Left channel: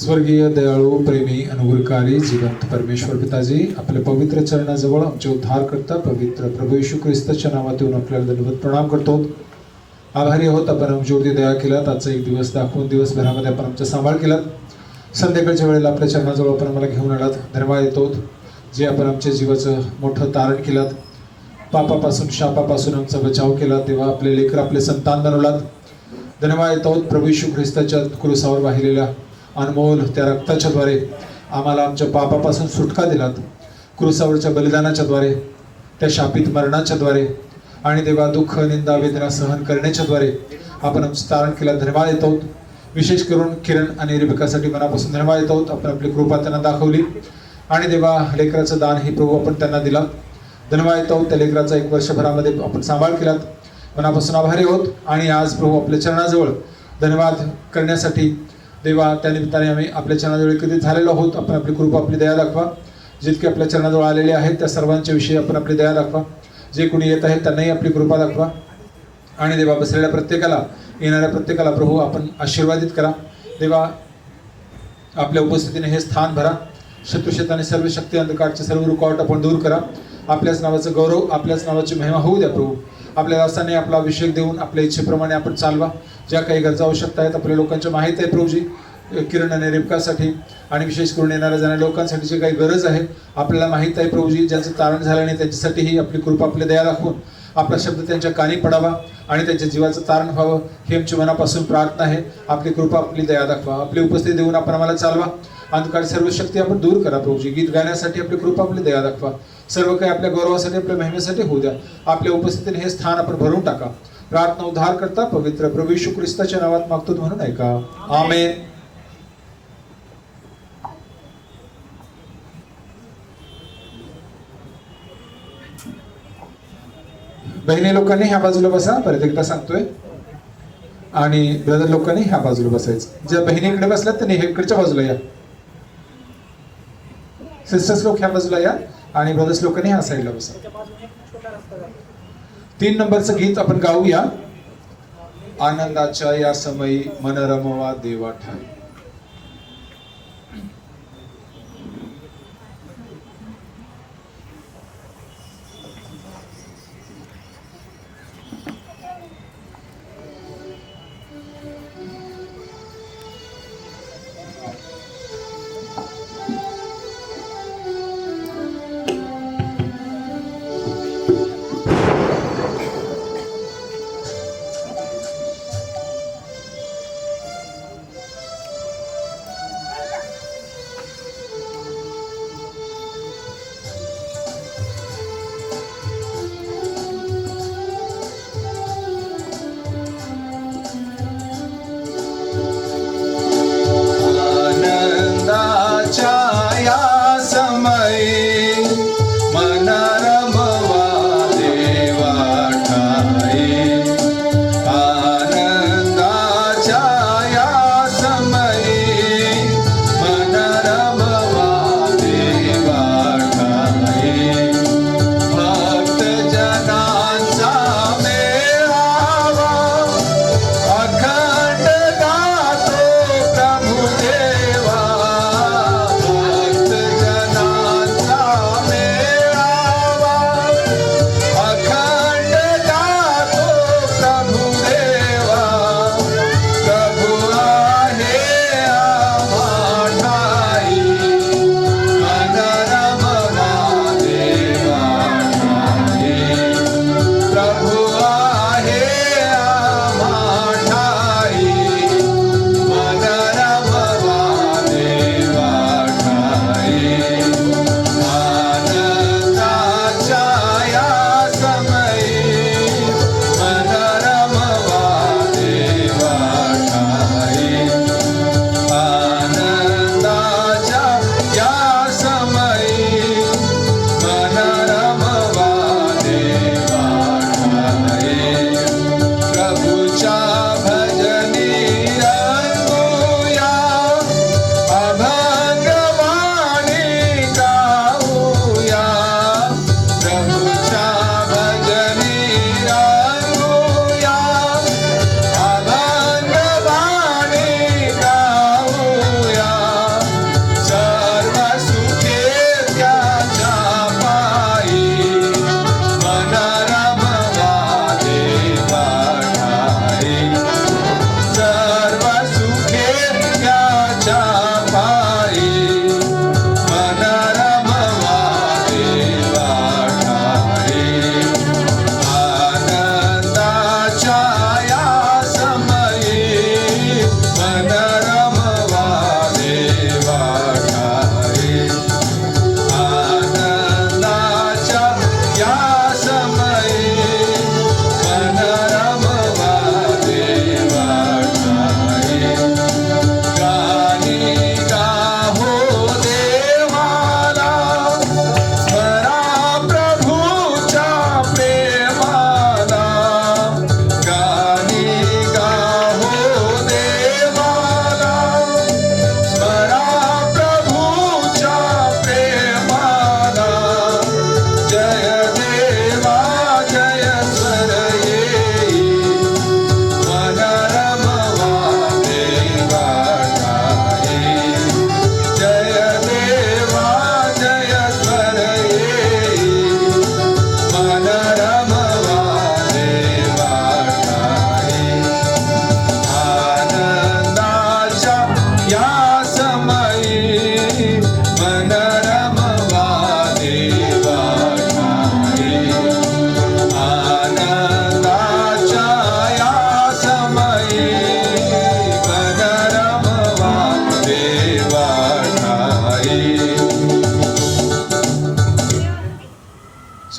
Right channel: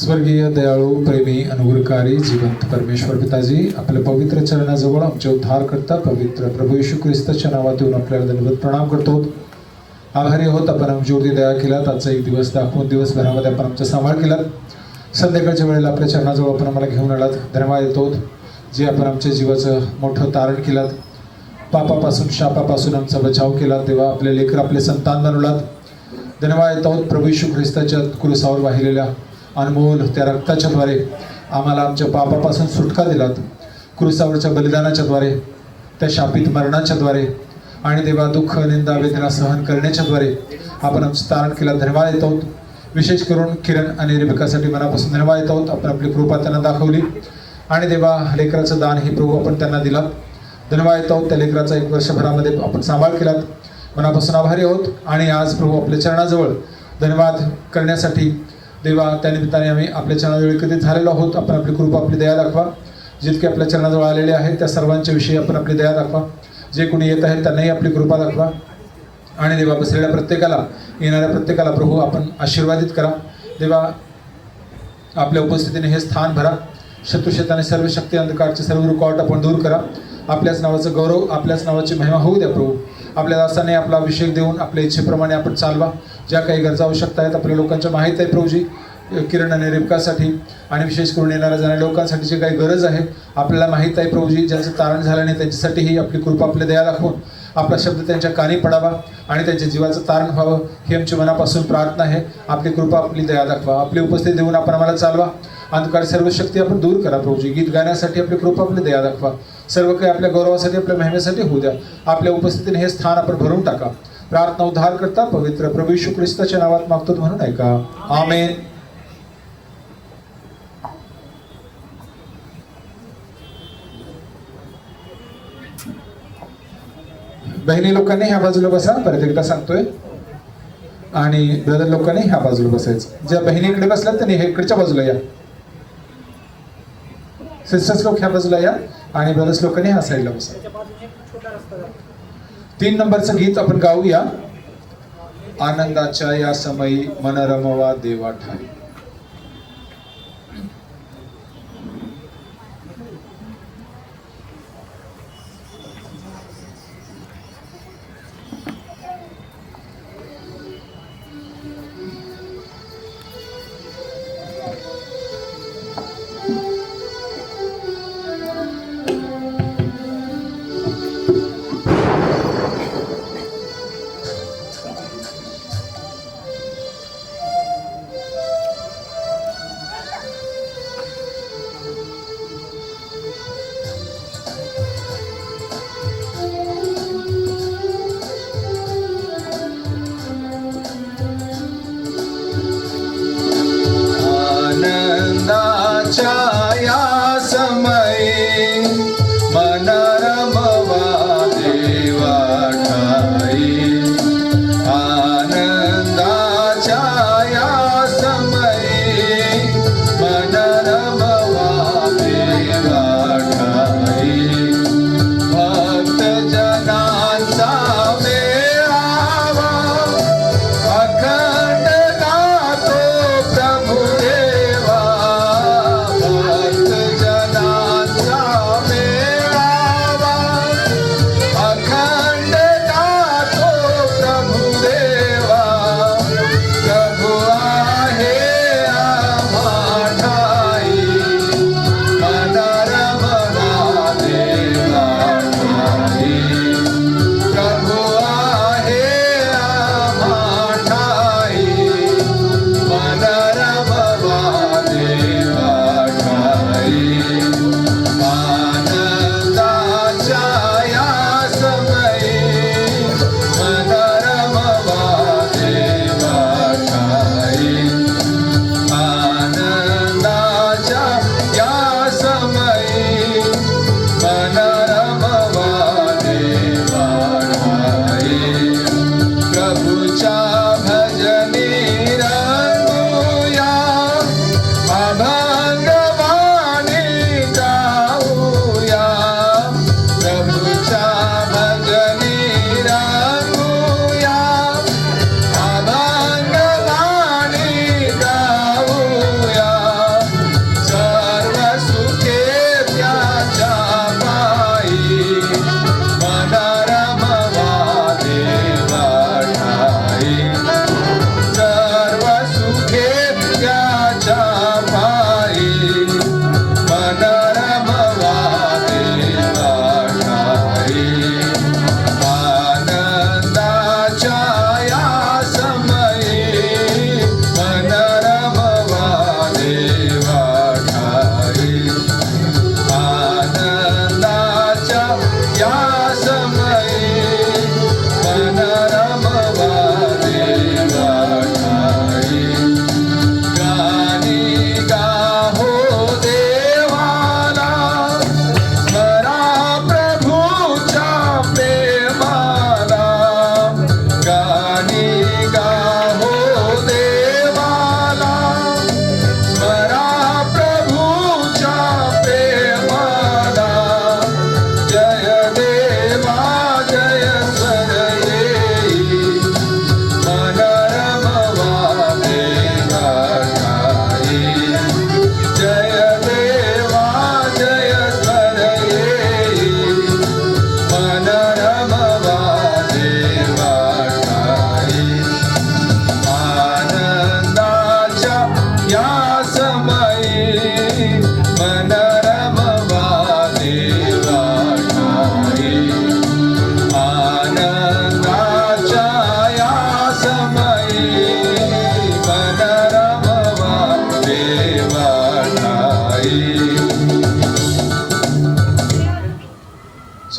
स्वर्गीय दयाळू प्रेमी अनुग्रहकारी जिवंत परमेश्वर पिताजी, आपल्या पवित्र चरणाजवळ आमचे उद्धार करता पवित्र प्रभू येशू ख्रिस्ताच्या नावातून आपल्याला धन्यवाद प्रणाम करतो. आभारी आहोत आपण आमच्यावरती दया केलात. आजचा एक दिवस दाखवून दिवसभरामध्ये आपण आमचा सांभाळ केलात. संध्याकाळच्या वेळेला आपल्या चरणाजवळ आपण आम्हाला घेऊन आलात. धन्यवाद देतो जे आपण आमच्या जीवाचं मोठं तारण केलात. पापापासून शापापासून आमचा बचाव केला. तेव्हा आपले लेकर आपले संतान बनवलात. धन्यवाद देतो प्रभू येशू ख्रिस्ताच्या क्रूसावर वाहिलेल्या अनमोल त्या रक्ताच्याद्वारे आम्हाला आमच्या पापापासून सुटका दिलात. क्रूसावरच्या बलिदानाच्याद्वारे, त्या शापित मरणाच्याद्वारे आणि देवा दुःख निंदा वेदना सहन करण्याच्याद्वारे आपण आमचं तारण केला. धन्यवाद देतो. विशेष करून किरण आणि रेबिकासाठी मनापासून धन्यवाद देतो. आपण आपली कृपा त्यांना दाखवली आणि देवा लेकराचं दान हे प्रभू आपण त्यांना दिलात. धन्यवाद देतो. त्या लेकराचा 1 वर्षभरामध्ये आपण सांभाळ केलात. मनापासून आभारी आहोत. आणि आज प्रभू आपल्या चरणाजवळ धन्यवाद करण्यासाठी देवा त्या निमित्ताने आम्ही आपल्या चरणाजवळ एकत्रित झालेलो आहोत. आपण आपली कृपा आपली दया दाखवा. जितके आपल्या चरणाजवळ आलेले आहेत त्या सर्वांच्या विषयी आपण आपली दया दाखवा. जे कोणी येत आहेत त्यांनाही आपली कृपा दाखवा. आणि देवा बसलेल्या प्रत्येकाला, येणाऱ्या प्रत्येकाला प्रभू आपण आशीर्वादित करा. देवा आपल्या उपस्थितीने हे स्थान भरा. शत्रुशताने सर्व शक्ती अंधकारचे सर्व रुकावट आपण दूर करा. आपल्याच नावाचं गौरव, आपल्याच नावाची महिमा होऊ द्या प्रभू. आपल्या दासाने आपला अभिषेक देऊन आपल्या इच्छेप्रमाणे आपण चालवा. ज्या काही गरजा आवश्यकता आहेत आपल्या लोकांच्या माहीत आहे प्रभूजी. किरण आणि रेबकासाठी आणि विशेष करून येणाऱ्या जाणाऱ्या लोकांसाठी जी काही गरज आहे आपल्याला माहीत आहे प्रभूजी. ज्यांचं तारण झालं नाही त्यांच्यासाठीही आपली कृपा आपल्या दया दाखवून आपला शब्द त्यांच्या कानी पडावा आणि त्यांच्या जीवाचं तारण व्हावं ही आमची मनापासून प्रार्थना आहे. आपली कृपा आपली दया दाखवा. आपली उपस्थिती देऊन आपण आम्हाला चालवा. अंधकार सर्व शक्ती आपण दूर करा प्रभूजी. गीत गाण्यासाठी आपली कृपा आपली दया दाखवा. सर्व काही आपल्या गौरवासाठी आपल्या महिमेसाठी होऊ द्या. आपल्या उपस्थितीने हे स्थान आपण भरून टाका. प्रार्थना उद्धार करता पवित्र प्रभू येशू ख्रिस्ताच्या नावात मागतो म्हणून ऐका. आमेन. बहिणी लोकांनी ह्या बाजूला बसा. परत एकदा सांगतोय. आणि ब्रदर लोकांनी ह्या बाजूला बसायचं. ज्या बहिणीकडे बसल्यात त्यांनी इकडच्या बाजूला या. सिस्टर्स लोक ह्या बाजूला या आणि ब्रदर्स लोकांनी ह्या साईडला बसा. 3 नंबरचं गीत आपण गाऊया. आनंदाच्या या समयी मन रमवा देवा ठाई. भक्त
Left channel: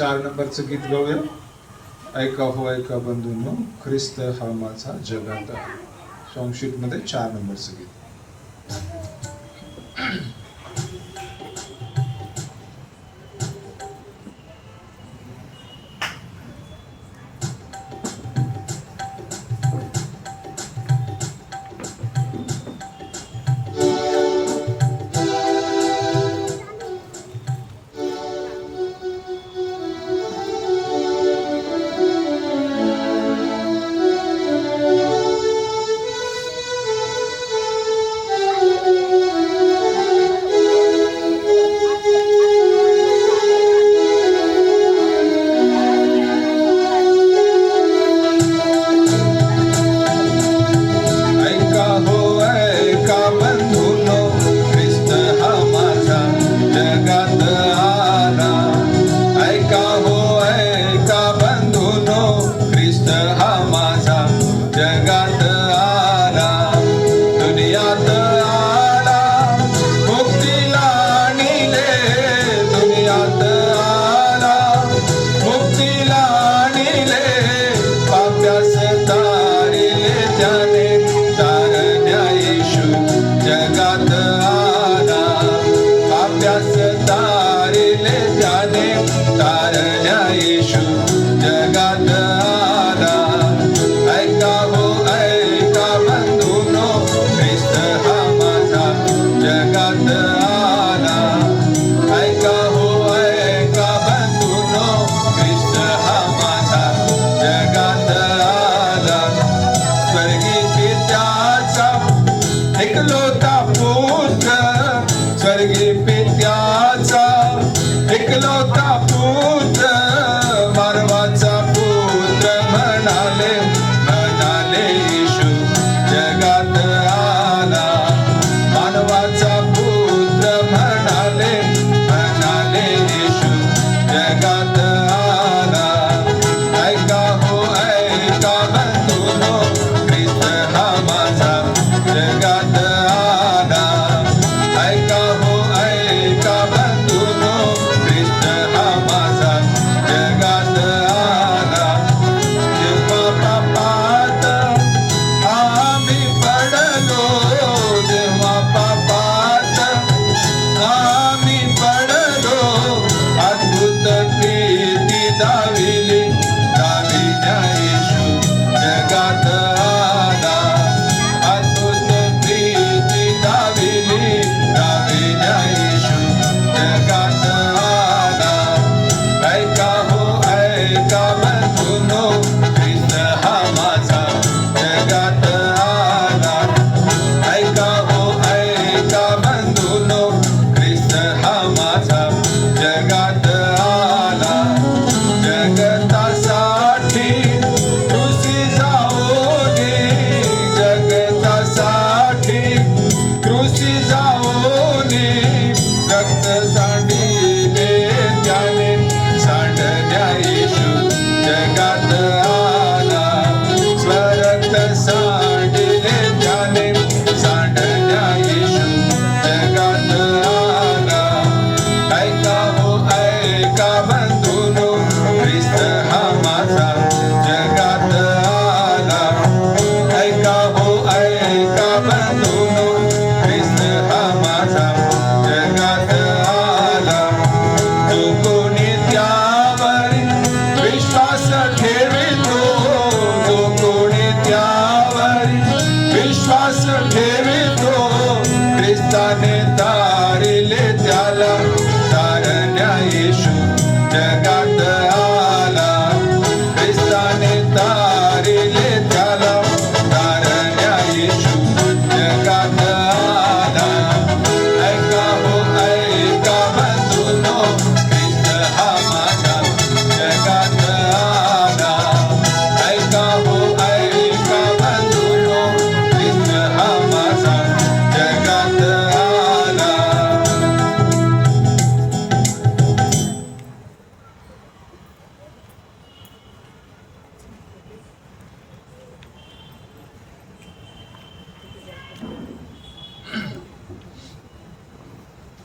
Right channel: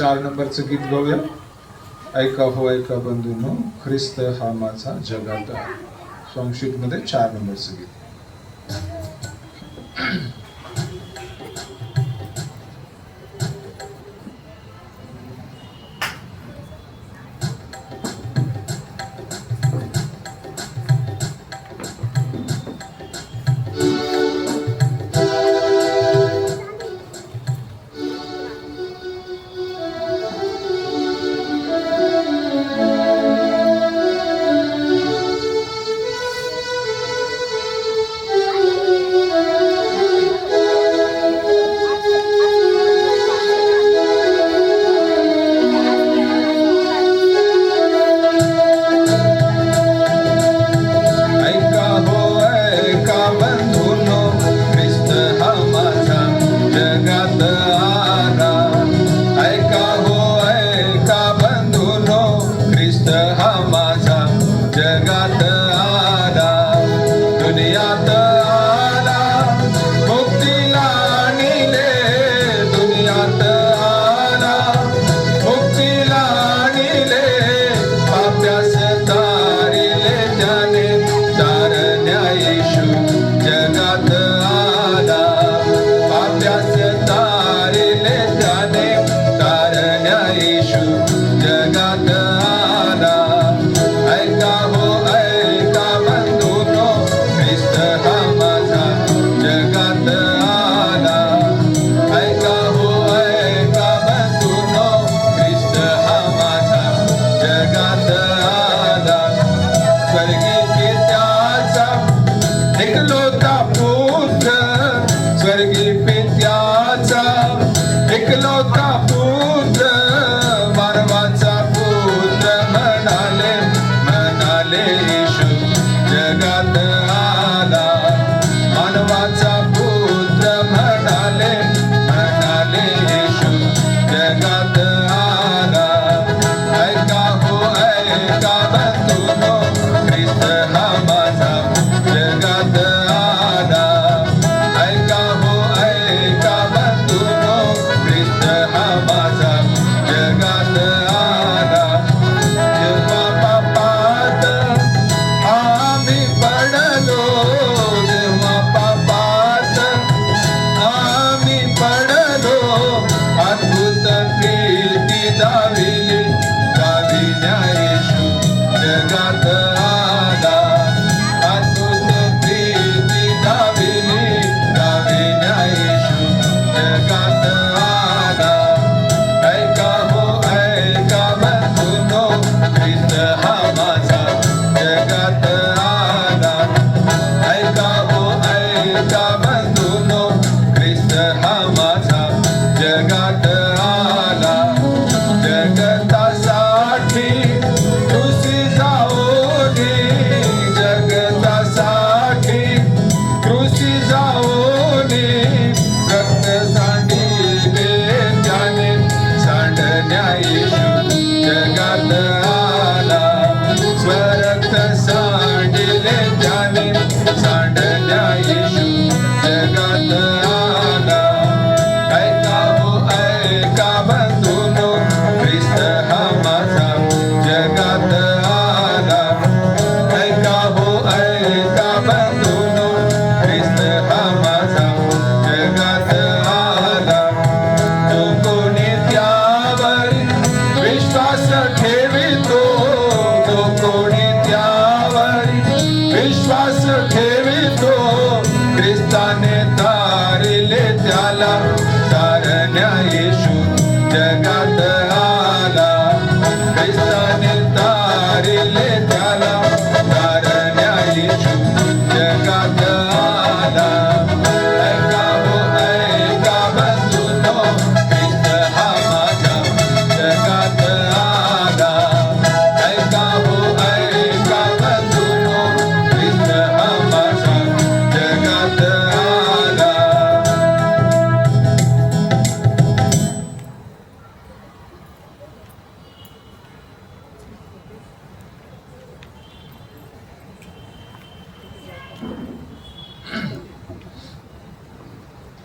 4 नंबरचं गीत गाऊया. ऐका हो ऐका बंधूंनो, ख्रिस्त हा माझा जगात आहे. सॉन्ग शीट मध्ये 4 नंबरचं गीत.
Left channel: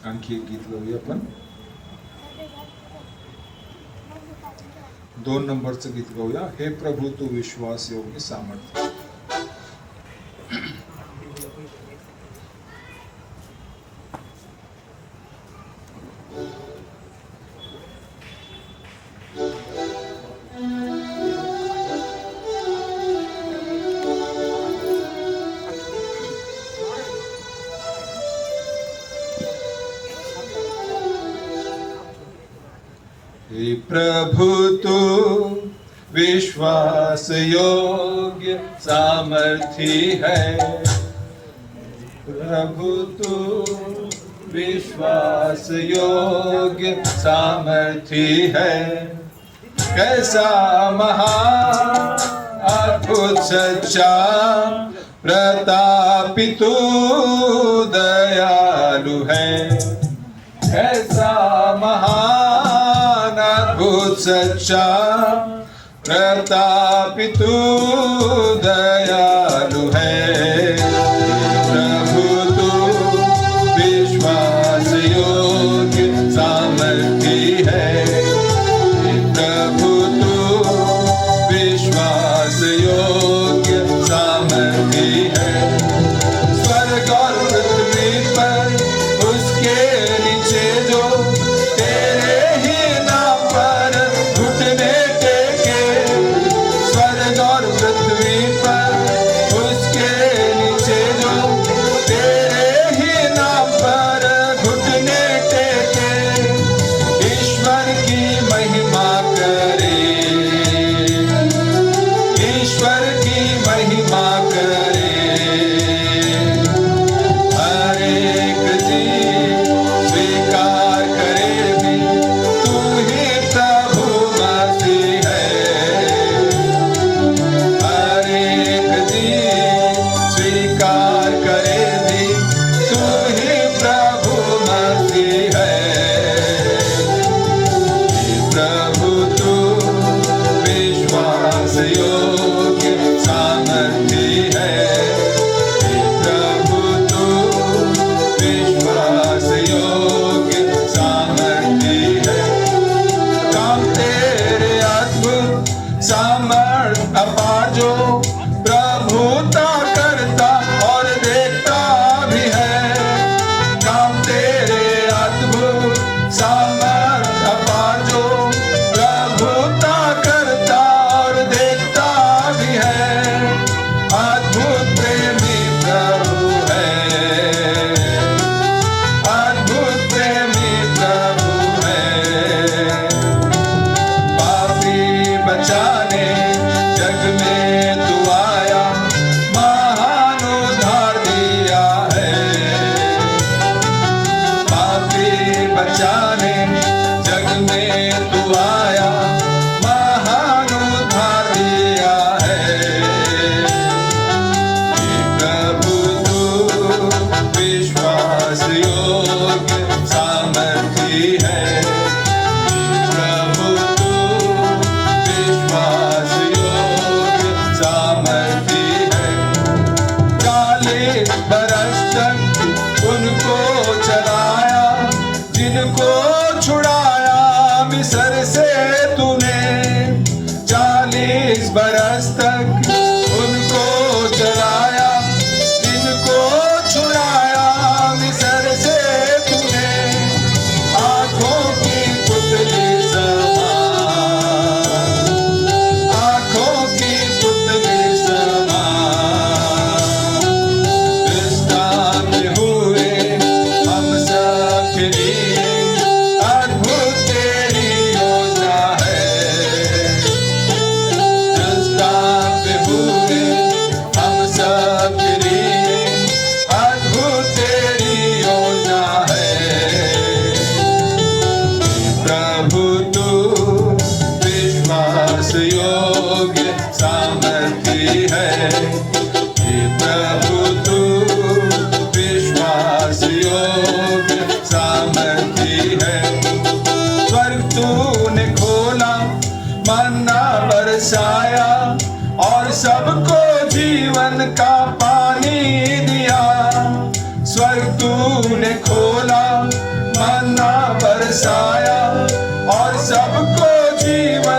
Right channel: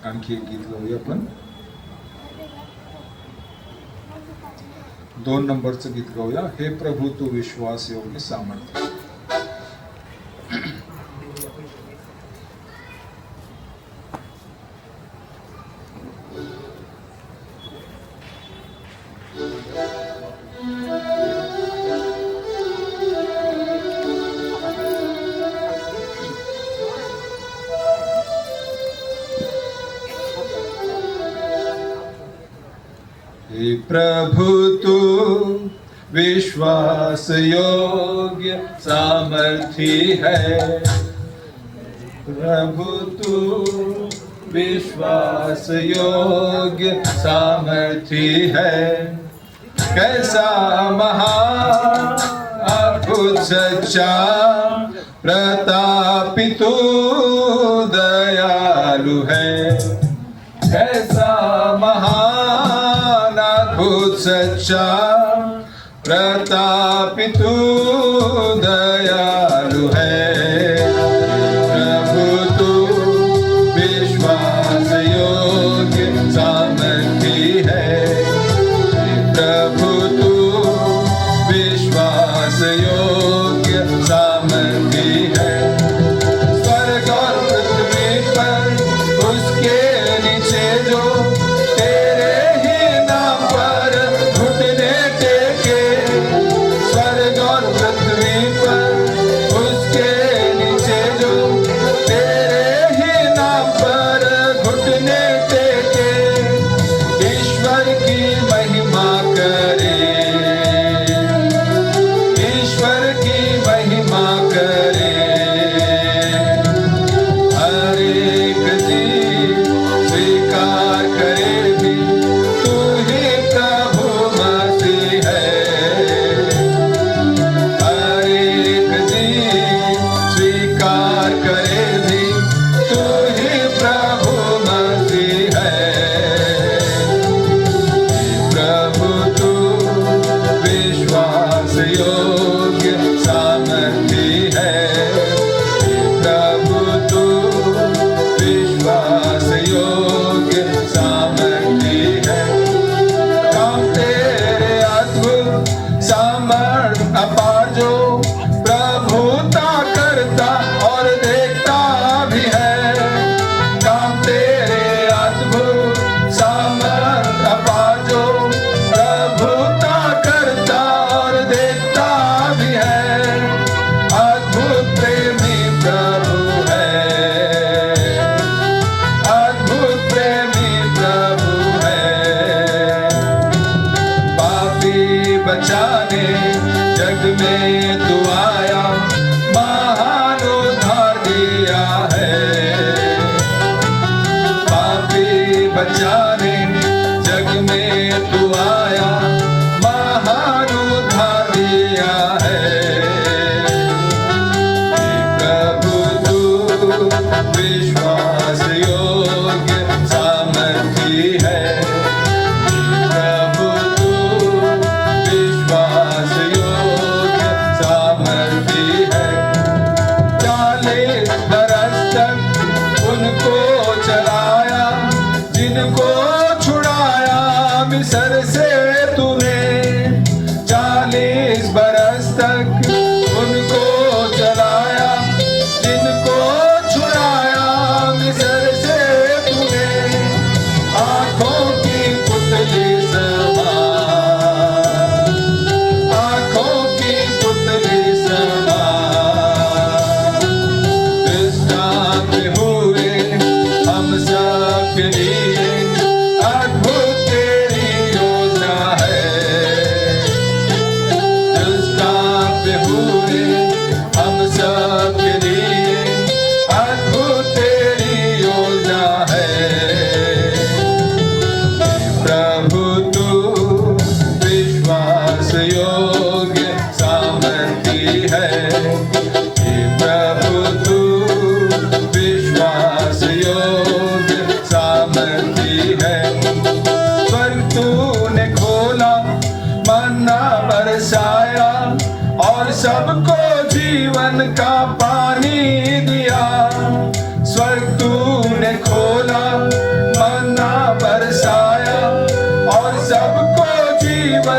आणखी एक गीत गाऊया आपण. 2 नंबरचं गीत गाऊया. हे प्रभू तू विश्वास योग्य सामर्थ्य. हे प्रभु तू विश्वास योग्य सामर्थी है. प्रभु तू विश्वास योग्य सामर्थी है. कैसा महान अद्भुत सच्चा प्रतापी तू दयालु है. कैसा महान अद्भुत सच्चा प्रतापी तू दयालु है. प्रभु तू विश्वास योग्य सामर्थी है. प्रभु तू विश्वास योग्य सामर्थी है. स्वर्ग और पृथ्वी पर उसके नीचे जो तेरे ही नाम पर घुटने टेके. स्वर्ग और पृथ्वी पर उसके नीचे जो तेरे ही नाम पर घुटने टेके. ईश्वर की महिमा करे. ईश्वर की महिमा करे. हर एक चीज स्वीकार करे भी तू ही प्रभु मसीह है. हर एक चीज स्वीकार करे भी तू ही प्रभु मसीह है. प्रभु तू विश्वास योग्य सामर्थी है. प्रभु तू विश्वास योग्य सामर्थी है. काम तेरे अद्भुत सामर्थ अपार जो प्रभुता करता और देखता भी है. काम तेरे अद्भुत सामर्थ अपार जो प्रभुता करता और देखता भी है. अद्भुत प्रेमी प्रभु है. अद्भुत प्रेमी प्रभु है. पापी बचाने जग में तू आया. महान उद्धार दिया है. पापी बचाने जग में तू आया. महान उद्धार दिया है. प्रभु तू विश्वास योग्य सामर्थी है. प्रभु तू विश्वास योग्य सामर्थी है. 40 बरस तक उनको चलाया जिनको छुड़ाया मिस्र से तूने. 40 बरस तक उनको चलाया जिनको छुड़ाया मिस्र से तूने. आंखों की पुतली समान. आंखों की पुतली समान. दृष्टांत हुए हम सब के लिए. अद्भुत तेरी योजना है. दृष्टांत हुए हम सब के लिए. अद्भुत तेरी योजना है. प्रभु तू विश्वास योग्य सामर्थी है. प्रभु तू विश्वास योग्य सामर्थी है. स्वर्ग तूने खोला मन्ना बरसाया और सबको जीवन का पानी दिया. स्वर्ग तूने खोला मन्ना बरसाया और सबको जीवन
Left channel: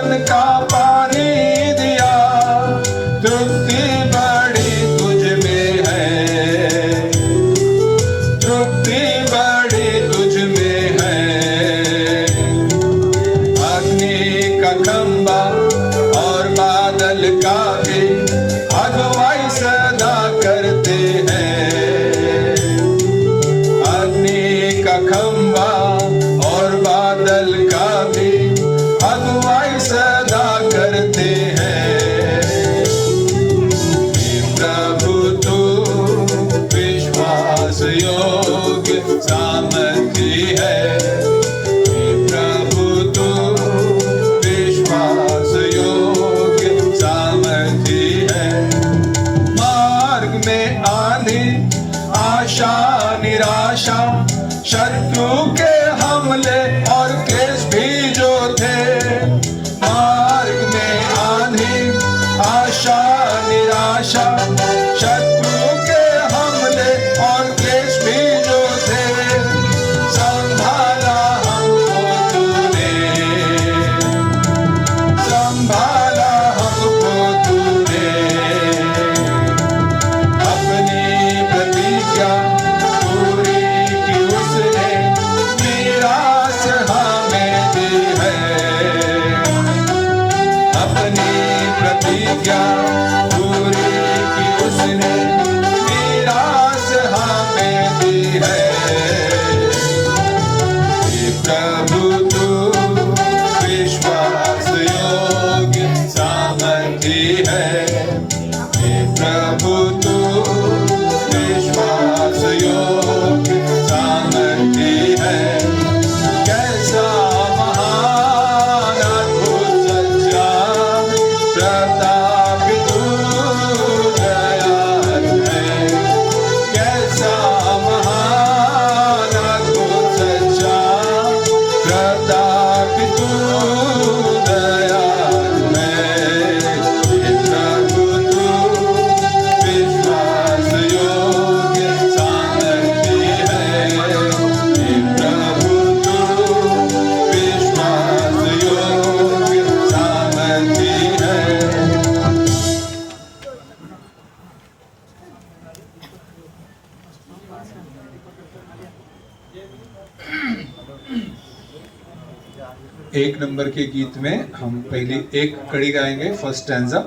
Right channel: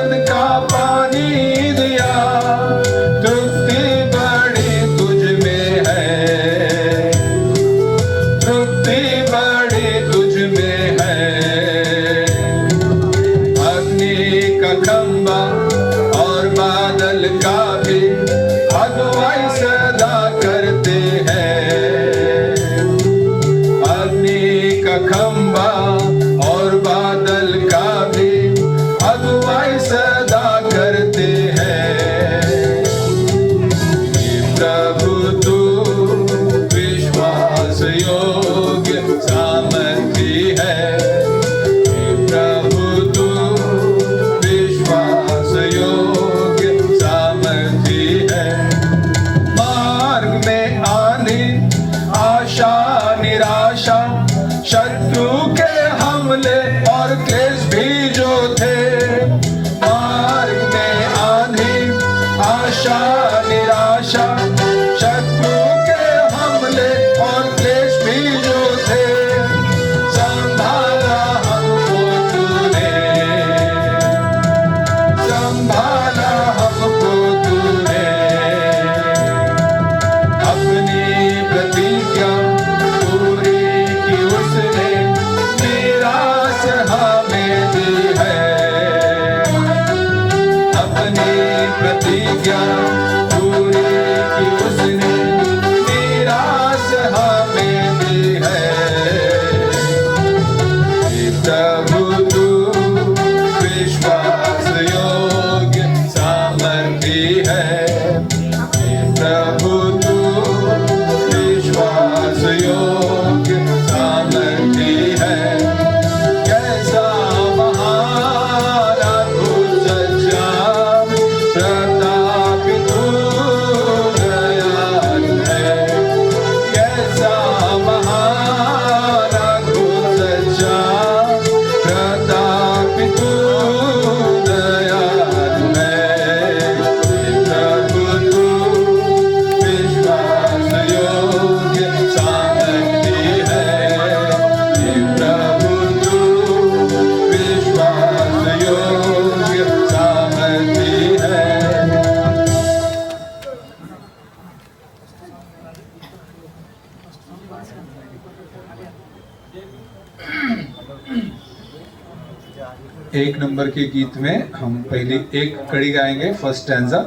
एक नंबर के गीत में हम पहली एक कड़ी गाएंगे, फर्स्ट स्टैंजा।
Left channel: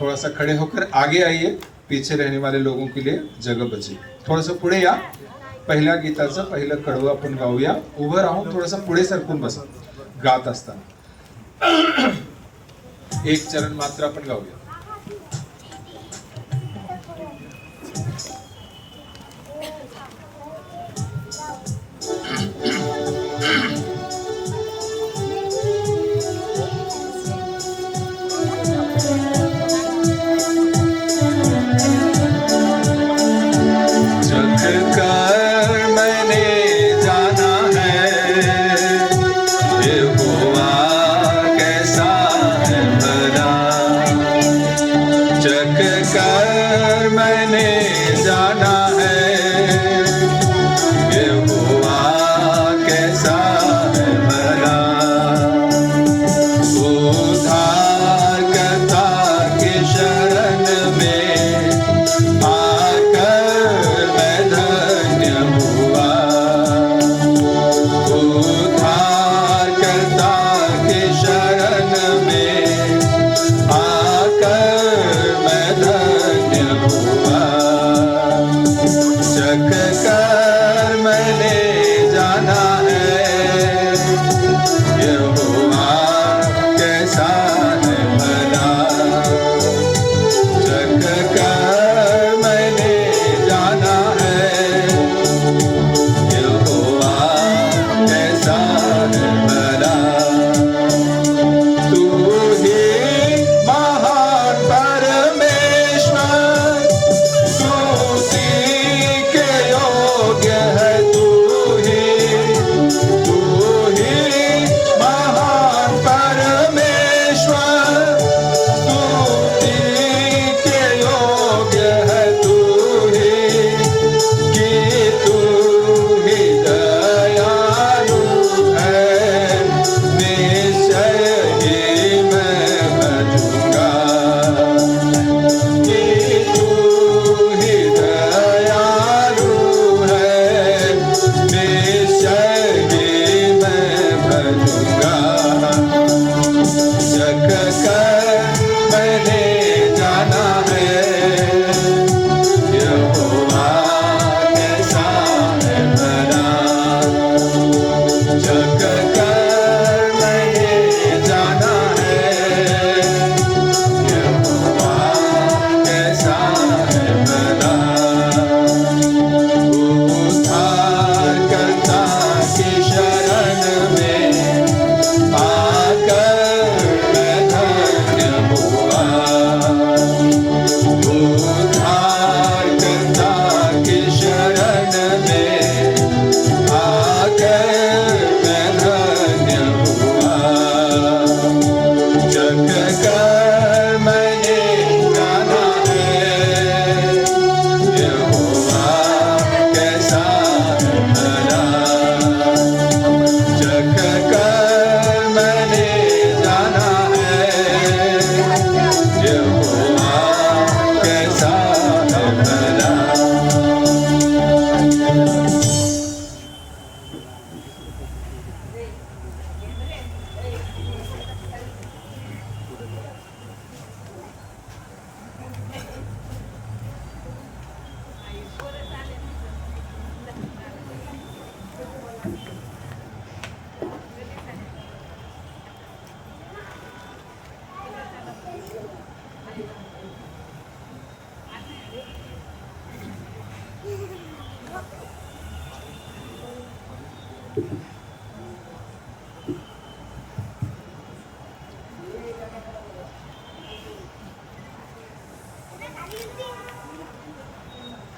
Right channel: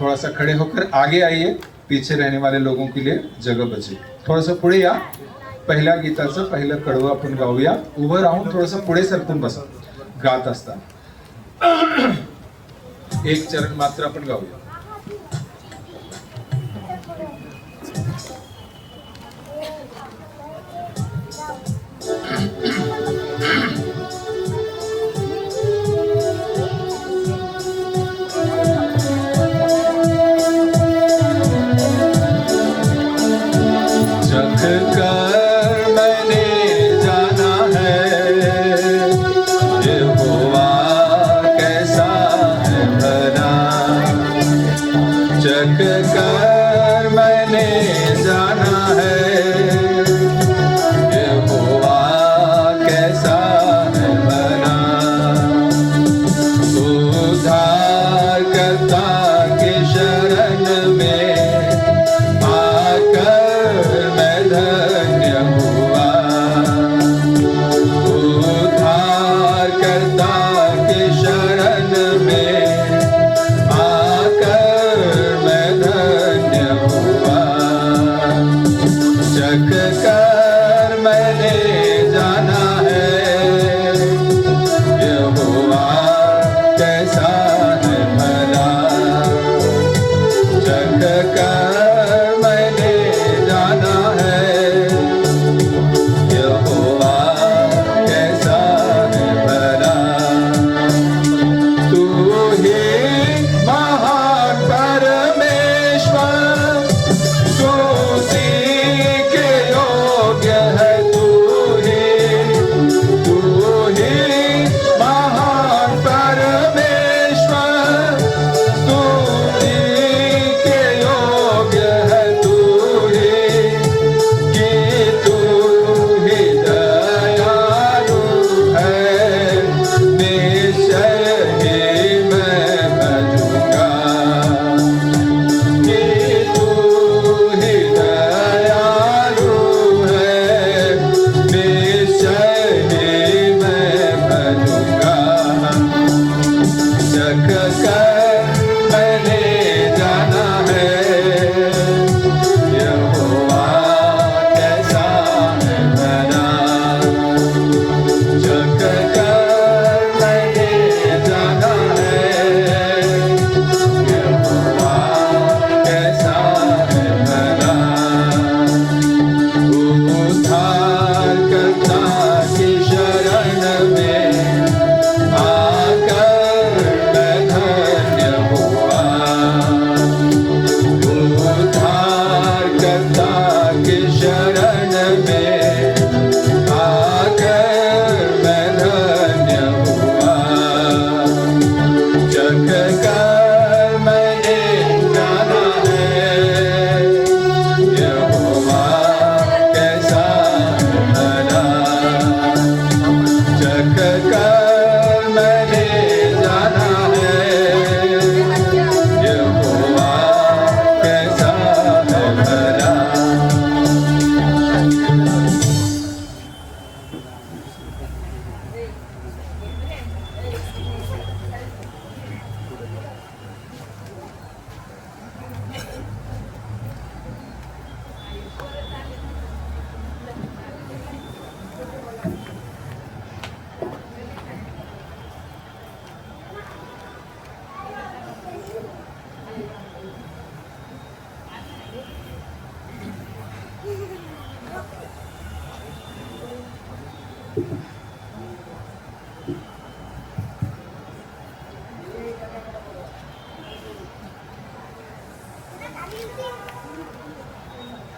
थोड़ा सा खड़े होकर आगे आइए, पीछे रहने वाले लोगों के लिए जगह बची। थोड़ा सा पुढे या, पहिल्या गीताचं पहिलं कडवं आपण गाऊया। उभं राहून थोडंसं पुढे सरकून बसा गात असताना। एक चरण मात्र आपण गाऊया।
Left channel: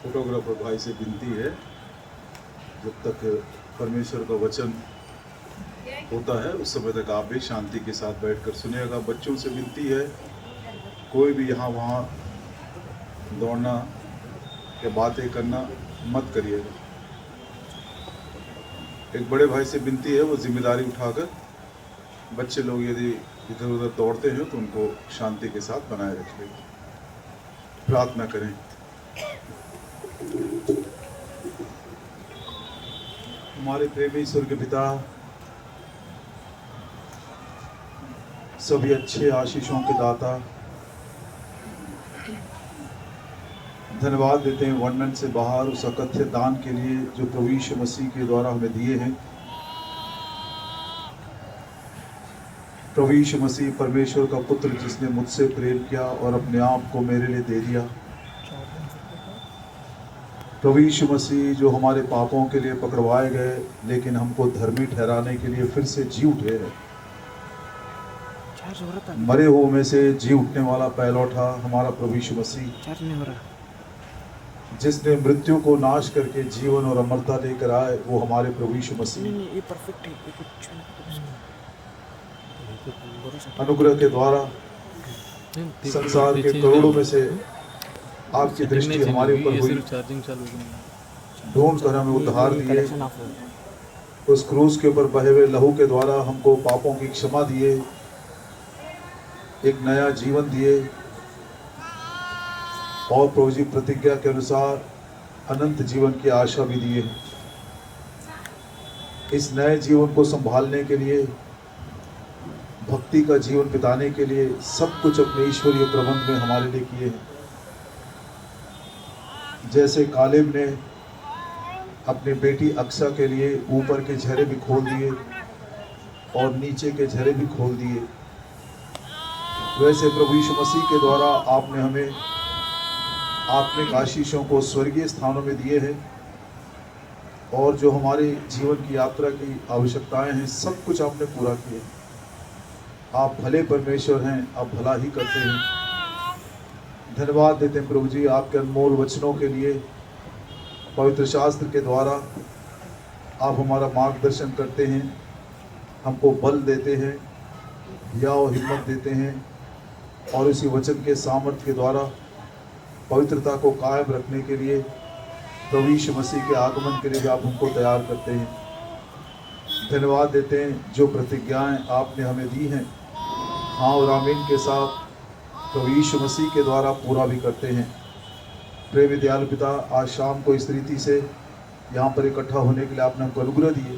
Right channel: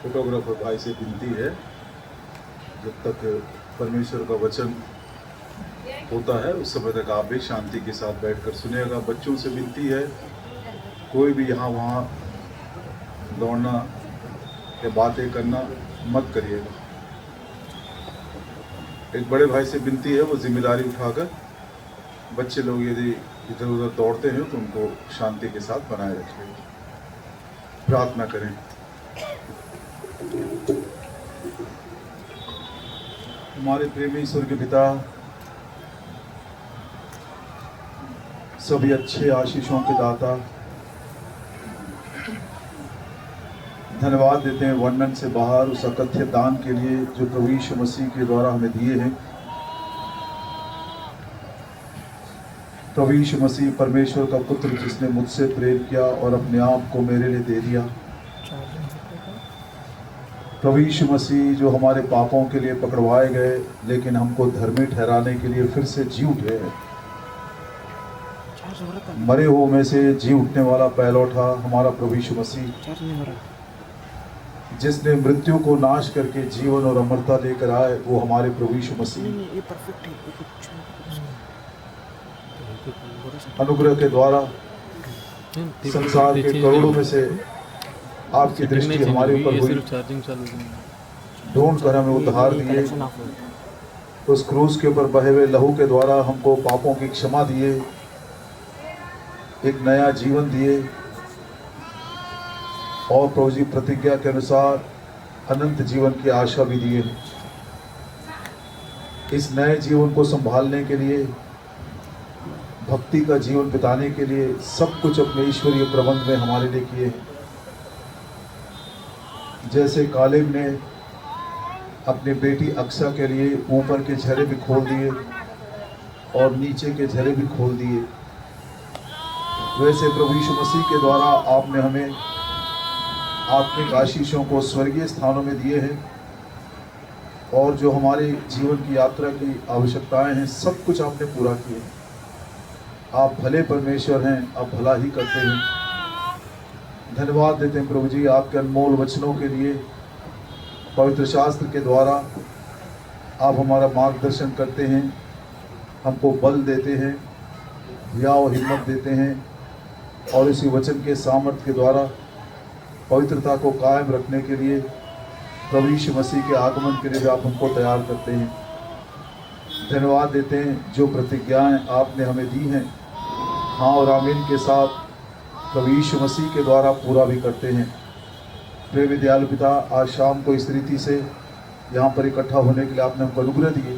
फोटोग्राफर भाई से विनती है, जब तक परमेश्वर का वचन होता है उस समय तक आप भी शांति के साथ बैठकर सुनिएगा। बच्चों से विनती है, कोई भी यहाँ वहाँ दौड़ना या बातें करना मत करिएगा। एक बड़े भाई से विनती है, वो जिम्मेदारी उठाकर बच्चे लोग यदि इधर उधर दौड़ते हैं तो उनको शांति के साथ बनाए रखिए। प्रार्थना करें। हमारे प्रेमी स्वर्गीय पिता, सभी अच्छे आशीषों के दाता, धन्यवाद देते हैं वर्णन से बाहर उस अकथ्य दान के लिए जो प्रभु यीशु मसीह के द्वारा हमें दिए हैं। प्रभु यीशु मसीह परमेश्वर का पुत्र जिसने मुझसे प्रेम किया और अपने आप को मेरे लिए दे दिया। प्रभु यीशु मसीह जो हमारे पापों के लिए पकड़वाए गए लेकिन हमको धर्मी ठहराने के लिए फिर से जी उठे हैं। मरे हुओं में से जी उठने वाला पहलौठा हमारा प्रभु यीशु मसीह, जिसने मृत्यु को नाश करके जीवन और अमरता लेकर आए, वो हमारे प्रभु यीशु मसीह अनुग्रह के द्वारा संसार के करोड़ों में से आपकी दृष्टि हमारे ऊपर हुई, ढूंढ कर हमें उद्धार दिए। उस क्रूस के ऊपर बहे हुए लहू के द्वारा हमको पापों की क्षमा दिए, एक नया जीवन दिए और प्रभु जी प्रतिज्ञा के अनुसार अनंत जीवन की आशा भी दिए। इस नए जीवन को संभालने के लिए, भक्ति का जीवन बिताने के लिए सब कुछ अपने ईश्वरीय प्रबंध में हमारे लिए किए हैं। जैसे कालेब ने अपनी बेटी अक्सा के लिए ऊपर के झरे भी खोल दिए और नीचे के झरे भी खोल दिए, वैसे प्रभु यीशु मसीह के द्वारा आपने हमें आत्मिक आशीषों को स्वर्गीय स्थानों में दिए हैं और जो हमारे जीवन की यात्रा की आवश्यकताएं हैं सब कुछ आपने पूरा किए। आप भले परमेश्वर हैं, आप भला ही करते हैं। धन्यवाद देते हैं प्रभु जी आपके अनमोल वचनों के लिए। पवित्र शास्त्र के द्वारा आप हमारा मार्गदर्शन करते हैं, हमको बल देते हैं, या हिम्मत देते हैं और इसी वचन के सामर्थ्य के द्वारा पवित्रता को कायम रखने के लिए प्रभु यीशु मसीह के आगमन के लिए भी आप हमको तैयार करते हैं। धन्यवाद देते हैं जो प्रतिज्ञाएं आपने हमें दी हैं, हाँ और आमीन के साथ प्रभु यीशु मसीह के द्वारा पूरा भी करते हैं। प्रेम दयालु पिता, आज शाम को इस रीति से यहाँ पर इकट्ठा होने के लिए आपने हमको अनुग्रह दिए।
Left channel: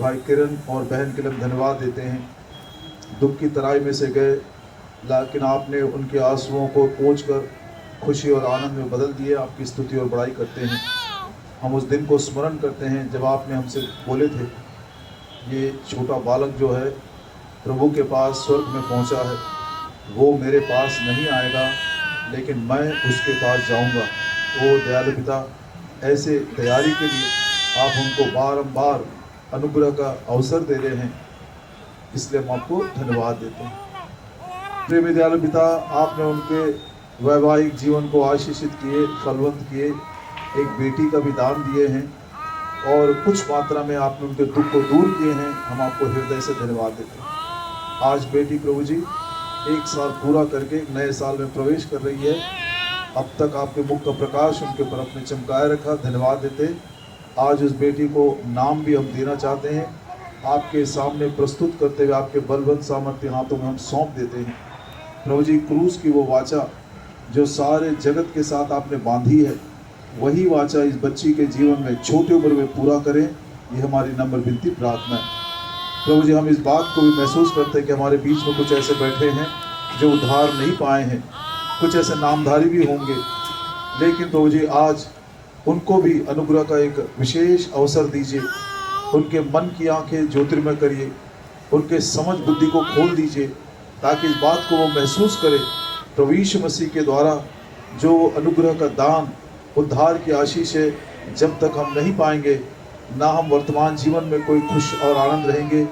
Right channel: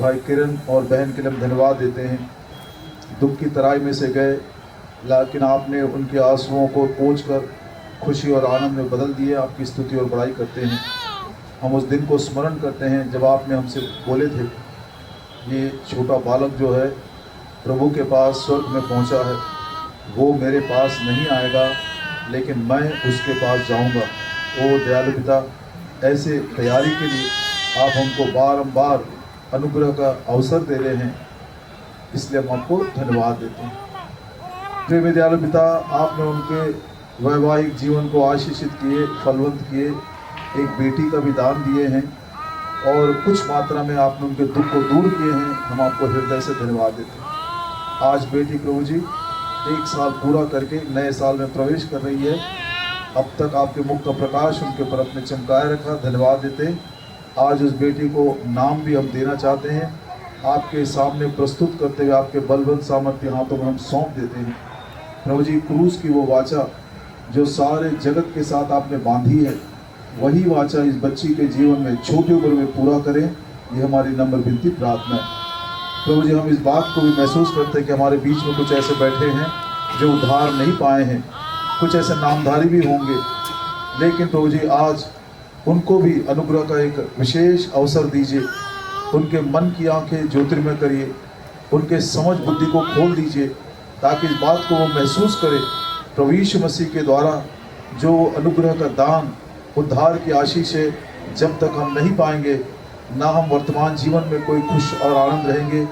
भाई किरण और बहन के लिए हम धन्यवाद देते हैं। दुख की तराई में से गए लेकिन आपने उनके आंसुओं को पोंछ कर खुशी और आनंद में बदल दिए। आपकी स्तुति और बड़ाई करते हैं। हम उस दिन को स्मरण करते हैं जब आपने हमसे बोले थे, ये छोटा बालक जो है प्रभु के पास स्वर्ग में पहुंचा है, वो मेरे पास नहीं आएगा लेकिन मैं उसके पास जाऊंगा। ओ दयालु पिता, ऐसे तैयारी के लिए आप हमको बारंबार अनुग्रह का अवसर दे रहे हैं, इसलिए हम आपको धन्यवाद देते हैं। प्रेम दयालु पिता, आपने उनके वैवाहिक जीवन को आशीषित किए, फलवंत किए, एक बेटी का भी दान दिए हैं और कुछ मात्रा में आपने उनके दुख को दूर किए हैं। हम आपको हृदय से धन्यवाद देते हैं। आज बेटी प्रभु जी 1 साल पूरा करके नए साल में प्रवेश कर रही है। अब तक आपके मुख का प्रकाश उनके ऊपर अपने चमकाए रखा, धन्यवाद देते हैं। आज उस बेटी को नाम भी हम देना चाहते हैं, आपके सामने प्रस्तुत करते हुए आपके बलवंत सामर्थ्य हाथों में हम सौंप देते हैं। प्रभु जी, क्रूस की वो वाचा जो सारे जगत के साथ आपने बांधी है, वही वाचा इस बच्ची के जीवन में छोटी उम्र में पूरा करें, ये हमारी नम्र विनती प्रार्थना है। प्रभु जी, हम इस बात को भी महसूस करते हैं कि हमारे बीच में कुछ ऐसे बैठे हैं जो उद्धार नहीं पाए हैं, कुछ ऐसे नामधारी भी होंगे, लेकिन प्रभु जी आज उनको भी अनुग्रह का एक विशेष अवसर दीजिए। उनके मन की आंखें ज्योतिर्मय करिए, उनके समझ बुद्धि को खोल दीजिए, ताकि इस बात को वो महसूस करें प्रभु यीशु मसीह के द्वारा जो अनुग्रह का दान, उद्धार की आशीष है, जब तक हम नहीं पाएंगे, ना हम वर्तमान जीवन में कोई खुश और आनंद रहेंगे,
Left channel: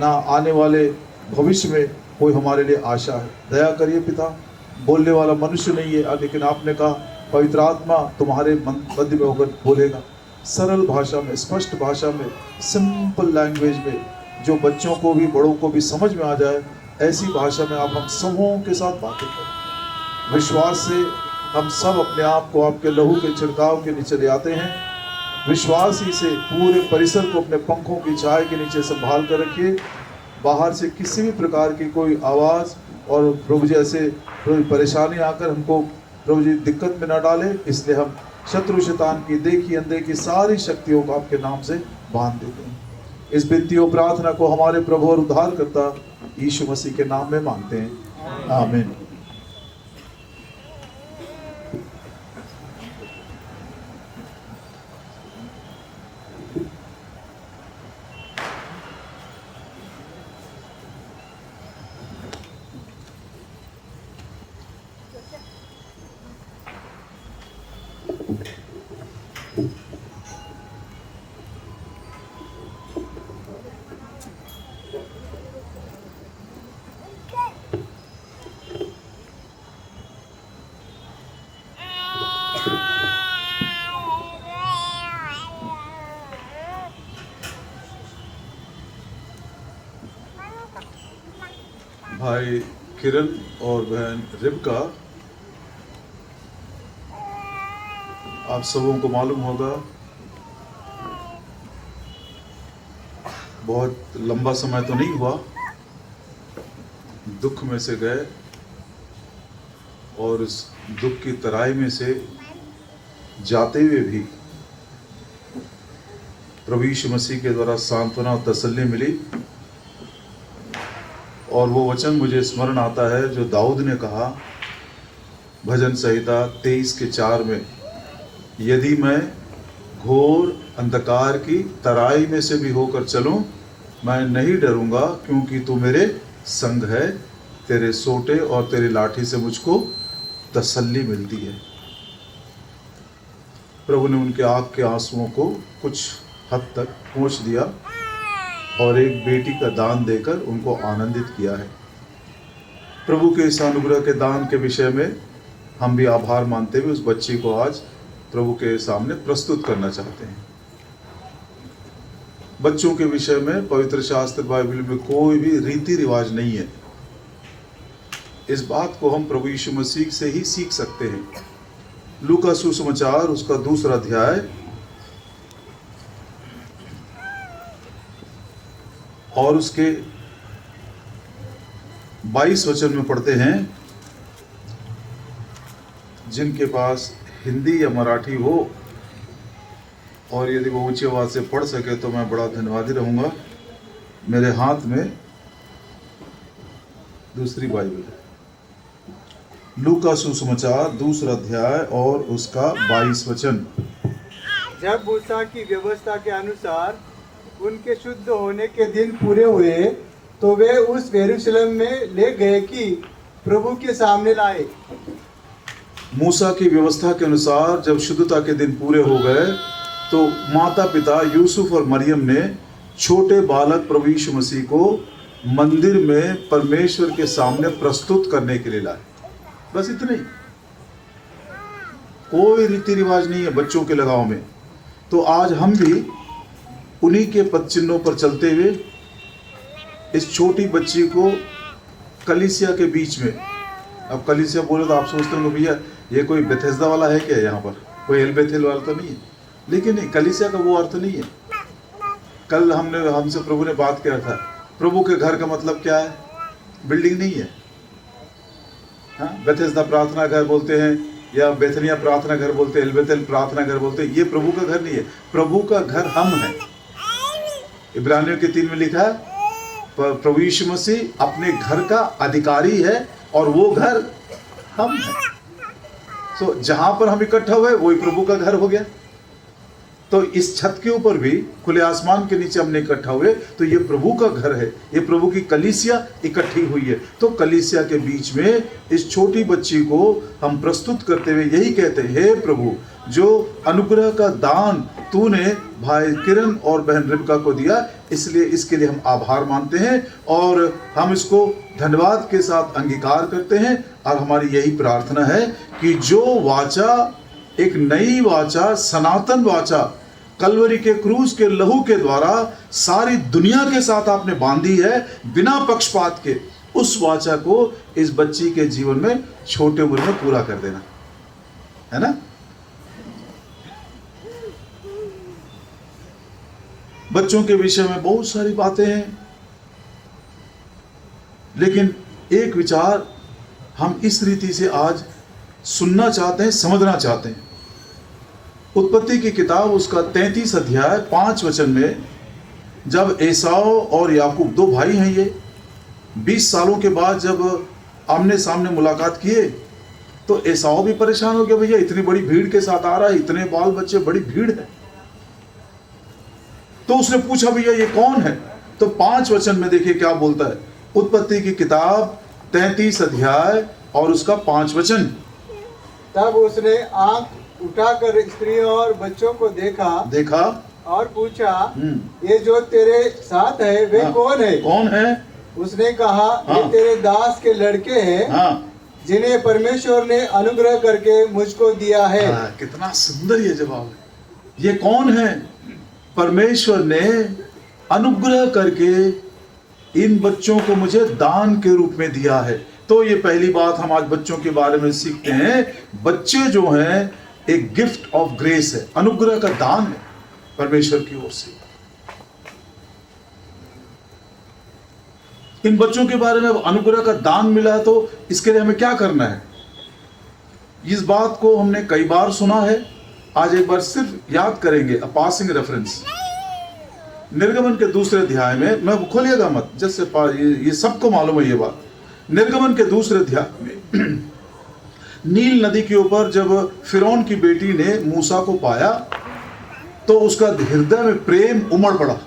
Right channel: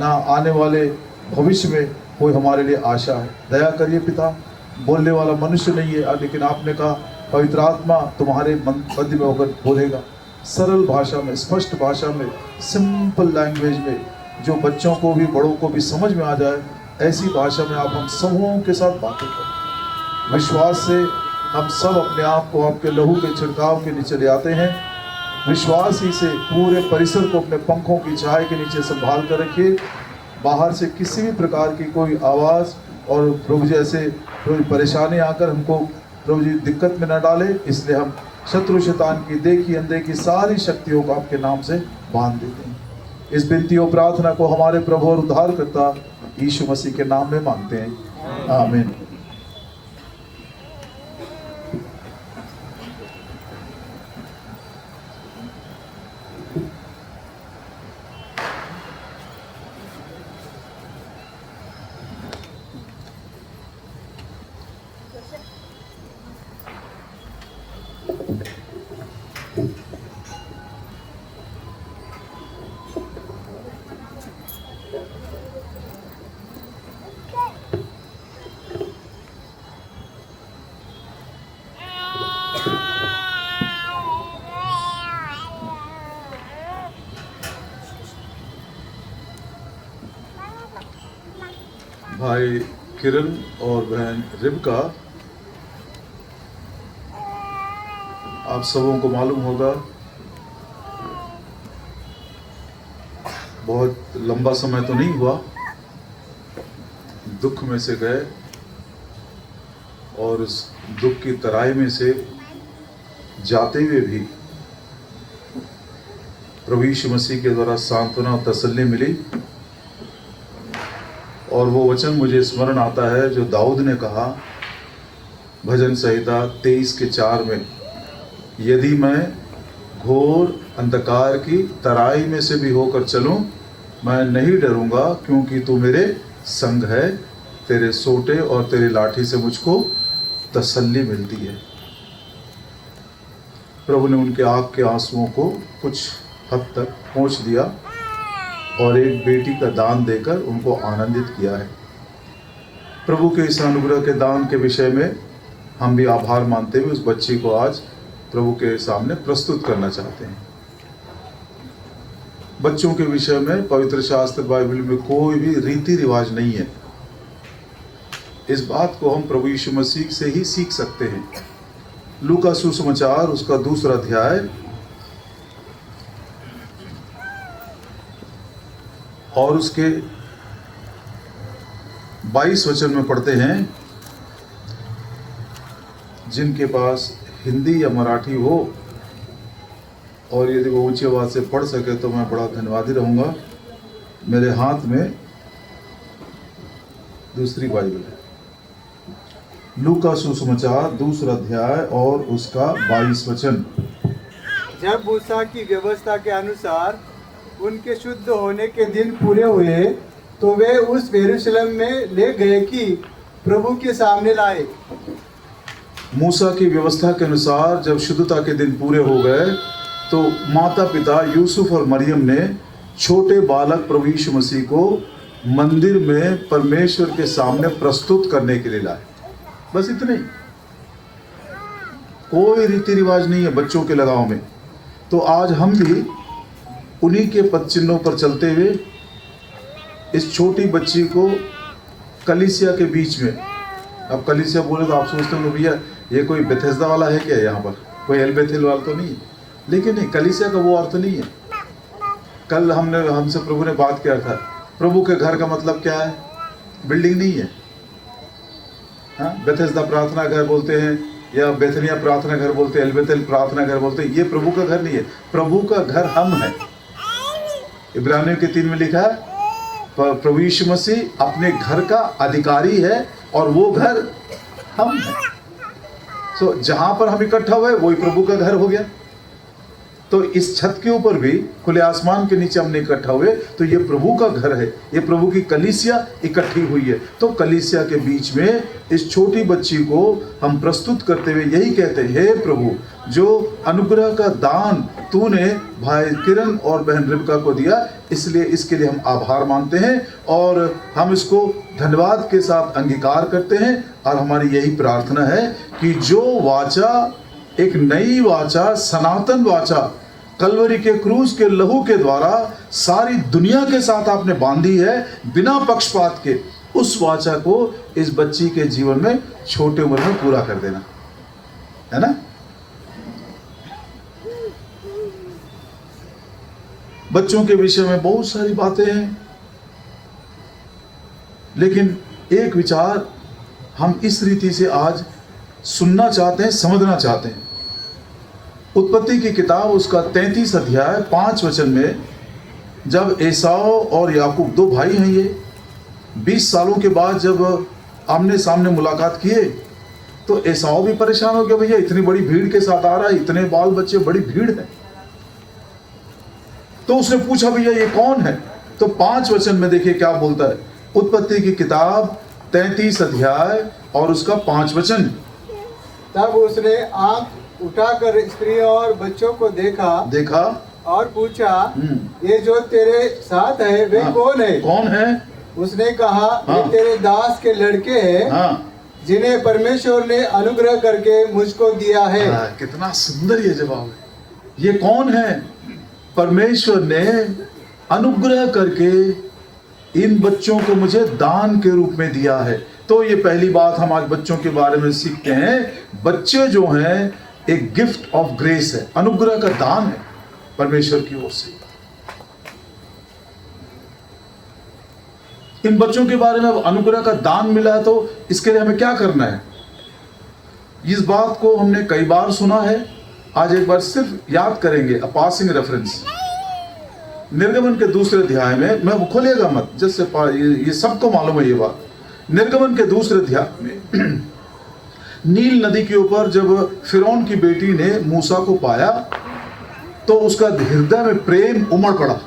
ना आने वाले भविष्य में कोई हमारे लिए आशा है। दया करिए पिता, बोलने वाला मनुष्य नहीं है, लेकिन आपने कहा पवित्र आत्मा तुम्हारे मध्य में होकर बोलेगा, सरल भाषा में, स्पष्ट भाषा में, सिंपल लैंग्वेज में, जो बच्चों को भी बड़ों को भी समझ में आ जाए, ऐसी भाषा में आप हम सबों के साथ बातें करें। विश्वास से हम सब अपने आप को आपके लहू के छिड़काव के नीचे ले आते हैं। विश्वास ही से पूरे परिसर को अपने पंखों की छाया के नीचे संभाल कर रखिए। बाहर से किसी भी प्रकार की कोई आवाज़ और प्रभु जी ऐसे परेशानी आकर हमको प्रभु जी दिक्कत में न डाले, इसलिए हम शत्रु शैतान की देखी अनदेखी सारी शक्तियों को आपके नाम से बांध देते हैं। इस विनती और प्रार्थना को हमारे प्रभु और उद्धारकर्ता यीशु मसीह के नाम में मांगते हैं, आमीन। भाई किरण और बहन रिबका, आप सबों को मालूम होगा बहुत लंबा समय तो नहीं हुआ, दुख में से गए और उस दुख की तराई में से जाते हुए भी प्रभु यीशु मसीह के द्वारा सांत्वना और तसल्ली मिली। और वो वचन मुझे स्मरण आता है जो दाऊद ने कहा भजन संहिता 23:4 में, यदि मैं घोर अंधकार की तराई में से भी होकर चलूं, मैं नहीं डरूंगा, क्योंकि तू मेरे संग है, तेरे सोटे और तेरे लाठी से मुझको तसल्ली मिलती है। प्रभु ने उनके आँख के आंसुओं को कुछ हद तक पोंछ दिया और एक बेटी का दान देकर उनको आनंदित किया है। प्रभु के इस अनुग्रह के दान के विषय में हम भी आभार मानते हुए उस बच्ची को आज प्रभु के सामने प्रस्तुत करना चाहते हैं। बच्चों के विषय में पवित्र शास्त्र बाइबल में कोई भी रीति रिवाज नहीं है। इस बात को हम प्रभु यीशु मसीह से ही सीख सकते हैं। लूका सुसमाचार उसका 2 अध्याय और उसके 22 वचन में पढ़ते हैं। जिनके पास हिंदी या मराठी हो और यदि वो ऊंची आवाज से पढ़ सके तो मैं बड़ा धन्यवादी रहूंगा। मेरे हाथ में दूसरी बाइबल है, लूका सुसमाचार 2 अध्याय और उसका 22 वचन। जब मूसा की व्यवस्था के अनुसार उनके शुद्ध होने के दिन पूरे हुए तो वे उस यरूशलेम में ले गए कि प्रभु के सामने लाए। मूसा की व्यवस्था के अनुसार जब शुद्धता के दिन पूरे हो गए तो माता पिता यूसुफ और मरियम ने छोटे बालक प्रभु यीशु मसीह को मंदिर में परमेश्वर के सामने प्रस्तुत करने के लिए लाए। बस इतने ही, कोई रीति रिवाज नहीं है बच्चों के लगाव में। तो आज हम भी उन्हीं के पद चिन्हों पर चलते हुए इस छोटी बच्ची को कलीसिया के बीच में, अब कलीसिया बोले तो आप सोचते होंगे भैया ये कोई बेथेस्दा वाला है क्या, यहाँ पर कोई एलबेथिल वाला तो नहीं है, लेकिन नहीं, कलीसिया का वो अर्थ नहीं है। कल हमसे प्रभु ने बात किया था, प्रभु के घर का मतलब क्या है? बिल्डिंग नहीं है। हाँ, बेथेस्दा प्रार्थना घर बोलते हैं या बेथनिया प्रार्थना घर बोलते हैं, एलबेथिल प्रार्थना घर बोलते हैं, ये प्रभु का घर नहीं है। प्रभु का घर हम हैं। इब्रानियों के 3 में लिखा है प्रभु यीशु मसीह अपने घर का अधिकारी है और वो घर हम हैं। तो जहां पर हम इकट्ठा हुए वही प्रभु का घर हो गया। तो इस छत के ऊपर भी, खुले आसमान के नीचे हमने इकट्ठा हुए तो ये प्रभु का घर है, ये प्रभु की कलीसिया इकट्ठी हुई है। तो कलीसिया के बीच में इस छोटी बच्ची को हम प्रस्तुत करते हुए यही कहते हैं, हे प्रभु, जो अनुग्रह का दान तूने भाई किरण और बहन रिबका को दिया, इसलिए इसके लिए हम आभार मानते हैं और हम इसको धन्यवाद के साथ अंगीकार करते हैं। और हमारी यही प्रार्थना है कि जो वाचा, एक नई वाचा, सनातन वाचा कलवरी के क्रूज के लहू के द्वारा सारी दुनिया के साथ आपने बांधी है बिना पक्षपात के, उस वाचा को इस बच्ची के जीवन में छोटे उम्र में पूरा कर देना, है ना। बच्चों के विषय में बहुत सारी बातें हैं, लेकिन एक विचार हम इस रीति से आज सुनना चाहते हैं, समझना चाहते हैं। उत्पत्ति की किताब उसका 33 अध्याय 5 वचन में जब एसाव और याकूब, दो भाई हैं ये, 20 सालों के बाद जब आमने सामने मुलाकात किए तो एसाव भी परेशान हो गया, भैया इतनी बड़ी भीड़ के साथ आ रहा है, इतने बाल बच्चे, बड़ी भीड़ है। तो उसने पूछा भैया ये कौन है? तो 5 वचन में देखिए क्या बोलता है। उत्पत्ति की किताब 33 अध्याय और उसका 5 वचन। तब उसने आंख उठाकर स्त्रियों और बच्चों को देखा और पूछा, ये जो तेरे साथ है वे कौन है? कौन है? उसने कहा, ये तेरे दास के लड़के हैं, जिन्हें परमेश्वर ने अनुग्रह करके मुझको दिया है। कितना सुंदर ये जवाब है। ये कौन है? परमेश्वर ने अनुग्रह करके इन बच्चों को मुझे दान के रूप में दिया है। तो ये पहली बात हम आज बच्चों के बारे में सीखते हैं। बच्चे जो हैं एक गिफ्ट ऑफ ग्रेस है, अनुग्रह का दान है परमेश्वर की ओर से। इन बच्चों के बारे में अनुग्रह का दान मिला है, तो इसके लिए हमें क्या करना है? इस बात को हमने कई बार सुना है, आज एक बार सिर्फ याद करेंगे, पासिंग रेफरेंस। निर्गमन के दूसरे अध्याय में, मैं खोलिएगा मत, जैसे ये सबको मालूम है ये बात। निर्गमन के दूसरे अध्याय में नील नदी के ऊपर जब फिरौन की बेटी ने मूसा को पाया तो उसका हृदय में प्रेम उमड़ पड़ा।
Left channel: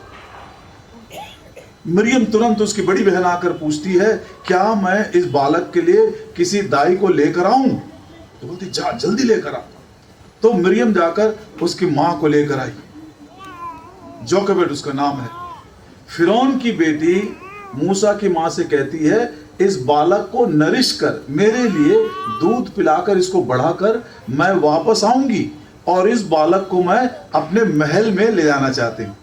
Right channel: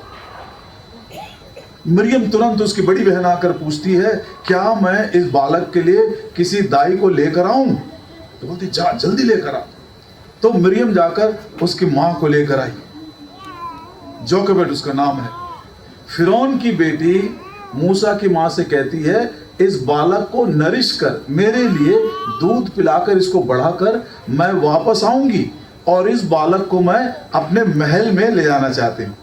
मरियम तुरंत उसकी बड़ी बहन आकर पूछती है, क्या मैं इस बालक के लिए किसी दाई को लेकर आऊं? तो बोलती जा जल्दी लेकर आ। तो मरियम जाकर उसकी मां को लेकर आई, जोकेबेद उसका नाम है। फिरौन की बेटी मूसा की मां से कहती है, इस बालक को नरिश कर, मेरे लिए दूध पिलाकर इसको बढ़ाकर मैं वापस आऊंगी और इस बालक को मैं अपने महल में ले जाना चाहती हूं।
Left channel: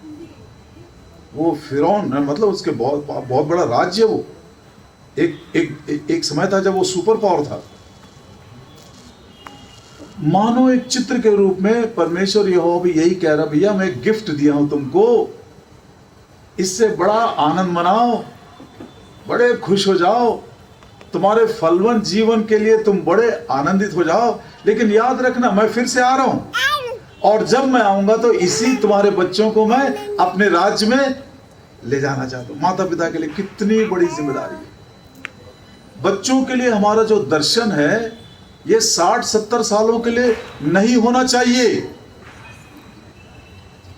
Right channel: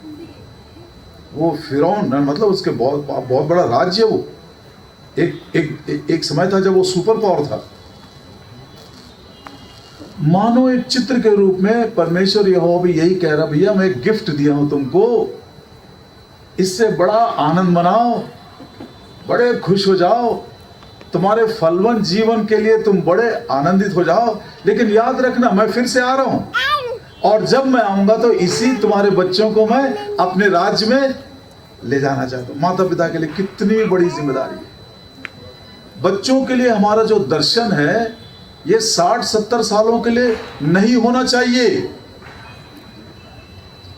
वो फिरौन मतलब उसके बहुत बड़ा राज्य, वो एक समय था जब वो सुपर पावर था। मानो एक चित्र के रूप में परमेश्वर यहोवा भी यही कह रहा, भैया मैं एक गिफ्ट दिया हूं तुमको, इससे बड़ा आनंद मनाओ, बड़े खुश हो जाओ, तुम्हारे फलवंत जीवन के लिए तुम बड़े आनंदित हो जाओ। लेकिन याद रखना मैं फिर से आ रहा हूं और जब मैं आऊंगा तो इसी तुम्हारे बच्चों को मैं अपने राज्य में ले जाना चाहता हूं। माता पिता के लिए कितनी बड़ी जिम्मेदारी है। बच्चों के लिए हमारा जो दर्शन है ये 60-70 सालों के लिए नहीं होना चाहिए।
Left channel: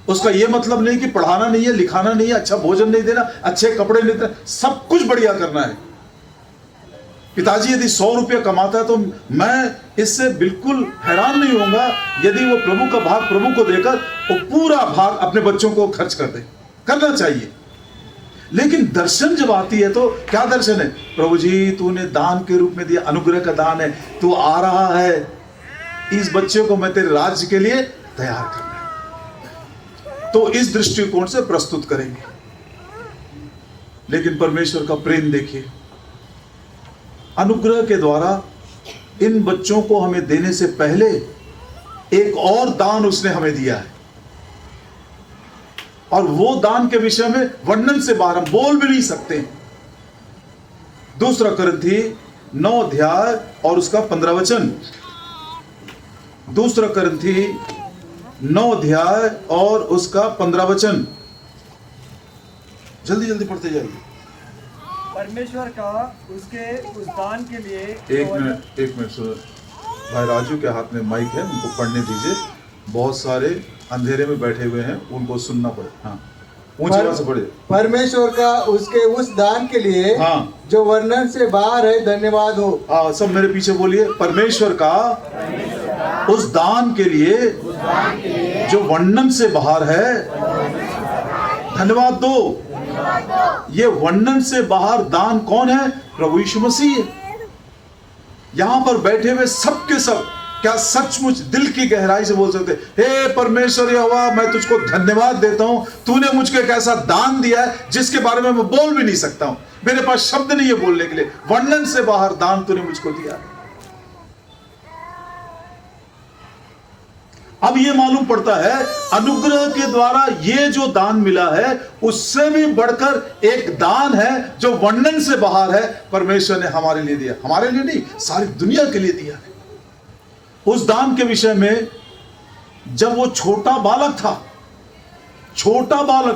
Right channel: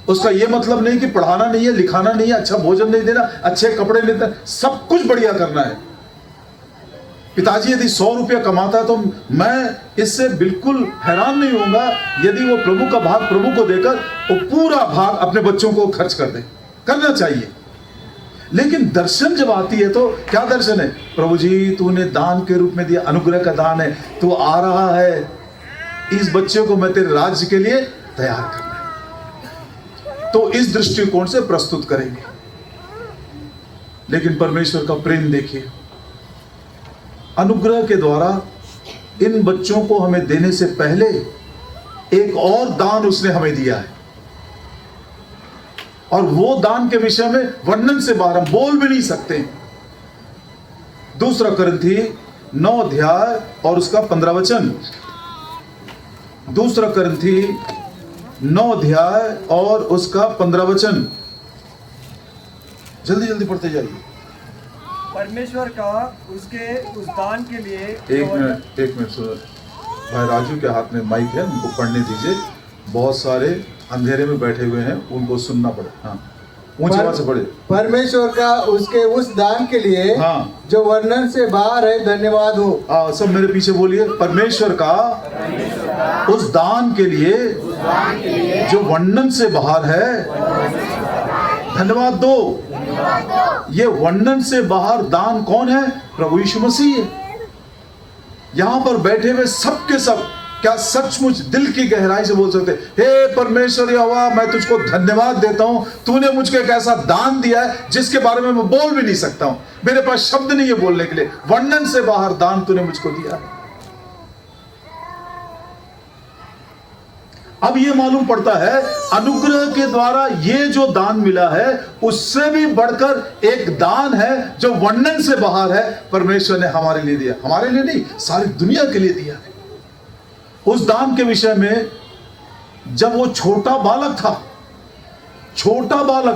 उसका यह मतलब नहीं कि पढ़ाना नहीं है, लिखाना नहीं है, अच्छा भोजन नहीं देना, अच्छे कपड़े नहीं देना, सब कुछ बढ़िया करना है। पिताजी यदि 100 रुपया कमाता है तो मैं इससे बिल्कुल हैरान नहीं होऊंगा यदि वो प्रभु का भाग प्रभु को देकर वो पूरा भाग अपने बच्चों को खर्च कर दे। करना चाहिए। लेकिन दर्शन जब आती है तो क्या दर्शन है? प्रभु जी तूने दान के रूप में दिया, अनुग्रह का दान है, तू आ रहा है, इस बच्चे को मैं तेरे राज्य के लिए तैयार करना है। तो इस दृष्टिकोण से प्रस्तुत करेंगे। लेकिन परमेश्वर का प्रेम देखिए, अनुग्रह के द्वारा इन बच्चों को हमें देने से पहले एक और दान उसने हमें दिया है और वो दान के विषय में वर्णन से बाहर हम बोल भी नहीं सकते। 2 कुरिन्थी 9 अध्याय और उसका 15 वचन। 2 कुरिन्थी 9 अध्याय और उसका 15 वचन। जल्दी जल्दी पढ़ते जाइए। परमेश्वर का उसके उस दान के लिए एक मिनट सुनो, भाई राजू के हाथ में माइक है, उनको पढ़ने दीजिए। बहुत सारे अंधेरे में बैठे हुए हैं, उनको सुनना पड़े। हाँ, ऊंची आवाज से पढ़े। परमेश्वर का उसके उस दान के लिए जो वर्णन से बाहर है, धन्यवाद हो। सब मेरे पीछे बोलिए। परमेश्वर का उस दान के लिए जो वर्णन से बाहर है, धन्यवाद दो। ये वर्णन से बाहर दान कौन है? प्रभु यीशु मसीह है। यहां पर बैठे हुए सबके सब क्या सचमुच दिल की गहराई से बोल सकते, हे परमेश्वर यहोवा मैं तुझको धन्यवाद देता हूं, तूने मुझको एक ऐसा दान दिया है जिसके बारे में मैं बोल भी नहीं सकता हूं, मेरे पास शब्द नहीं है बोलने के लिए। वर्णन से बाहर दान तूने मुझको दिया। अब ये मालूम पड़ता है अनुग्रह के द्वारा ये जो दान मिला है उससे भी बढ़कर एक दान है जो वर्णन से बाहर है, परमेश्वर ने हमारे लिए दिया। हमारे लिए नहीं, सारी दुनिया के लिए दिया। उस दान के विषय में जब वो छोटा बालक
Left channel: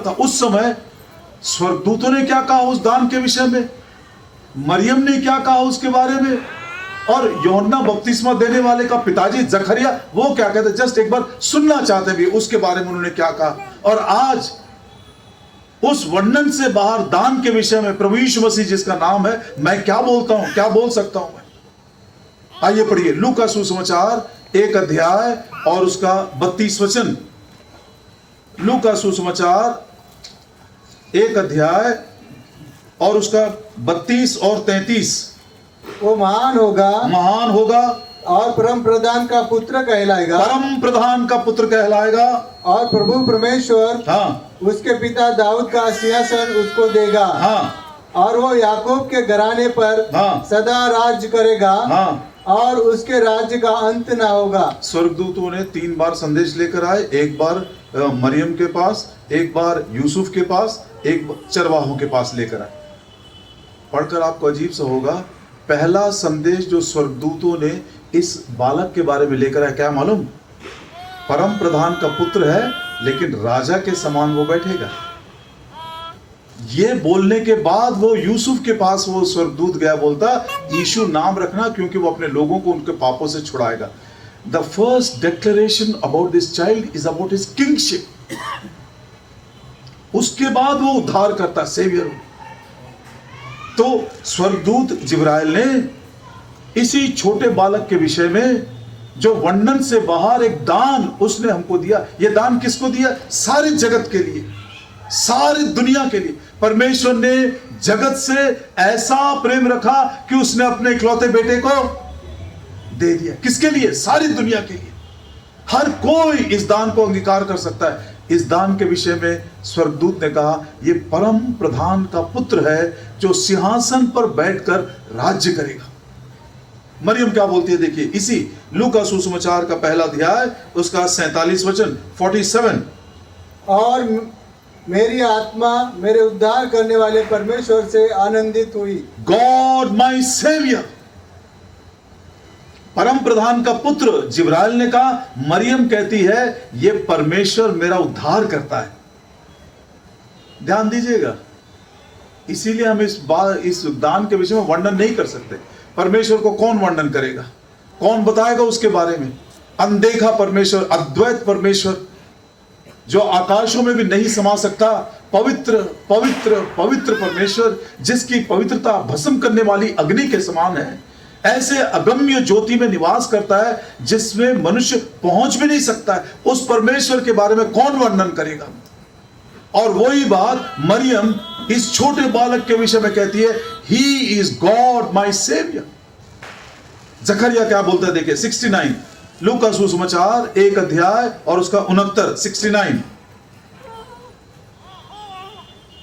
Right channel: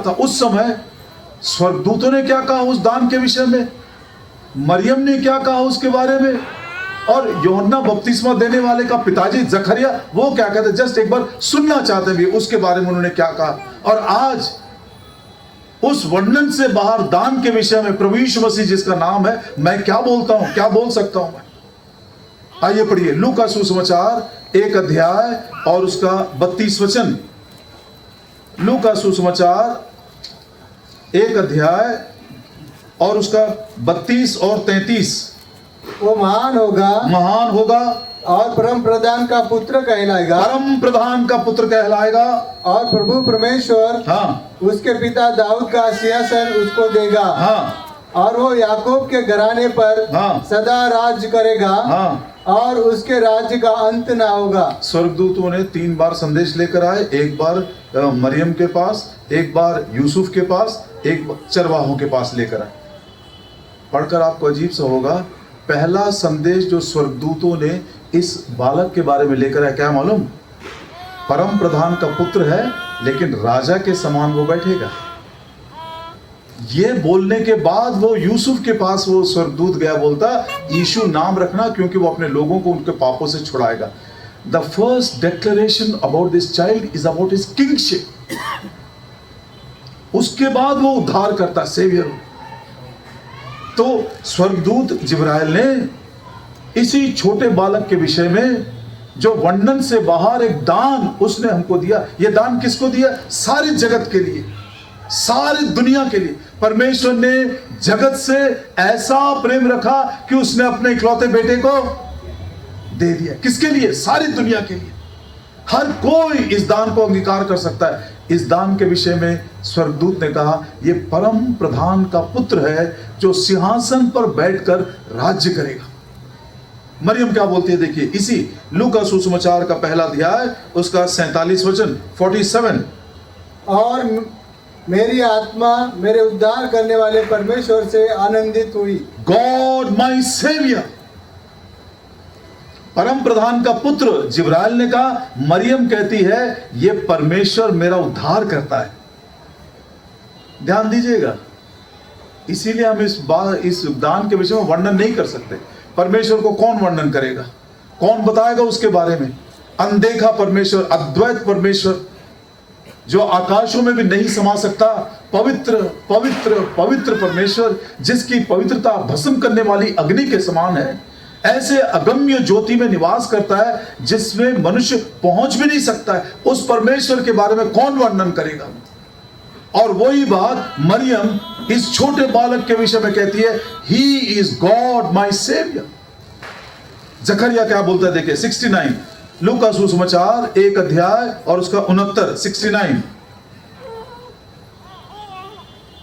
था, उस समय स्वर्गदूतों ने क्या कहा उस दान के विषय में, मरियम ने क्या कहा उसके बारे में, और यूहन्ना बपतिस्मा देने वाले का पिताजी जकरिया वो क्या कहते, जस्ट एक बार सुनना चाहते भी उसके बारे में उन्होंने क्या कहा। और आज उस वर्णन से बाहर दान के विषय में प्रभु यीशु मसीह जिसका नाम है, मैं क्या बोलता हूं, क्या बोल सकता हूं मैं। आइए पढ़िए लू का सुसमाचार 1 अध्याय और उसका 32 वचन। लू का सुसमाचार 1 अध्याय और उसका 32 और 33। वो महान होगा और परम प्रधान का पुत्र कहलाएगा, परम प्रधान का पुत्र कहलाएगा, और प्रभु परमेश्वर हाँ उसके पिता दाऊद का सिंहासन उसको देगा, हाँ और वो याकूब के घराने पर हाँ। सदा राज्य करेगा, हाँ। और उसके राज्य का अंत ना होगा। स्वर्गदूतों ने 3 बार संदेश लेकर आए, एक बार मरियम के पास, एक बार यूसुफ के पास, एक बार चरवाहों के पास लेकर आए। पढ़कर आपको अजीब सा होगा, पहला संदेश जो स्वर्गदूतों ने इस बालक के बारे में लेकर आए, क्या मालूम, परम प्रधान का पुत्र है लेकिन राजा के समान वो बैठेगा। ये बोलने के बाद वो यूसुफ के पास वो स्वर्गदूत गया, बोलता यीशु नाम रखना क्योंकि वो अपने लोगों को उनके पापों से छुड़ाएगा। The first declaration about this child is about his kingship. उसके बाद वो उद्धार करता, सेवियर। तो स्वर्गदूत जिब्राइल ने इसी छोटे बालक के विषय में जो वर्णन से बाहर एक दान उसने हमको दिया। ये दान किसको दिया? सारी जगत के लिए, सारी दुनिया के लिए। परमेश्वर ने जगत से ऐसा प्रेम रखा कि उसने अपने इकलौते बेटे को दे दिया। किसके लिए? सारी दुनिया के लिए। हर कोई इस दान को अंगीकार कर सकता है। इस दान के विषय में स्वर्गदूत ने कहा ये परम प्रधान का पुत्र है जो सिंहासन पर बैठकर राज्य करेगा। मरियम क्या बोलती है देखिए, इसी लू का सुसमाचार का पहला अध्याय उसका 47 वचन 47। और मेरी आत्मा मेरे उद्धार करने वाले परमेश्वर से आनंदित हुई। God my saviour. परम प्रधान का पुत्र जिब्राइल ने कहा, मरियम कहती है ये परमेश्वर मेरा उद्धार करता है। ध्यान दीजिएगा, इसीलिए हम इस दान के विषय में वर्णन नहीं कर सकते। परमेश्वर को कौन वर्णन करेगा, कौन बताएगा उसके बारे में? अनदेखा परमेश्वर, अद्वैत परमेश्वर जो आकाशों में भी नहीं समा सकता, पवित्र पवित्र पवित्र परमेश्वर जिसकी पवित्रता भस्म करने वाली अग्नि के समान है, ऐसे अगम्य ज्योति में निवास करता है जिसमें मनुष्य पहुंच भी नहीं सकता है। उस परमेश्वर के बारे में कौन वर्णन करेगा? और वही बात मरियम इस छोटे बालक के विषय में कहती है, he is God my saviour. Zechariah क्या बोलता है देखिए 69 लू का सुसमाचार 1 अध्याय और उसका 69 69।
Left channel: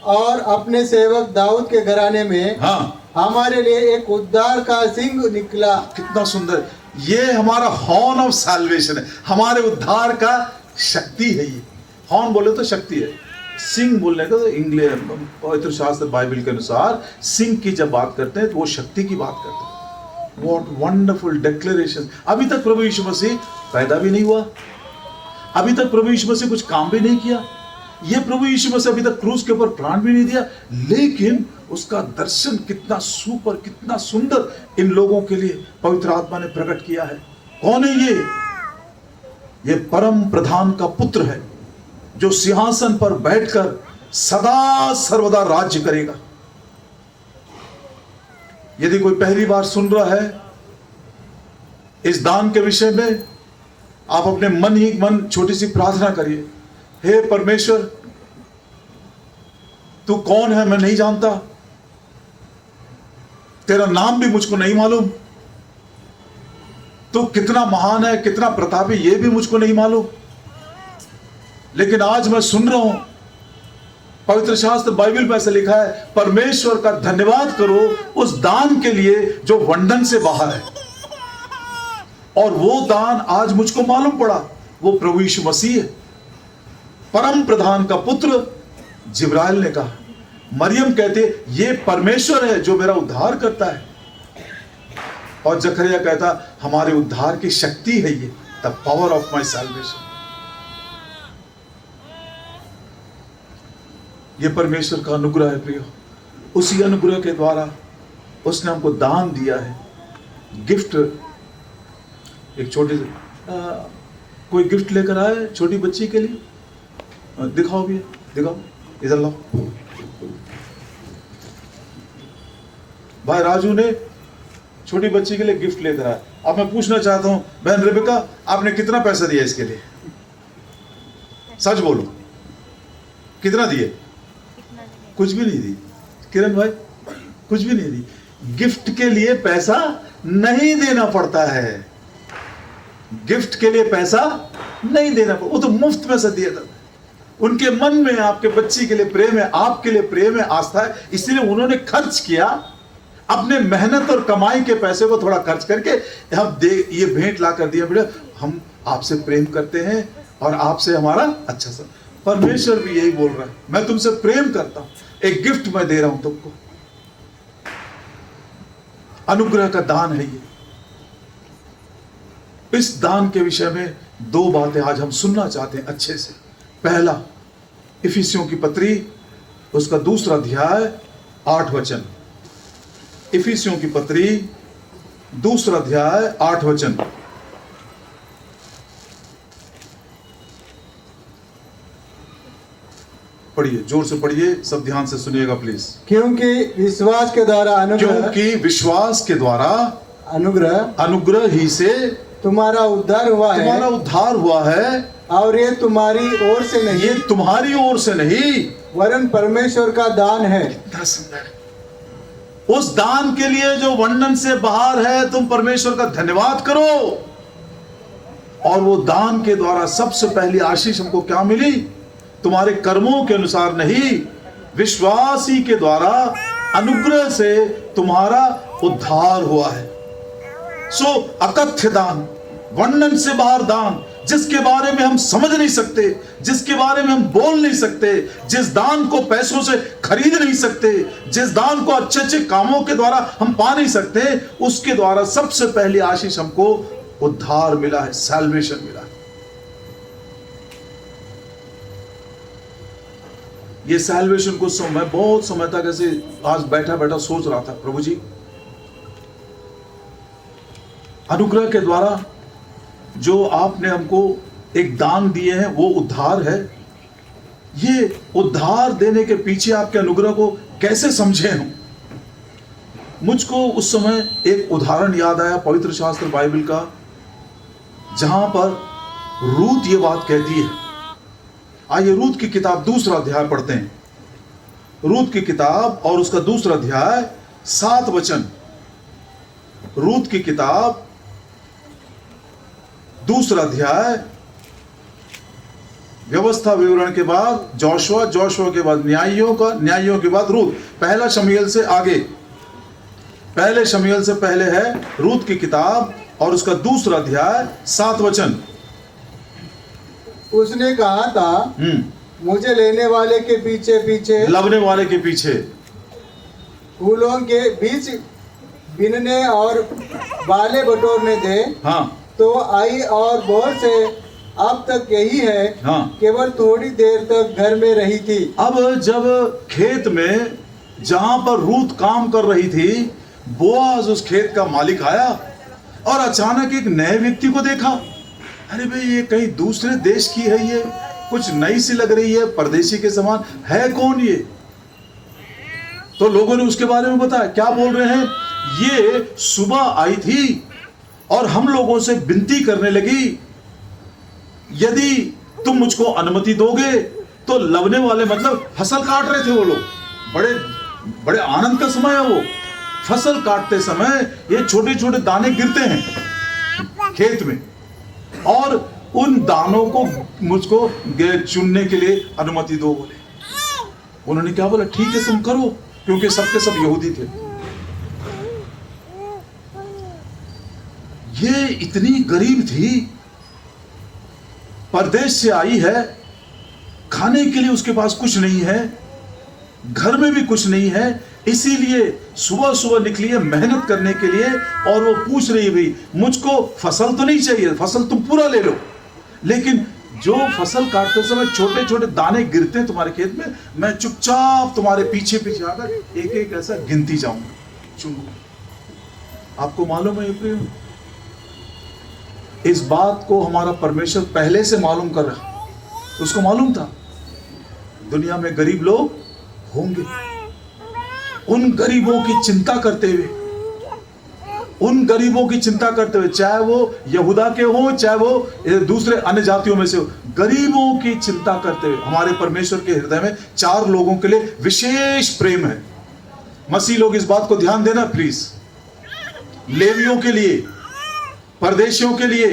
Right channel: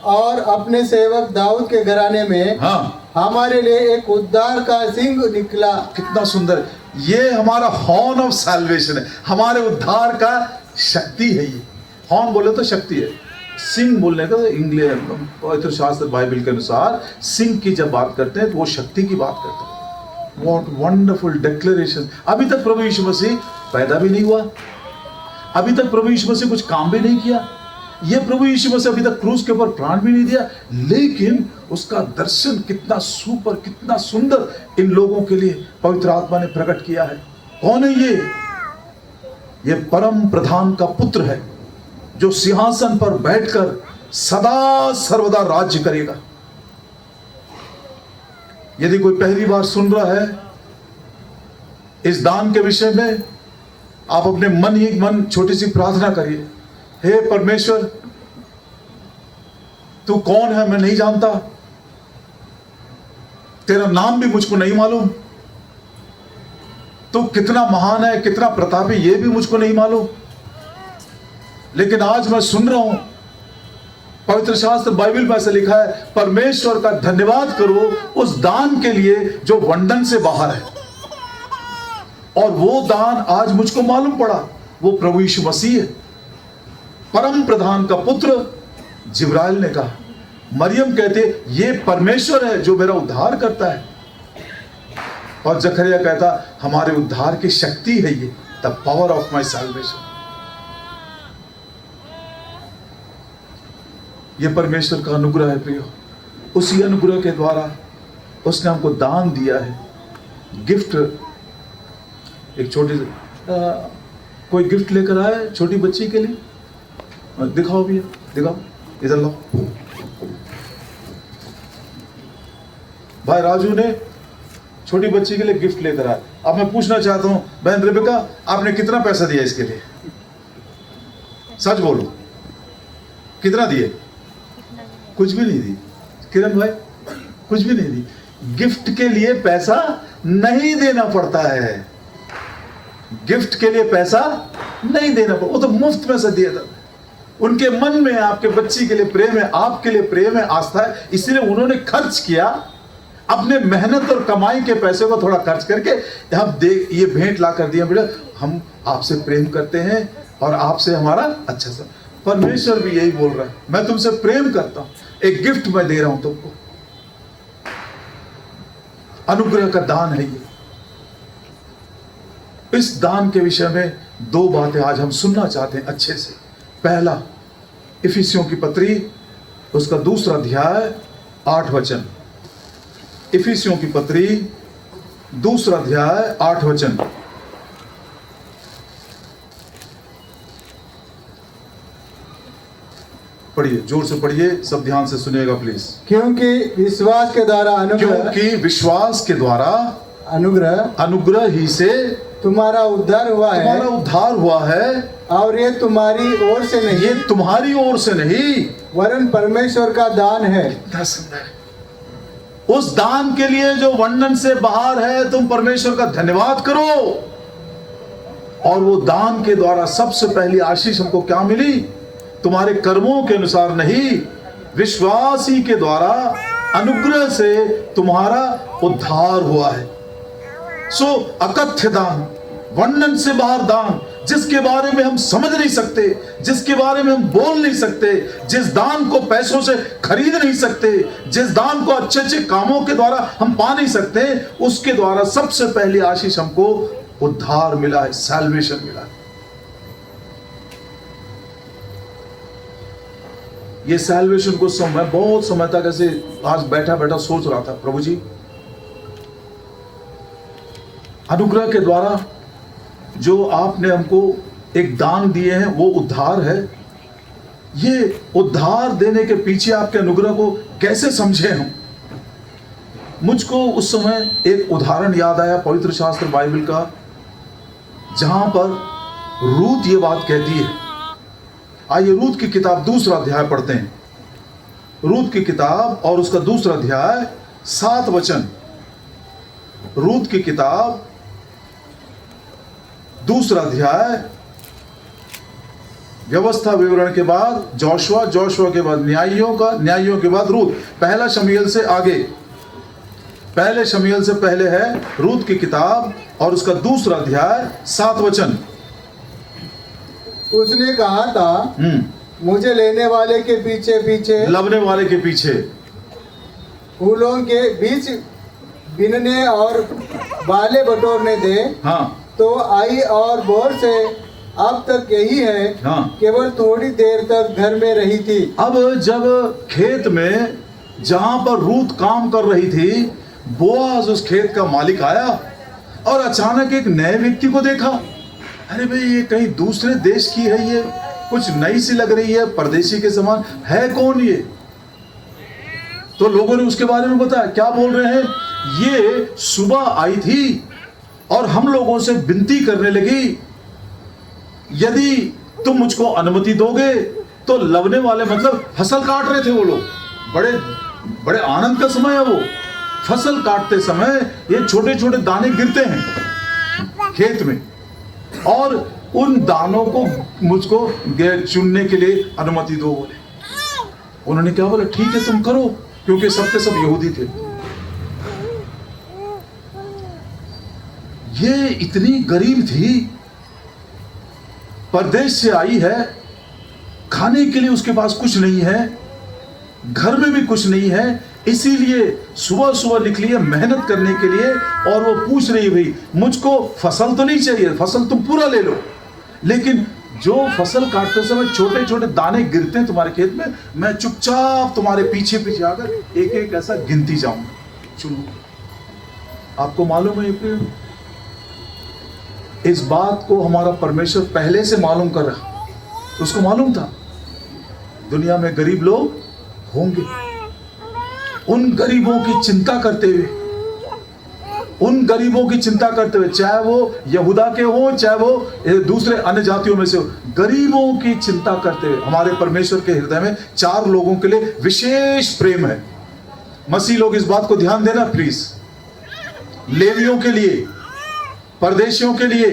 और अपने सेवक दाऊद के घराने में हाँ, हमारे लिए एक उद्धार का सिंह निकला। कितना सुंदर। ये हमारा हॉर्न ऑफ सैल्वेशन है, हमारे उद्धार का शक्ति है। ये हॉर्न बोले तो शक्ति है, सिंह बोलने का इंग्लिश पवित्र शास्त्र बाइबल के अनुसार सिंह की जब बात करते हैं तो वो शक्ति की बात करते हैं। What wonderful declaration. अभी तक प्रभु यीशु मसीह पैदा भी नहीं हुआ, अभी तक प्रभु यीशु मसीह कुछ काम भी नहीं किया, ये प्रभु यीशु मसीह अभी तक क्रूस के ऊपर प्राण भी नहीं दिया, लेकिन उसका दर्शन कितना सुपर, कितना सुंदर इन लोगों के लिए पवित्र आत्मा ने प्रकट किया है। कौन है ये परम प्रधान का पुत्र है जो सिंहासन पर बैठकर सदा सर्वदा राज्य करेगा। यदि कोई पहली बार सुन रहा है इस दान के विषय में, आप अपने मन ही मन छोटी सी प्रार्थना करिए, हे परमेश्वर तू कौन है मैं नहीं जानता, तेरा नाम भी मुझको नहीं मालूम, तू कितना महान है, कितना प्रतापी ये भी मुझको नहीं मालूम, लेकिन आज मैं सुन रहा हूं पवित्र शास्त्र बाइबल में ऐसा लिखा है, परमेश्वर का धन्यवाद करो उस दान के लिए जो वर्णन से बाहर है। और वो दान आज मुझको मालूम पड़ा, वो प्रभु यीशु मसीह है, परम प्रधान का पुत्र। जिब्राइल ने कहा, मरियम कहते ये परमेश्वर है जो मेरा उद्धार करता है, और जकरिया कहता हमारे उद्धार की शक्ति है ये, the power of my salvation. ये परमेश्वर का अनुग्रह है प्रियो। उसी अनुग्रह के द्वारा उसने हमको दान दिया है, गिफ्ट। एक छोटी कोई गिफ्ट लेकर आए छोटी बच्ची के लिए, दिखाओ भैया, दिखाओ, इधर लाओ। भाई राजू ने छोटी बच्ची के लिए गिफ्ट लेकर आया। अब मैं पूछना चाहता हूं, बहन रेबिका, आपने कितना पैसा दिया इसके लिए? सच बोलो, कितना दिए? कुछ भी नहीं दी। किरण भाई, कुछ भी नहीं दी। गिफ्ट के लिए पैसा नहीं देना पड़ता है, गिफ्ट के लिए पैसा नहीं देना पड़ता, वो तो मुफ्त में से दिया था। उनके मन में आपके बच्ची के लिए प्रेम है, आपके लिए प्रेम है, आस्था है, इसलिए उन्होंने खर्च किया। अपने मेहनत और कमाई के पैसे को थोड़ा खर्च करके हम ये भेंट ला कर दिया, बेटा हम आपसे प्रेम करते हैं और आपसे हमारा अच्छा सा। परमेश्वर भी यही बोल रहा है, मैं तुमसे प्रेम करता हूं, एक गिफ्ट मैं दे रहा हूं तुमको। अनुग्रह का दान है ये। इस दान के विषय में दो बातें आज हम सुनना चाहते हैं अच्छे से। पहला, इफिसियों की पत्री उसका 2 अध्याय 8 वचन। इफिसियों की पत्री 2 अध्याय 8 वचन। पढ़िए, जोर से पढ़िए, सब ध्यान से सुनिएगा प्लीज। क्योंकि विश्वास के द्वारा क्योंकि विश्वास के द्वारा अनुग्रह ही से तुम्हारा उद्धार हुआ है। तुम्हारा उद्धार हुआ है, और ये तुम्हारी ओर से नहीं, ये तुम्हारी ओर से नहीं, वरन परमेश्वर का दान है। कितना सुंदर। उस दान के लिए जो वर्णन से बाहर है, तुम परमेश्वर का धन्यवाद करो। और वो दान के द्वारा सबसे पहली आशीष हमको क्या मिली? तुम्हारे कर्मों के अनुसार नहीं, विश्वास ही के द्वारा अनुग्रह से तुम्हारा उद्धार हुआ है। सो अकथ्य दान, वर्णन से बाहर दान, जिसके बारे में हम समझ नहीं सकते, जिसके बारे में हम बोल नहीं सकते, जिस दान को पैसों से खरीद नहीं सकते, जिस दान को अच्छे अच्छे कामों के द्वारा हम पा नहीं सकते, उसके द्वारा सबसे पहली आशीष हमको उद्धार मिला है, सैल्वेशन मिला है। ये सैल्वेशन को मैं बहुत समय तक ऐसे आज बैठा बैठा सोच रहा था, प्रभु जी अनुग्रह के द्वारा जो आपने हमको एक दान दिए हैं वो उद्धार है। ये उद्धार देने के पीछे आपके अनुग्रह को कैसे समझे हम? मुझको उस समय एक उदाहरण याद आया पवित्र शास्त्र बाइबल का, जहां पर रूत ये बात कहती है। आइए रूत की किताब 2 अध्याय पढ़ते हैं। रूत की किताब और उसका 2 अध्याय 7 वचन। रूत की किताब 2 अध्याय, व्यवस्था विवरण के बाद जोशुआ, जोशुआ के बाद न्यायियों के बाद रूत। पहला शमूएल से आगे, पहले शमूएल से पहले है रूत की किताब और उसका 2 अध्याय 7 वचन। उसने कहा था, मुझे लेने वाले के पीछे पीछे, लवने वाले के पीछे, फूलों के बीच बिनने और बाले बटोरने दे। हाँ, तो आई और बोल से अब तक यही है। हाँ, केवल थोड़ी देर तक घर में रही थी। अब जब खेत में जहां पर रूत काम कर रही थी, बोआज उस खेत का मालिक आया और अचानक एक नए व्यक्ति को देखा। अरे भाई, ये कहीं दूसरे देश की है, ये कुछ नई सी लग रही है, परदेशी के समान है। कौन ये? तो लोगों ने उसके बारे में बताया। क्या बोल रहे हैं? ये सुबह आई थी और हम लोगों से विनती करने लगी, यदि तुम मुझको अनुमति दोगे तो लवने वाले, मतलब फसल काट रहे थे वो लोग, बड़े बड़े आनंद का समय है वो। फसल काटते समय ये छोटे छोटे दाने गिरते हैं खेत में, और उन दानों को मुझको चुनने के लिए अनुमति दो बोले। उन्होंने क्या बोला? ठीक है तुम करो, क्योंकि सबके सब यहूदी थे। ये इतनी गरीब थी, परदेश से आई है, खाने के लिए उसके पास कुछ नहीं है, घर में भी कुछ नहीं है, इसीलिए सुबह सुबह निकली है मेहनत करने के लिए। और वो पूछ रही, भाई मुझको फसल तो नहीं चाहिए, फसल तुम पूरा ले लो, लेकिन जो फसल काटते समय छोटे छोटे दाने गिरते हैं तुम्हारे खेत में, मैं चुपचाप तुम्हारे पीछे पीछे आकर एक एक ऐसा गिनती जाऊंगा, चुनूंगा। आपको मालूम है प्रिय, इस बात को हमारा परमेश्वर पहले से मालूम कर रहा है। उसको मालूम था दुनिया में गरीब लोग होंगे। उन गरीबों की चिंता करते हुए, उन गरीबों की चिंता करते हुए, चाहे वो यहूदा के हो, चाहे वो दूसरे अन्य जातियों में से हो, गरीबों की चिंता करते हुए हमारे परमेश्वर के हृदय में 4 लोगों के लिए विशेष प्रेम है। मसीह लोग इस बात को ध्यान देना प्लीज। लेवियों के लिए, परदेशियों के लिए,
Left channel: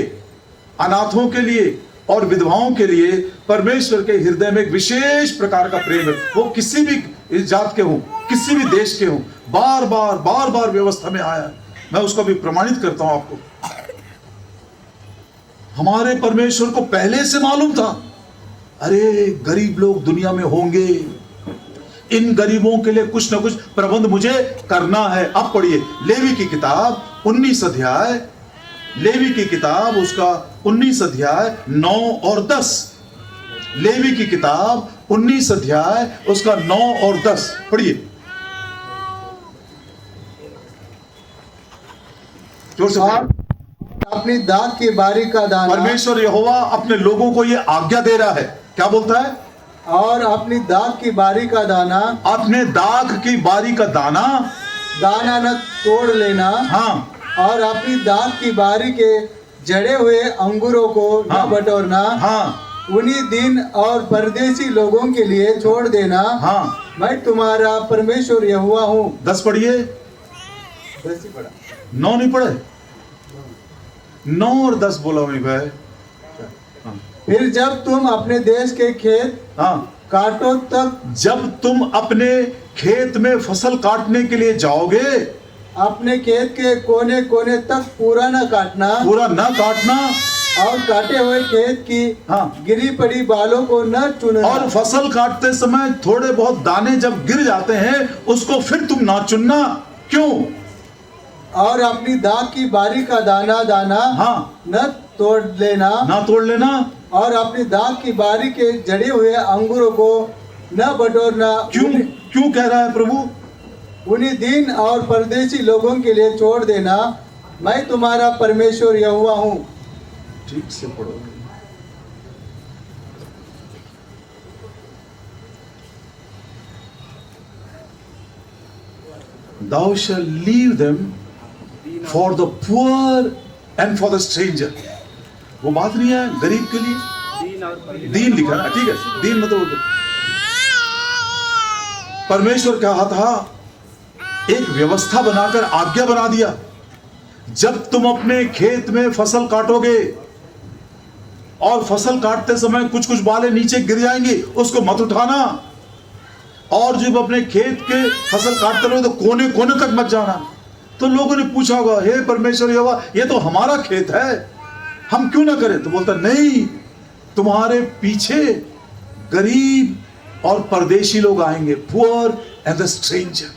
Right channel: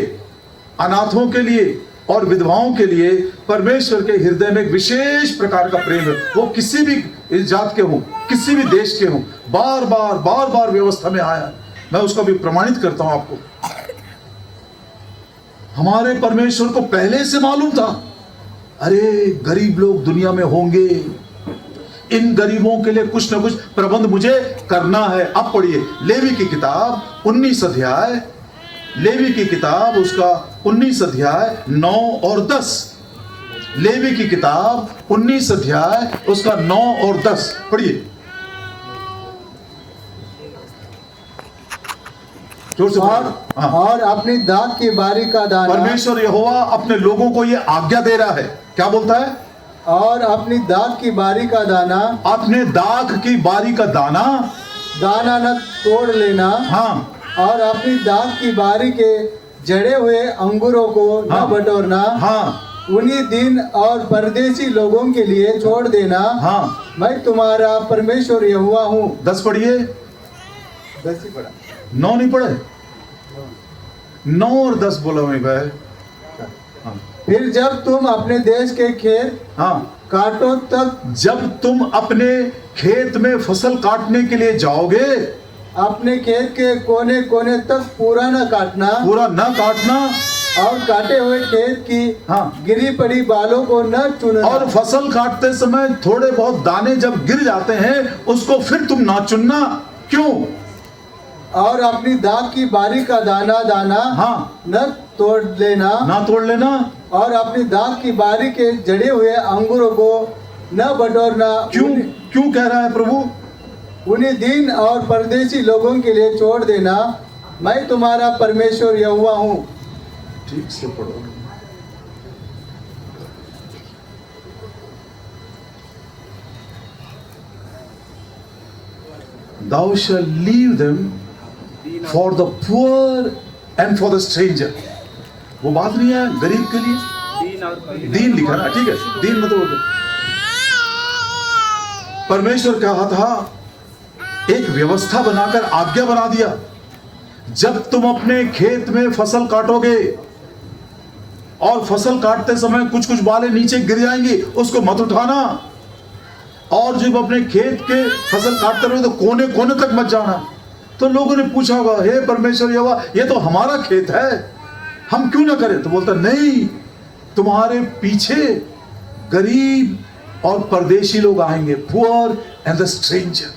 अनाथों के लिए और विधवाओं के लिए परमेश्वर के हृदय में एक विशेष प्रकार का प्रेम है। वो किसी भी जात के हों, किसी भी देश के हों, बार बार व्यवस्था में आया है। मैं उसको भी प्रमाणित करता हूं आपको। हमारे परमेश्वर को पहले से मालूम था, अरे गरीब लोग दुनिया में होंगे, इन गरीबों के लिए कुछ ना कुछ प्रबंध मुझे करना है। अब पढ़िए लेवी की किताब 19 अध्याय, लेवी की किताब उसका 19 अध्याय 9 और 10। लेवी की किताब 19 अध्याय उसका 9 और 10 पढ़िए जोर से। और अपनी दाख की बारी का दाना, परमेश्वर यहोवा अपने लोगों को ये आज्ञा दे रहा है। क्या बोलता है? और अपनी दाख की बारी का दाना, अपने दाख की बारी का दाना न तोड़ लेना। हाँ। और अपनी दाख की बारी के जड़े हुए अंगूरों को न बटोरना। हाँ। उन्हीं दिन और परदेशी लोगों के लिए छोड़ देना। हाँ। मैं तुम्हारा परमेश्वर यहोवा हूँ। 10 पढ़िए। 10 ही पढ़ा, 9 नहीं पढ़े? 9 और 10 बोला मैं भाई। फिर जब तुम अपने देश के खेत हाँ काटो, तब जब तुम अपने खेत में फसल काटने के लिए जाओगे, अपने खेत के कोने कोने तक पूरा न काटना, पूरा न काटना। और काटे हुए खेत की हाँ। गिरी पड़ी बालों को न चुनना। और फसल काटते समय थोड़े बहुत दाने जब गिर जाते हैं उसको फिर तुम ना चुनना। क्यों? और अपनी दाख की बारी का दाना हाँ। न तोड़ लेना। ना तोड़ लेना। और अपनी दाख की बारी के जड़े हुए अंगूरों को न बटोरना। क्यों? क्यों कह रहा है प्रभु? उन्हीं दिन और परदेशी लोगों के लिए छोड़ देना। मैं तुम्हारा परमेश्वर यहोवा हूँ। ठीक से पढ़ो। Thou shall leave them for the poor and for the stranger. वो बात नहीं है गरीब के लिए, दीन लिखा है, ठीक है। दीन मतलब परमेश्वर कहा था, एक व्यवस्था बनाकर आज्ञा बना दिया, जब तुम अपने खेत में फसल काटोगे और फसल काटते समय कुछ कुछ बाले नीचे गिर जाएंगे, उसको मत उठाना। और जब अपने खेत के फसल काटते रहो तो कोने कोने तक मत जाना। तो लोगों ने पूछा होगा, हे परमेश्वर यहोवा, ये तो हमारा खेत है, हम क्यों ना करें? तो बोलता नहीं, तुम्हारे पीछे गरीब और परदेशी लोग आएंगे, पुअर एंड द स्ट्रेंजर,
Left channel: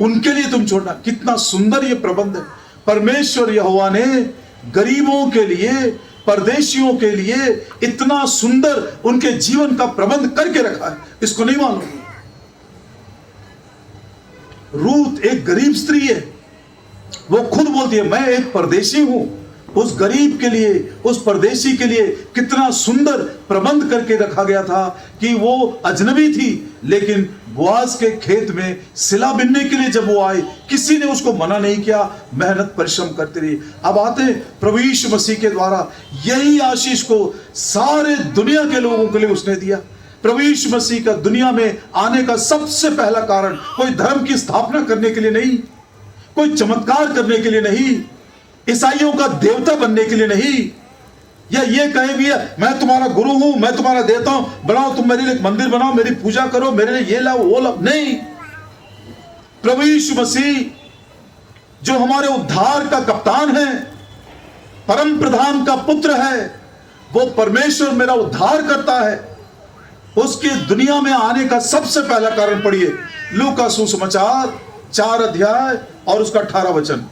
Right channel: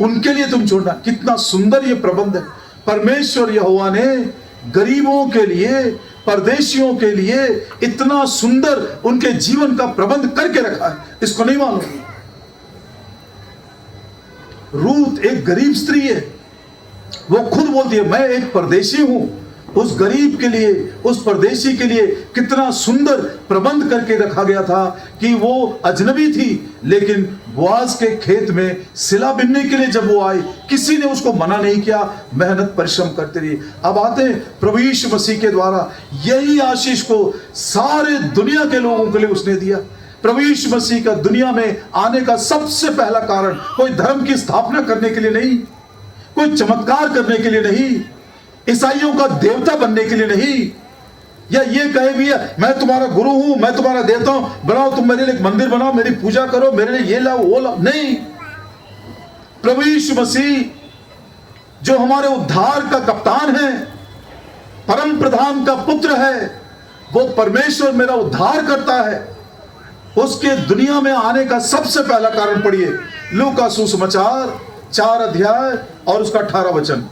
उनके लिए तुम छोड़ना। कितना सुंदर ये प्रबंध है। परमेश्वर यहोवा ने गरीबों के लिए, परदेशियों के लिए इतना सुंदर उनके जीवन का प्रबंध करके रखा है, इसको नहीं मालूम? रूत एक गरीब स्त्री है, वो खुद बोलती है मैं एक परदेशी हूं। उस गरीब के लिए, उस परदेशी के लिए कितना सुंदर प्रबंध करके रखा गया था कि वो अजनबी थी, लेकिन बोआज के खेत में सिला बिनने के लिए जब वो आई, किसी ने उसको मना नहीं किया, मेहनत परिश्रम करती रही। अब आते हैं प्रभु यीशु मसीह के द्वारा यही आशीष को सारे दुनिया के लोगों के लिए उसने दिया। प्रभु यीशु मसीह का दुनिया में आने का सबसे पहला कारण कोई धर्म की स्थापना करने के लिए नहीं, कोई चमत्कार करने के लिए नहीं, ईसाइयों का देवता बनने के लिए नहीं, या ये कहे भी है मैं तुम्हारा गुरु हूं, मैं तुम्हारा देवता हूं, बनाओ तुम मेरे लिए एक मंदिर बनाओ, मेरी पूजा करो, मेरे लिए ये लाओ वो लाओ, नहीं। प्रभु यीशु मसीह जो हमारे उद्धार का कप्तान है, परम प्रधान का पुत्र है, वो परमेश्वर मेरा उद्धार करता है, उसके दुनिया में आने का सबसे पहला कारण पढ़िए लूका सुसमाचार 4 अध्याय और उसका 18 वचन।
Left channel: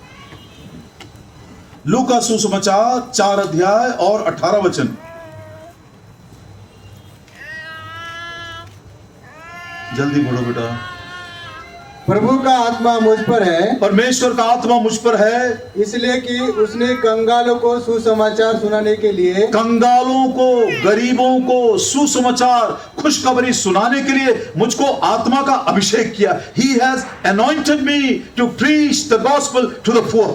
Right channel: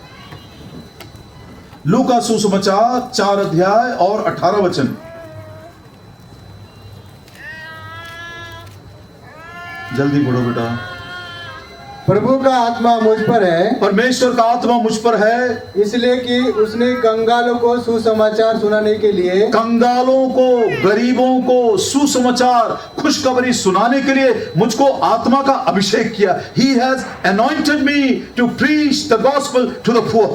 लूका सुसमाचार 4 अध्याय और 18 वचन। जल्दी पढ़ो बेटा। प्रभु का आत्मा मुझ पर है, परमेश्वर का आत्मा मुझ पर है, इसलिए कि उसने कंगालों को सुसमाचार सुनाने के लिए, कंगालों को, गरीबों को सुसमाचार, खुशखबरी सुनाने के लिए मुझको आत्मा का अभिषेक किया। He has anointed me to preach the gospel to the poor।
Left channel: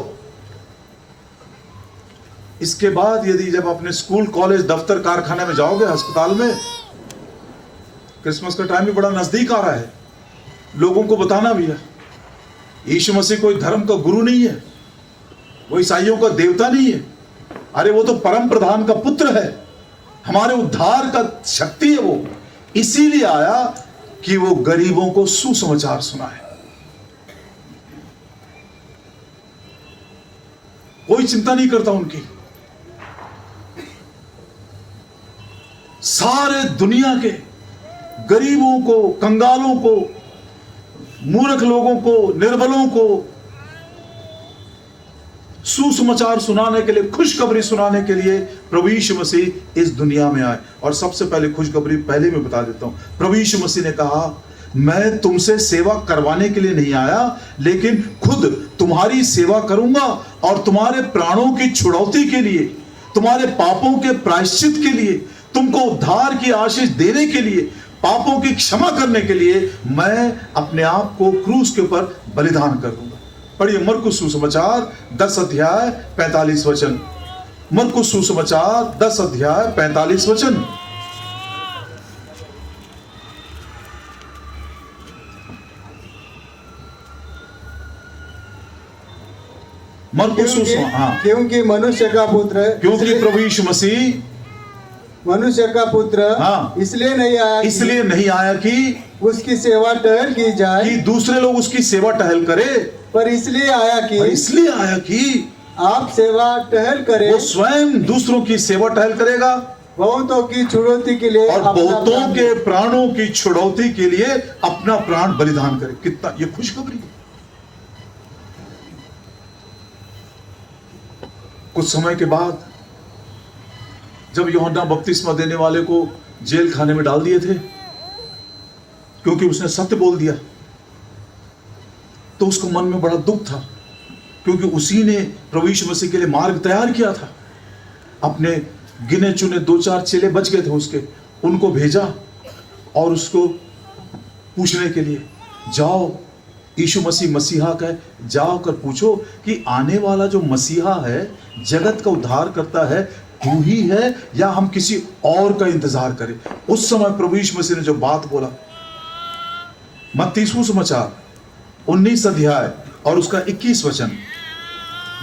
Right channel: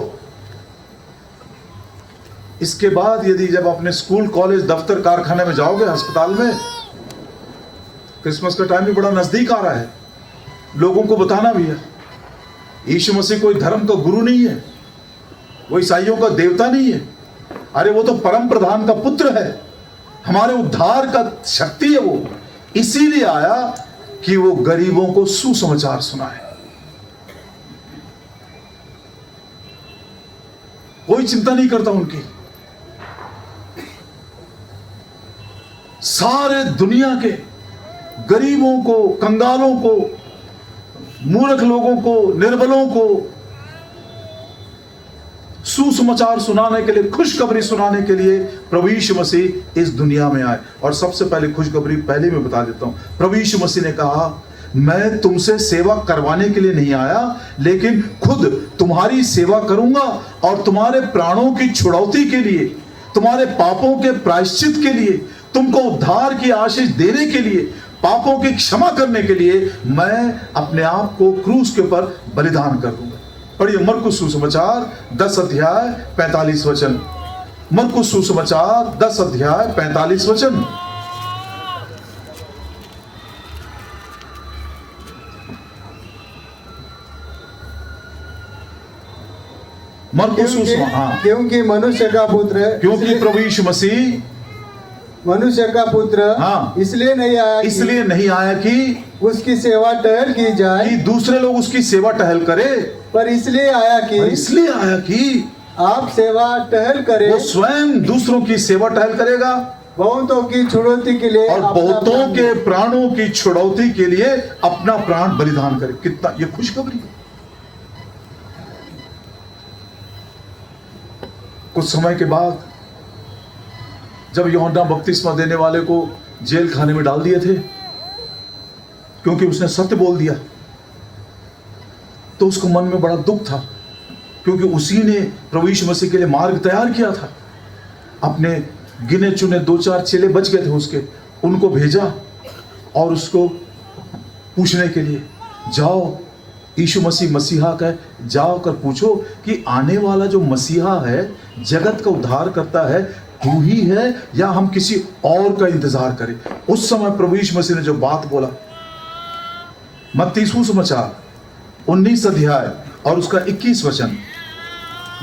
इसके बाद यदि जब अपने स्कूल, कॉलेज, दफ्तर, कारखाने में जाओगे, अस्पताल में, क्रिसमस का टाइम भी बड़ा नजदीक आ रहा है, लोगों को बताना भी है यीशु मसीह कोई धर्म का गुरु नहीं है, वो ईसाइयों का देवता नहीं है। अरे वो तो परम प्रधान का पुत्र है, हमारे उद्धार का शक्ति है। वो इसीलिए आया कि वो गरीबों को सुसमाचार सुनाए। कोई चिंता नहीं करता उनकी। सारे दुनिया के गरीबों को, कंगालों को, मूर्ख लोगों को, निर्बलों को सुसमाचार सुनाने के लिए, खुशखबरी सुनाने के लिए प्रभु यीशु मसीह इस दुनिया में आए। और सबसे पहले खुशखबरी पहले मैं बता देता हूं। प्रभु यीशु मसीह ने कहा, मैं तुमसे सेवा करवाने के लिए नहीं आया, लेकिन खुद तुम्हारी सेवा करूंगा और तुम्हारे प्राणों की छुड़ौती के लिए, तुम्हारे पापों के प्रायश्चित के लिए, तुमको उद्धार की आशीष देने के लिए, पापों की क्षमा करने के लिए मैं अपने आप को क्रूस के ऊपर बलिदान कर दूंगा। पढ़िए मरकुस सुसमाचार 10 अध्याय 45 वचन। मरकुस सुसमाचार 10 अध्याय 45 वचन। मरकुस सुसमाचार, क्योंकि मनुष्य का पुत्र, क्योंकि प्रभु यीशु मसीह मनुष्य का पुत्र हाँ, इसलिए नहीं आया, इसलिए नहीं आया कि उसकी सेवा टहल की जाए, कि दूसरे लोग उसकी सेवा टहल करे, पर इसलिए आया कि, इसलिए आया कि आप सेवा टहल करें। वो स्वयं दूसरों की सेवा टहल करेगा, बहुतों की छुड़ौती के लिए, और बहुतों के प्राणों की छुड़ौती के लिए अपना प्राण बलिदान करे। कितना ये खुशखबरी। कुछ समय के बाद जब यूहन्ना बपतिस्मा देने वाले को जेल खाने में डाल दिए थे क्योंकि उसने सत्य बोल दिया, तो उसको मन में बड़ा दुख था, क्योंकि उसी ने प्रभु यीशु मसीह के लिए मार्ग तैयार किया था। अपने गिने चुने 2-4 चेले बच गए थे उसके, उनको भेजा और उसको पूछने के लिए, जाओ यीशु मसीह मसीहा का है, जाओ कर पूछो कि आने वाला जो मसीहा है, जगत का उद्धार करता है, तू ही है या हम किसी और का इंतजार करें। उस समय प्रभु यीशु मसीह ने जो बात बोला, मत्ती सुसमाचार 19 अध्याय और उसका 21 वचन।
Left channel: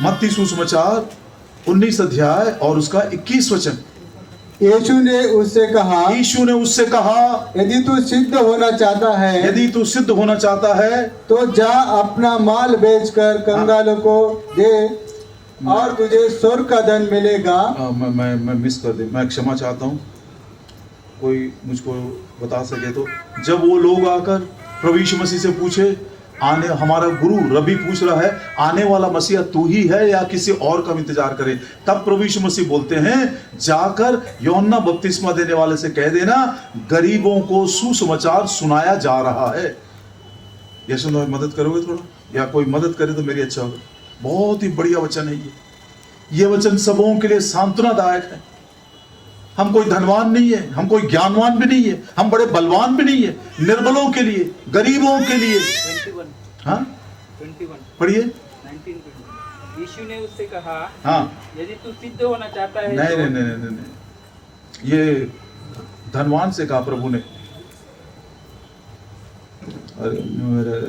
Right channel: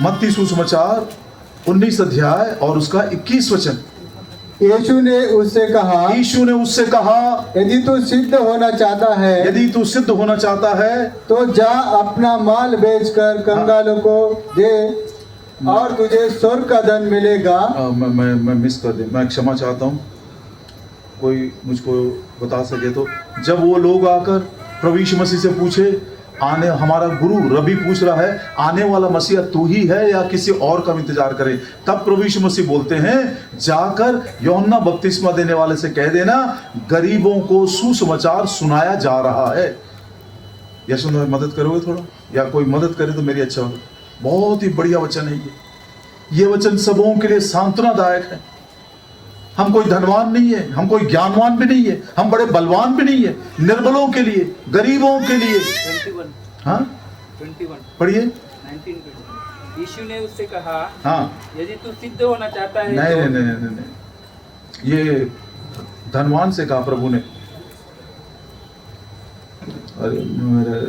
मत्ती सुसमाचार 19 अध्याय और उसका 21 वचन। यीशु ने उससे कहा, यदि तू सिद्ध होना चाहता है, यदि तू सिद्ध होना चाहता है तो जा अपना माल बेचकर कंगालों को दे और तुझे स्वर्ग का धन मिलेगा। मैं मिस कर दे, मैं क्षमा चाहता हूँ, कोई मुझको बता सके तो। जब वो लोग आकर प्रभु यीशु मसीह से पूछे, आने हमारा गुरु रबी पूछ रहा है, आने वाला मसीहा तू ही है या किसी और का इंतजार करें, तब प्रभु यीशु मसीह बोलते हैं, जाकर यूहन्ना बपतिस्मा देने वाले से कह देना, गरीबों को सुसमाचार सुनाया जा रहा है। यशु भाई मदद करोगे थोड़ा, या कोई मदद करे तो मेरी अच्छा होगा। बहुत ही बढ़िया वचन है ये वचन सबों के लिए सांत्वनादायक है। हम कोई धनवान नहीं है, हम कोई ज्ञानवान भी नहीं है, हम बड़े बलवान भी नहीं है, निर्बलों के लिए, गरीबों के लिए। 21 पढ़िए। 19 यीशु ने उससे कहा, हाँ, यदि तू सिद्ध होना चाहता है नहीं, तो... नहीं, नहीं, नहीं, नहीं, ये धनवान से कहा प्रभु ने। अरे मेरे,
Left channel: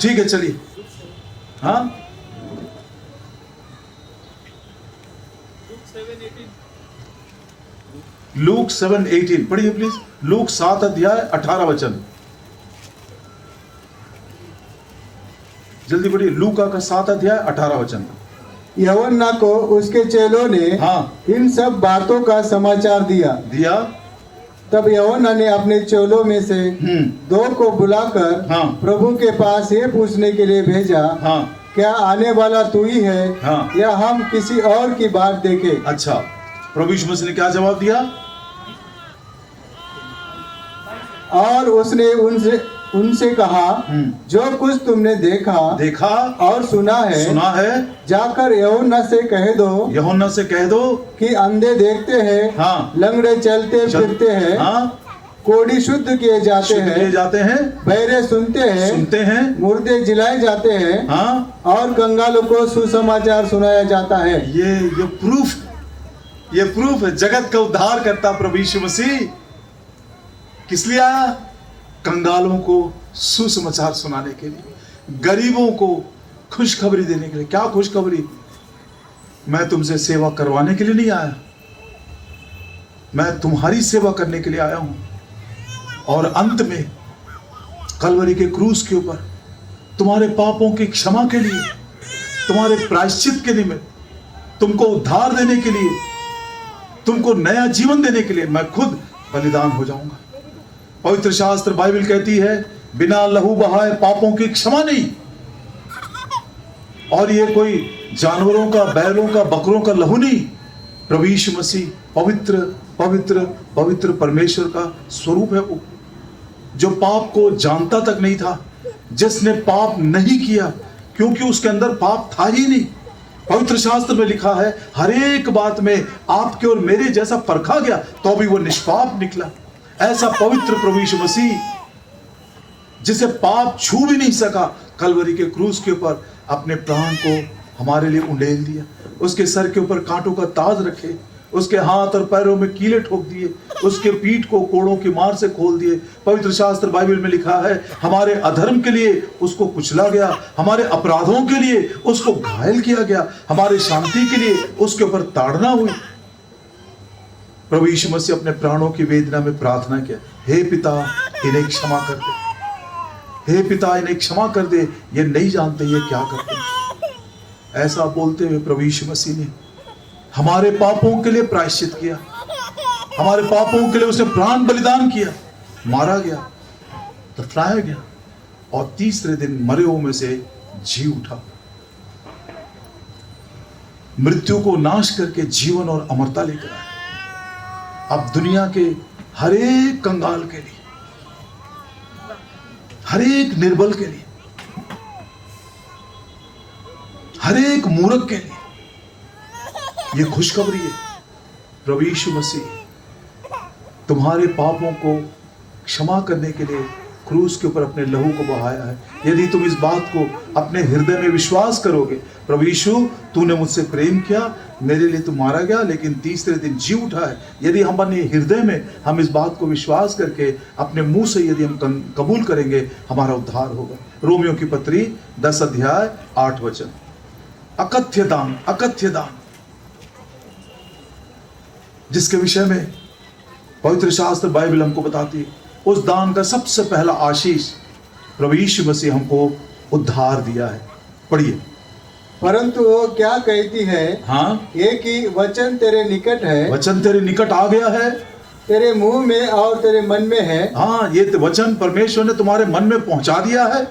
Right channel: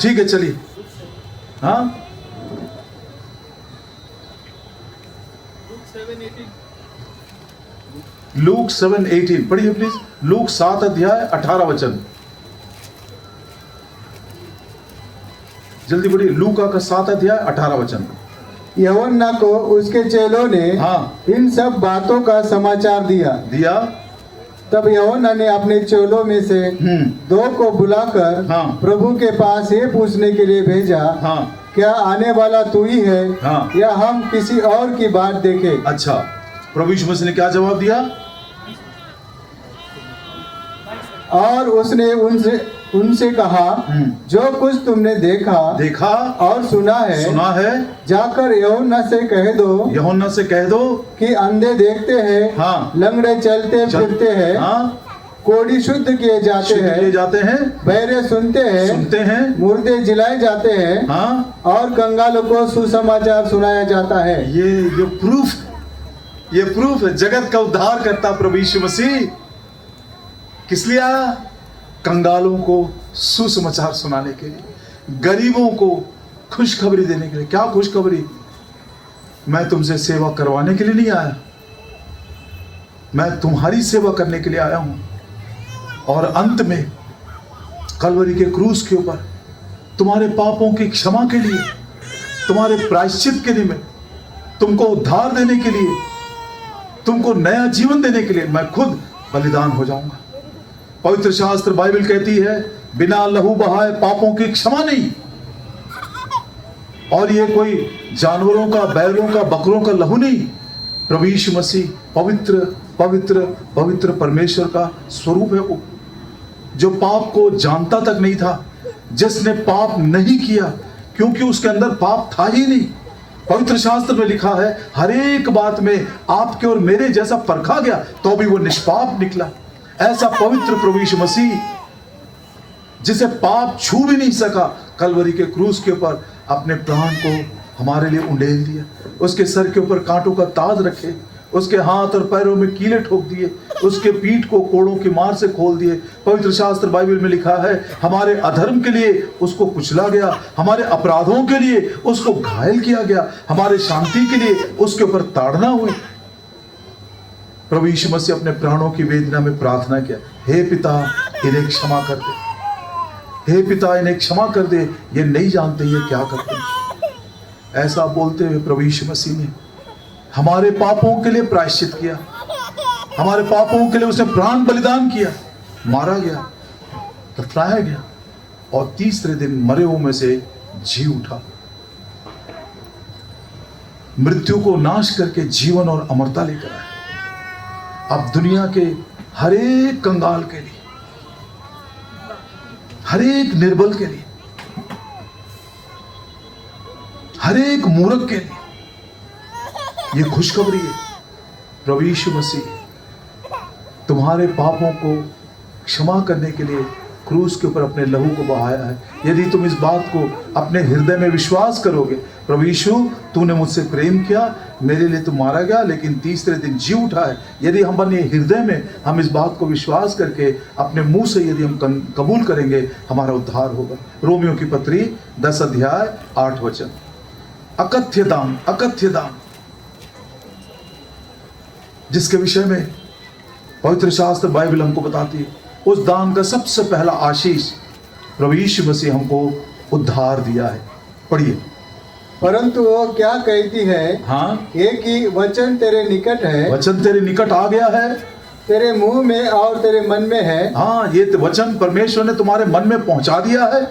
ठीक है चलिए। हाँ, लूक 7:18 पढ़िए प्लीज। लूक 7 अध्याय 18 वचन, जल्दी पढ़िए। लूका का 7 अध्याय 18 वचन। यूहन्ना को उसके चेलों ने हाँ, इन सब बातों का समाचार दिया। तब यूहन्ना ने अपने चेलों में से 2 को बुलाकर हाँ, प्रभु के पास ये पूछने के लिए भेजा, हाँ, क्या आने वाला तू ही है, हाँ, या हम किसी और की बात देखें? अच्छा, प्रभु यीशु मसीह ने क्या जवाब दिया? और उसने उनसे कहा, जो कुछ तुमने देखा और सुना है, जाकर यूहन्ना से कह दो कि अंधे देखते हैं, हाँ। लंगड़े चलते फिरते हैं, हाँ, कोढ़ी शुद्ध किए जाते हैं, बहरे सुनते हैं, मुर्दे जिलाए जाते हैं, हाँ। और कंगालों को सुसमाचार सुनाया जाता है। ये प्रूफ है। जगत का उद्धार करता प्रभु यीशु मसीह किस लिए आया? कंगालों को सुसमाचार सुनाने के लिए, गरीबों को खुशखबरी देने के लिए। क्या खुशखबरी? मैं तुमसे सेवा करवाने के लिए नहीं आया, मैं तुम्हारी सेवा करने के लिए आया हूं। और अंत में कलवरी के क्रूस के ऊपर तुम्हारे पापों की क्षमा के लिए, तुम्हारे प्रायश्चित के लिए, तुमको उद्धार देने के लिए, तुमको नया जीवन देने के लिए मैं खुद बलिदान हो जाऊंगा। पवित्र शास्त्र बाइबल कहती है, बिना लहू बहाए पापों की क्षमा नहीं। और ये कोई जानवरों का, बैलों का, बकरों का लहू नहीं। प्रभु यीशु मसीह पवित्र पवित्र पवित्र परमेश्वर का स्वरूप है, वो जो पाप को जानता तक नहीं था, जिसने पाप नहीं किया क्योंकि उसके अंदर पाप था ही नहीं। पवित्र शास्त्र में लिखा है, हर एक बात में आपके और मेरे जैसा परखा गया तो भी वो निष्पाप निकला। ऐसा पवित्र प्रभु यीशु मसीह, जिसे पाप छू भी नहीं सका, कलवरी के क्रूस के ऊपर अपने प्राण को हमारे लिए उंडेल दिया। उसके सर के ऊपर कांटों का ताज रखे, उसके हाथ और पैरों में कीले ठोक दिए, उसके पीठ को कोड़ों की मार से खोल दिए। पवित्र शास्त्र बाइबल में लिखा है, हमारे अधर्म के लिए उसको कुचला गया, हमारे अपराधों के लिए उसको घायल किया गया, हमारे शांति के लिए उसके ऊपर ताड़ना हुई। प्रभु यीशु मसीह अपने प्राणों की वेदना में प्रार्थना किया, हे पिता इन्हें क्षमा कर दे, हे पिता इन्हें क्षमा कर दे, ये नहीं जानते ये क्या करते हैं। ऐसा बोलते हुए प्रभु यीशु मसीह ने हमारे पापों के लिए प्रायश्चित किया, हमारे पापों के लिए उसने प्राण बलिदान किया, मारा गया, दफनाया गया और तीसरे दिन मरे हुए में से जी उठा। मृत्यु को नाश करके जीवन और अमरता लेकर आए। अब दुनिया के हर एक कंगाल के लिए, हर एक निर्बल के लिए, हर एक मूर्ख के लिए ये खुशखबरी है। प्रभु यीशु मसीह तुम्हारे पापों को क्षमा करने के लिए क्रूस के ऊपर अपने लहू को बहाया है। यदि तुम इस बात को अपने हृदय में विश्वास करोगे, प्रभु यीशु तूने मुझसे प्रेम किया, मेरे लिए तू मारा गया लेकिन तीसरे दिन जी उठा है, यदि हम अपने हृदय में हम इस बात को विश्वास करके अपने मुंह से यदि हम कबूल करेंगे, हमारा उद्धार होगा। रोमियो की पत्री 10 अध्याय 8 वचन। अकथ्य दान, अकथ्य दान जिसके विषय में पवित्र शास्त्र बाइबल हमको बताती है, उस दान का सबसे पहला आशीष प्रभु यीशु मसीह हमको उद्धार दिया है। पढ़िए। परंतु वो क्या कहती है, हाँ, एक ही वचन तेरे निकट है, वचन तेरे निकट आ गया है, तेरे मुंह में और तेरे मन में है। हाँ, ये वचन परमेश्वर ने तुम्हारे मन में पहुंचा दिया है।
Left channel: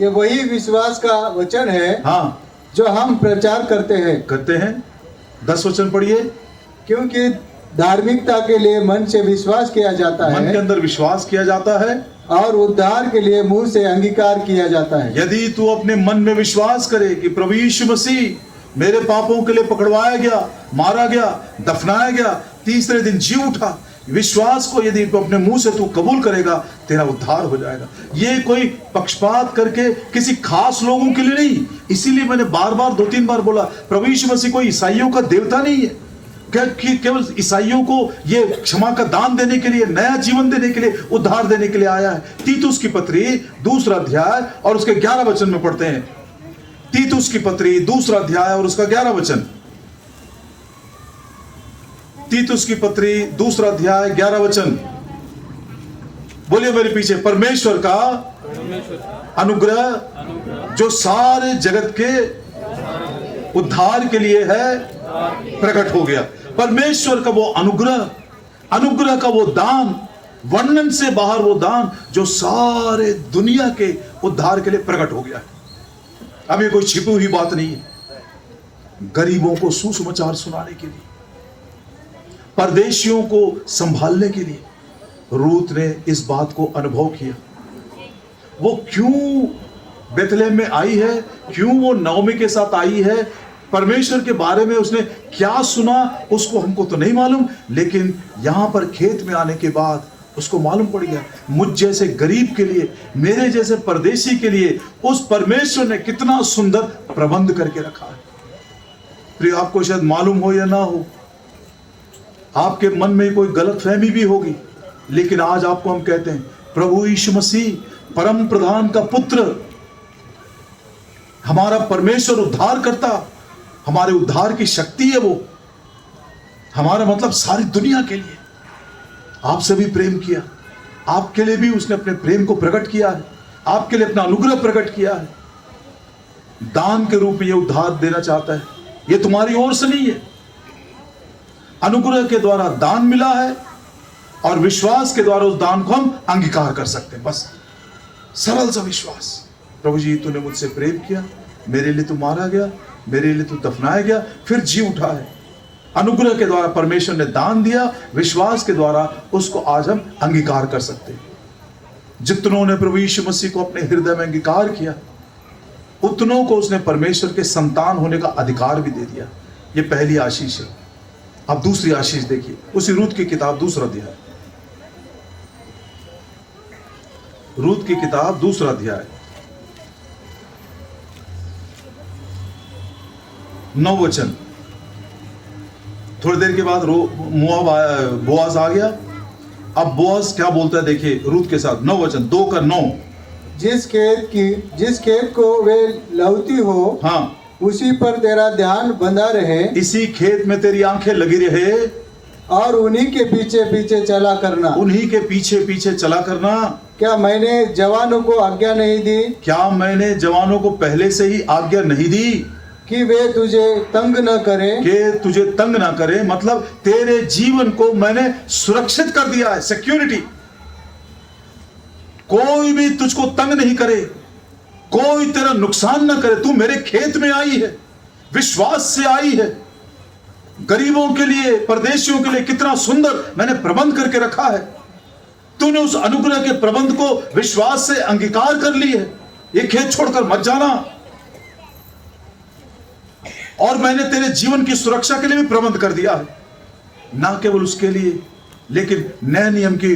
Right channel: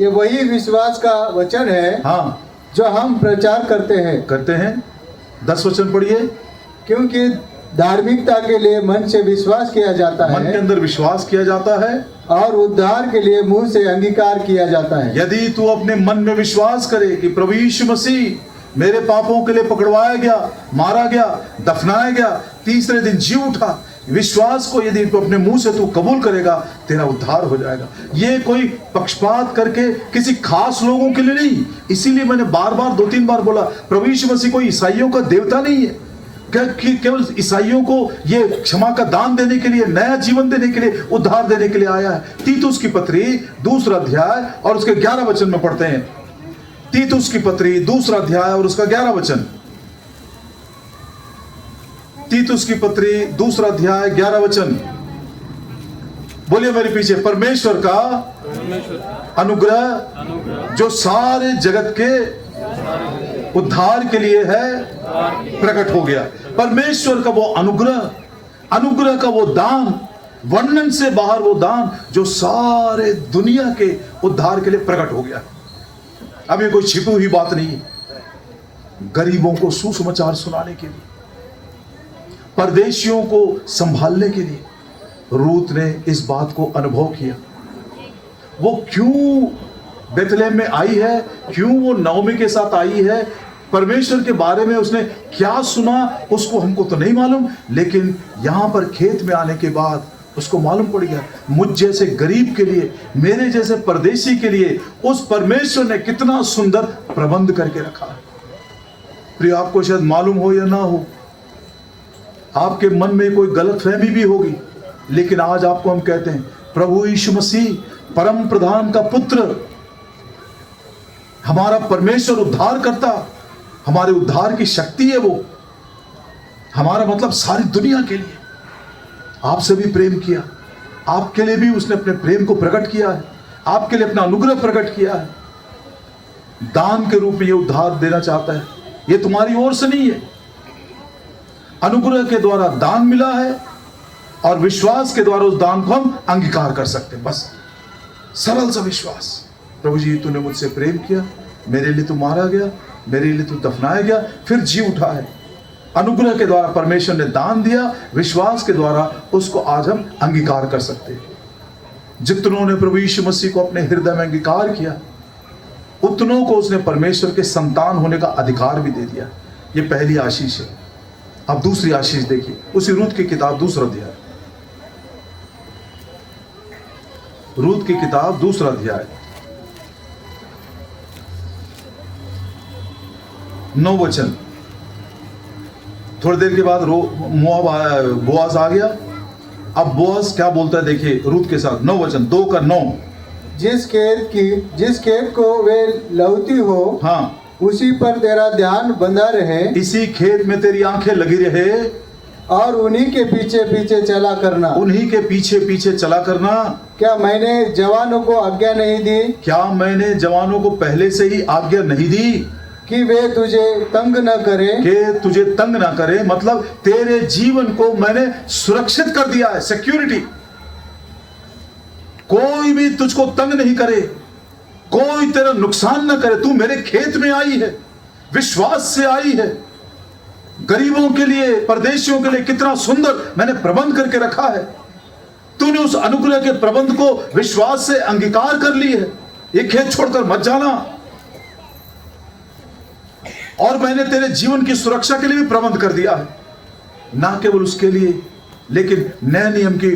ये वही विश्वास का वचन है, हाँ, जो हम प्रचार करते हैं। 10 वचन पढ़िए। क्योंकि धार्मिकता के लिए मन से विश्वास किया जाता है, मन के अंदर विश्वास किया जाता है, और उद्धार के लिए मुंह से अंगीकार किया जाता है। यदि तू अपने मन में विश्वास करे कि प्रभु यीशु मसीह मेरे पापों के लिए पकड़वाया गया, मारा गया, दफनाया गया, तीसरे दिन जी उठा, विश्वास को यदि तू अपने मुंह से तू कबूल करेगा, तेरा उद्धार हो जाएगा। ये कोई पक्षपात करके किसी खास लोगों के लिए नहीं। इसीलिए मैंने बार बार 2-3 बार बोला, प्रभु यीशु मसीह कोई ईसाइयों का देवता नहीं है कि केवल ईसाइयों को ये क्षमा का दान देने के लिए, नया जीवन देने के लिए, उद्धार देने के लिए आया है। तीतुस की पत्री 2 अध्याय और उसके 11 वचन में पढ़ते हैं। तीतुस की पत्री 2 अध्याय और उसका 11 वचन। तीतुस की पत्री 2 अध्याय 11 वचन। बोलिए मेरे पीछे। परमेश्वर का अनुग्रह जो सारे जगत के उद्धार के लिए है प्रकट हो गया। परमेश्वर का वो अनुग्रह, अनुग्रह का वो दान, वर्णन से बाहर वो दान जो सारे दुनिया के उद्धार के लिए प्रकट हो गया। अब ये कोई छिपी हुई बात नहीं है। गरीबों को सुसमाचार सुनाने के लिए, परदेशियों को संभालने के लिए, रूत ने इस बात को अनुभव किया। वो क्यों बेथलेहम में आई है, क्यों वो नवमी के साथ आई है, परमेश्वर के बारे में उसने क्या सुना, उसको हमको तो नहीं मालूम, लेकिन यहां पर खेत में आने के बाद उसको मालूम पड़ गया मुझ जैसे गरीब के लिए, मेरे जैसे परदेशी के लिए उस परमेश्वर ने कितना सुंदर प्रबंध करके रखा है। प्रिय, आपको शायद मालूम हो या ना हो, आपके मन में कोई गलतफहमी भी होगी, लेकिन आज आपको हम कहते हैं प्रभु यीशु मसीह परम प्रधान का पुत्र, हमारा परमेश्वर उद्धार करता, हमारे उद्धार की शक्ति है वो, हमारा मतलब सारी दुनिया के लिए आपसे भी प्रेम किया, आपके लिए भी उसने अपने प्रेम को प्रकट किया है, आपके लिए अपना अनुग्रह प्रकट किया है, दान के रूप में ये उद्धार देना चाहता है। ये तुम्हारी ओर से नहीं है, अनुग्रह के द्वारा दान मिला है और विश्वास के द्वारा उस दान को हम अंगीकार कर सकते हैं। बस सरल सा विश्वास, प्रभु जी तूने मुझसे प्रेम किया, मेरे लिए तू मारा गया, मेरे लिए तू दफनाया गया, फिर जी उठा है। अनुग्रह के द्वारा परमेश्वर ने दान दिया, विश्वास के द्वारा उसको आज हम अंगीकार कर सकते हैं। जितनों ने प्रभु यीशु मसीह को अपने हृदय में अंगीकार किया, उतनों को उसने परमेश्वर के संतान होने का अधिकार भी दे दिया। ये पहली आशीष है। अब दूसरी आशीष देखिए, उसी रूत की किताब दूसरा अध्याय, रूत की किताब दूसरा अध्याय 9 वचन। थोड़ी देर के बाद बोआज आ गया। अब बोआज क्या बोलता है देखिए रूत के साथ, 9 वचन 2 का 9। जिस खेत को वे लौती हो, हाँ, उसी पर तेरा ध्यान बंधा रहे, इसी खेत में तेरी आंखें लगी रहे, और उन्हीं के पीछे पीछे चला करना। उन्हीं के पीछे पीछे चला करना। क्या मैंने जवानों को आज्ञा नहीं दी? क्या मैंने जवानों को पहले से ही आज्ञा नहीं दी कि वे तुझे तंग न करें? कि तुझे तंग ना करे, मतलब तेरे जीवन को मैंने सुरक्षित कर दिया है, सिक्योरिटी। कोई भी तुझको तंग नहीं करे, कोई तेरा नुकसान ना करे। तू मेरे खेत में आई है, विश्वास से आई है। गरीबों के लिए, परदेशियों के लिए कितना सुंदर मैंने प्रबंध करके रखा है। तूने उस अनुग्रह के प्रबंध को विश्वास से अंगीकार कर ली है। ये खेत छोड़कर मत जाना। और मैंने तेरे जीवन की सुरक्षा के लिए भी प्रबंध कर दिया है। ना केवल उसके लिए, लेकिन नए नियम की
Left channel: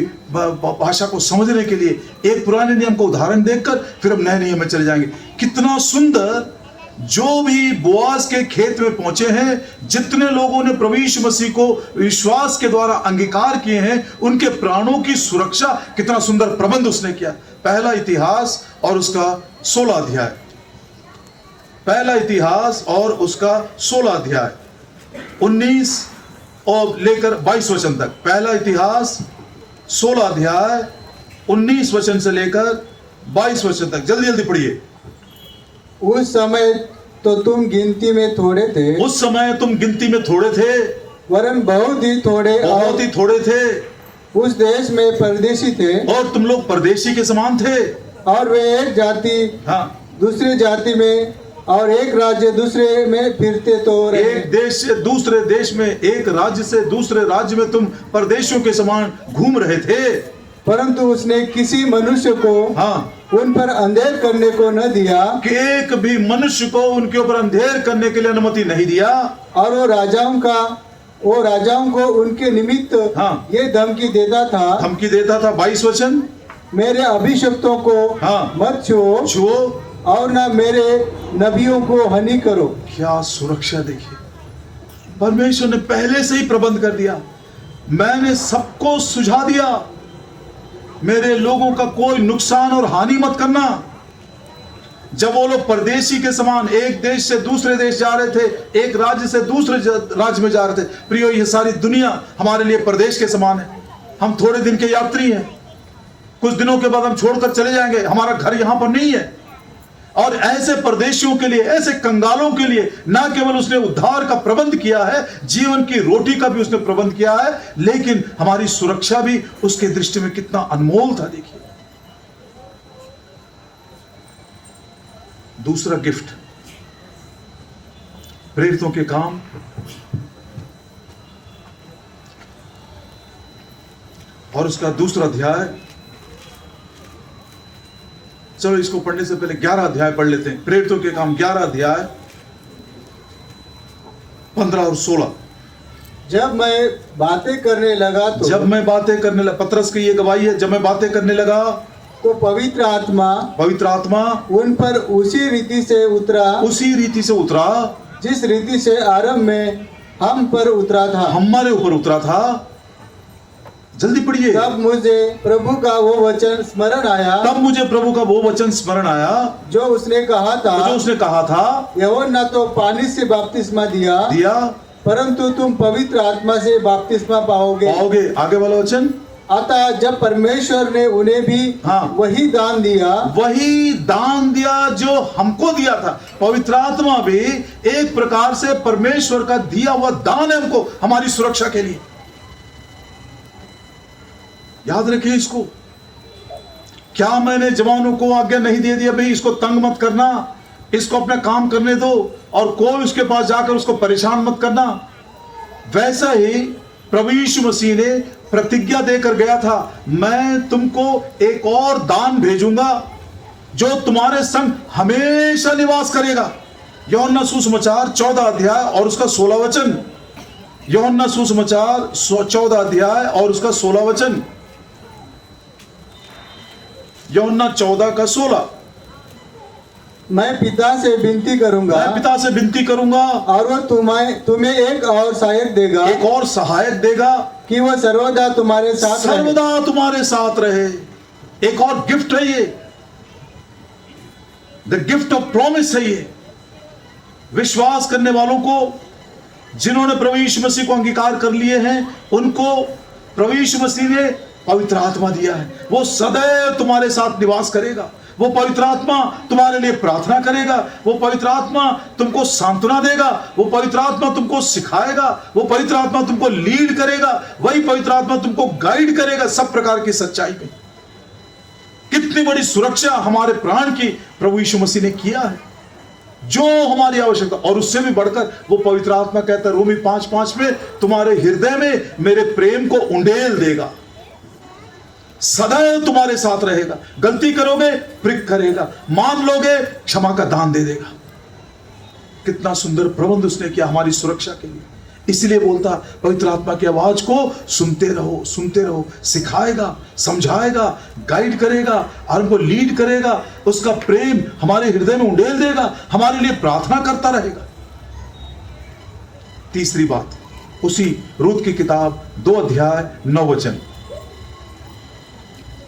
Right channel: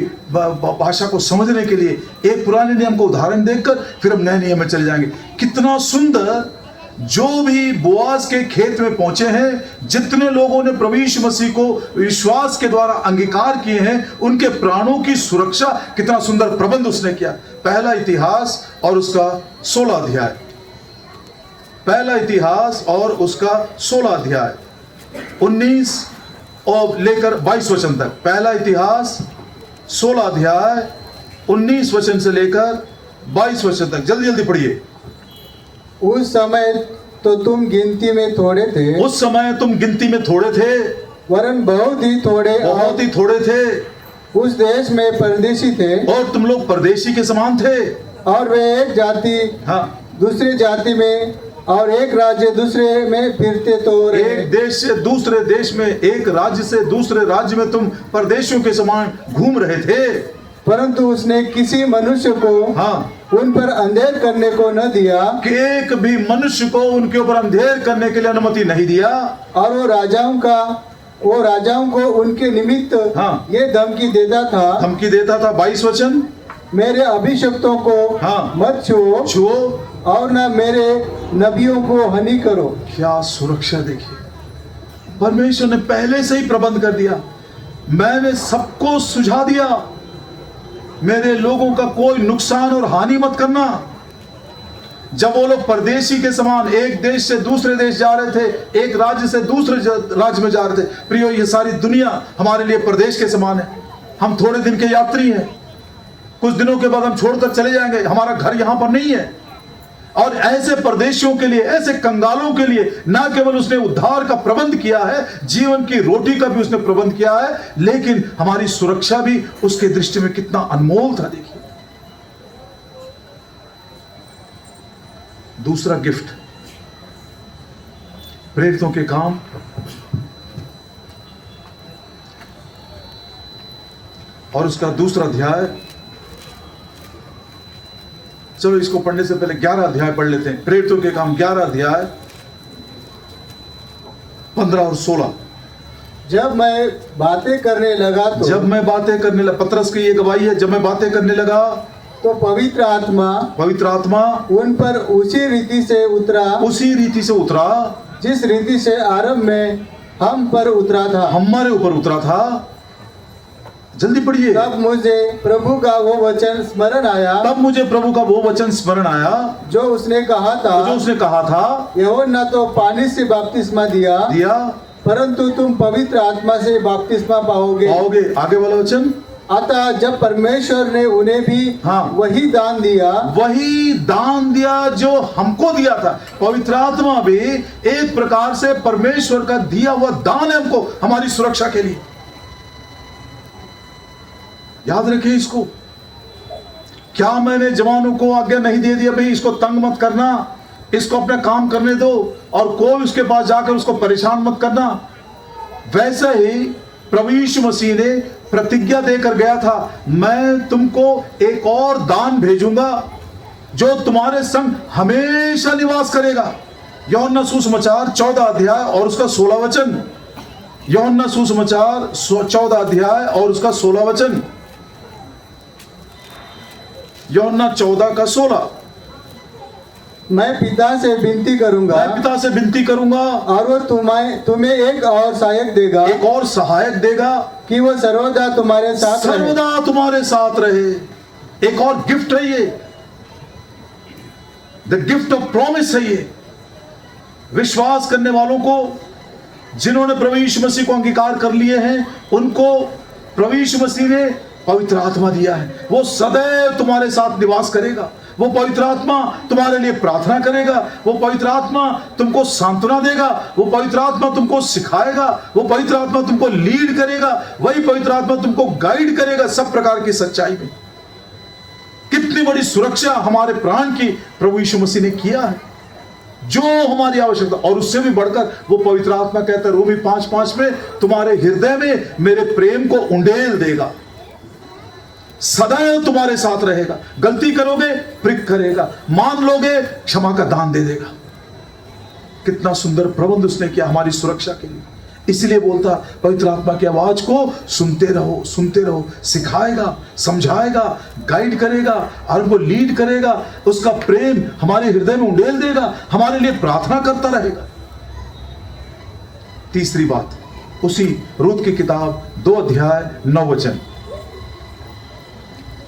भाषा को समझने के लिए एक पुराने नियम को उदाहरण देखकर फिर हम नए नियम में चले जाएंगे। कितना सुंदर! जो भी बोआज के खेत में पहुंचे हैं, जितने लोगों ने प्रभु यीशु मसीह को विश्वास के द्वारा अंगीकार किए हैं, उनके प्राणों की सुरक्षा कितना सुंदर प्रबंध उसने किया। पहला इतिहास और उसका 16 अध्याय, पहला इतिहास और उसका 16 अध्याय 19 और लेकर 22 वचन तक। पहला इतिहास 16 अध्याय 19 वचन से लेकर 22 वचन तक। जल्दी जल्दी पढ़िए। उस समय तो तुम गिनती में थोड़े थे, उस समय तुम गिनती में थोड़े थे, वरन बहुत ही थोड़े, बहुत ही थोड़े थे। उस देश में परदेशी थे, और तुम लोग परदेशी के समान थे। और वे एक जाति हाँ, दूसरी जाति में और एक राज्य दूसरे में फिरते तो रहे। एक देश से दूसरे देश में, एक राज्य से दूसरे राज्य में तुम परदेशियों के समान घूम रहे थे। परंतु उसने किसी मनुष्य को हाँ, उन पर अंधेर करने को न दिया, कि एक भी मनुष्य को उनके ऊपर अंधेर करने के लिए अनुमति नहीं दिया। और वो राजाओं को उनके निमित्त हाँ, ये धमकी देता था 22 वचन, मेरे अभिषक्तों को हाँ, मत छुओ और ना मेरे नबियों को हानि करो। क्या सुरक्षा देखिए! परमेश्वर ने पहले से ही प्रबंध कर दिया। मैंने सबको सुझा दिया, मेरे लोगों का कोई नुकसान और हानि मत करना। जब वो लोग परदेशी के समान एक देश से दूसरे देश जा रहे थे, एक राज्य से दूसरे राज्य में जा रहे थे। प्रियो, ये सारी दुनिया हमारे लिए परदेश के समान है। हम थोड़े दिन के यात्री हैं, कुछ दिनों के बाद हम छोड़कर चले जाएंगे। हमारा घर यहां पर नहीं है। और ऐसे परदेशियों के लिए, ऐसे कंगालों के लिए ना केवल उसने उद्धार का प्रबंध किया है, जीवन की रोटी का भी उसने प्रबंध किया है, लेकिन हमारी सुरक्षा भी उसके दृष्टि में कितना अनमोल था। देखिए, दूसरा गिफ्ट, प्रेरितों के काम और उसका दूसरा अध्याय, चलो इसको पढ़ने से पहले 11 अध्याय पढ़ लेते हैं। प्रेरितों के काम 11 अध्याय 15 और 16। जब मैं बातें करने लगा तो जब मैं बातें करने लगा, पतरस की ये गवाही है, जब मैं बातें करने लगा तो पवित्र आत्मा उन पर उसी रीति से उतरा जिस रीति से आरंभ में हम पर उतरा था, हमारे ऊपर उतरा था। जल्दी पढ़िए। तब मुझे प्रभु का वो वचन स्मरण आया जो उसने कहा था यूहन्ना तो पानी से बपतिस्मा दिया परंतु तुम पवित्र आत्मा से बपतिस्मा पाओगे। आगे वाला वचन, अतः जब परमेश्वर ने उन्हें भी वही दान दिया जो हमको दिया था। पवित्र आत्मा भी एक प्रकार से परमेश्वर का दिया हुआ दान है हमको, हमारी सुरक्षा के लिए। याद रखिए इसको। क्या मैंने जवानों को आज्ञा नहीं दे दिया भाई इसको तंग मत करना, इसको अपना काम करने दो और कोई उसके पास जाकर उसको परेशान मत करना। वैसा ही प्रभु यीशु मसीह ने प्रतिज्ञा देकर गया था, मैं तुमको एक और दान भेजूंगा जो तुम्हारे संग हमेशा निवास करेगा। यूहन्ना सुसमाचार 14 अध्याय और उसका 16 वचन। यूहन्ना सुसमाचार 14 अध्याय और उसका 16 वचन। यूहन्ना 14 का 16। मैं पिता से विनती करूंगा और वो तुम्हें एक और सहायक देगा कि वो सर्वदा तुम्हारे साथ रहे। एक और गिफ्ट है ये, द गिफ्ट ऑफ प्रॉमिस है ये। विश्वास करने वालों को, जिन्होंने प्रभु यीशु मसीह को अंगीकार कर लिए हैं, उनको प्रभु यीशु मसीह ने पवित्र आत्मा दिया है। वो सदैव तुम्हारे साथ निवास करेगा। वो पवित्र आत्मा तुम्हारे लिए प्रार्थना करेगा। वो पवित्र आत्मा तुमको सांत्वना देगा। वो पवित्र आत्मा तुमको सिखाएगा। वो पवित्र आत्मा तुमको लीड करेगा। वही पवित्र आत्मा तुमको गाइड करेगा सब प्रकार की सच्चाई में। कितनी बड़ी सुरक्षा हमारे प्राण की प्रभु यीशु मसीह ने किया है, जो हमारी आवश्यकता। और उससे भी बढ़कर वो पवित्र आत्मा कहता है रोमी 5:5 में, तुम्हारे हृदय में मेरे प्रेम को उंडेल देगा, सदैव तुम्हारे साथ रहेगा। गलती करोगे प्रिक करेगा, मान लोगे क्षमा का दान दे देगा। कितना सुंदर प्रबंध उसने किया हमारी सुरक्षा के लिए। इसलिए बोलता पवित्र आत्मा की आवाज को सुनते रहो। सिखाएगा, समझाएगा, गाइड करेगा और हमको लीड करेगा। उसका प्रेम हमारे हृदय में उंडेल देगा, हमारे लिए प्रार्थना करता रहेगा। तीसरी बात, उसी रूत की किताब 2 अध्याय 9 वचन।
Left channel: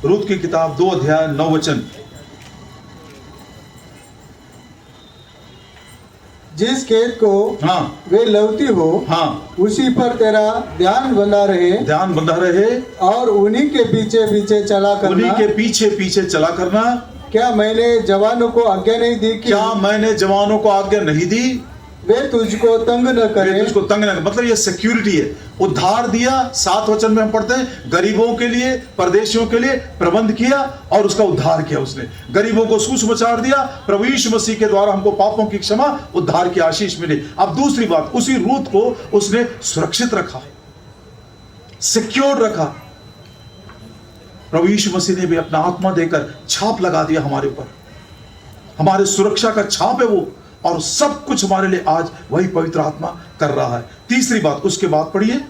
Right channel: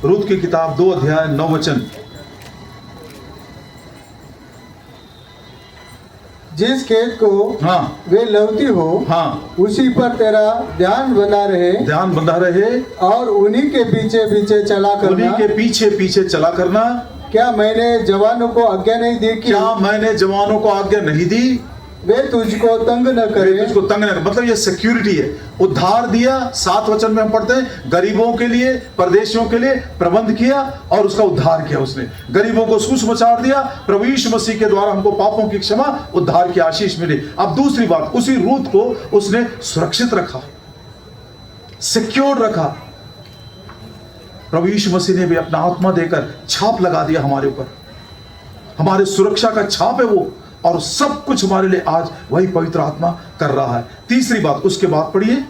रूत की किताब 2 अध्याय 9 वचन। जिस खेत को वे लौती हो उसी पर तेरा ध्यान बना रहे और उन्हीं के पीछे चला करना। क्या मैंने जवानों को आज्ञा नहीं दी वे तुझको तंग न करे। मतलब ये सिक्योरिटी है। उद्धार दिया, 7 वचन में हम पढ़ते हैं, गरीबों के लिए, परदेशियों के लिए प्रबंध किया और उसका उद्धार किया उसने। गरीबों को सुसमाचार दिया, प्रभु यीशु मसीह के द्वारा हमको पापों की क्षमा, उद्धार की आशीष मिली। अब दूसरी बात, उसी रूत को उसने सुरक्षित रखा, सिक्योर रखा। प्रभु यीशु मसीह ने भी अपना आत्मा देकर छाप लगा दिया हमारे ऊपर। हमारे सुरक्षा का छाप है वो, और सब कुछ हमारे लिए आज वही पवित्र आत्मा कर रहा है। तीसरी बात, उसके बाद पढ़िए,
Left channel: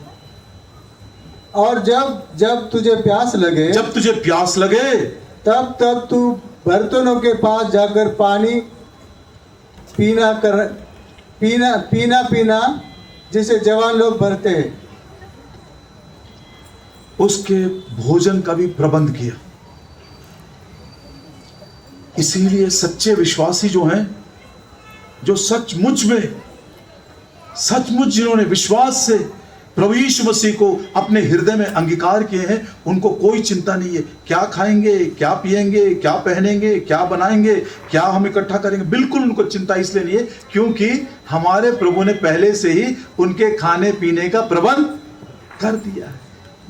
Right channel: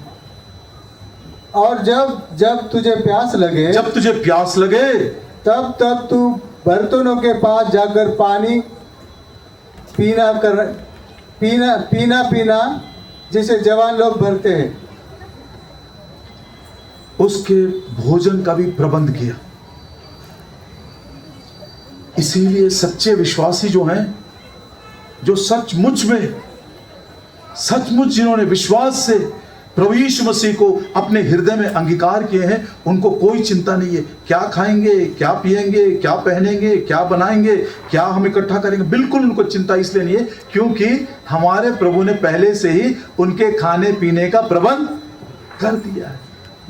और जब तुझे प्यास लगे तब तू बर्तनों के पास जाकर पानी पीना जिसे जवान लोग भरते हैं। उसके भोजन का भी प्रबंध किया। इसीलिए सच्चे विश्वासी जो हैं, जो सचमुच जिन्होंने विश्वास से प्रभु यीशु मसीह को अपने हृदय में अंगीकार किए हैं, उनको कोई चिंता नहीं है क्या खाएंगे, क्या पिएंगे, क्या पहनेंगे, क्या बनाएंगे, क्या हम इकट्ठा करेंगे। बिल्कुल उनको चिंता इसलिए नहीं है क्योंकि हमारे प्रभु ने पहले से ही उनके खाने पीने का प्रबंध कर दिया है।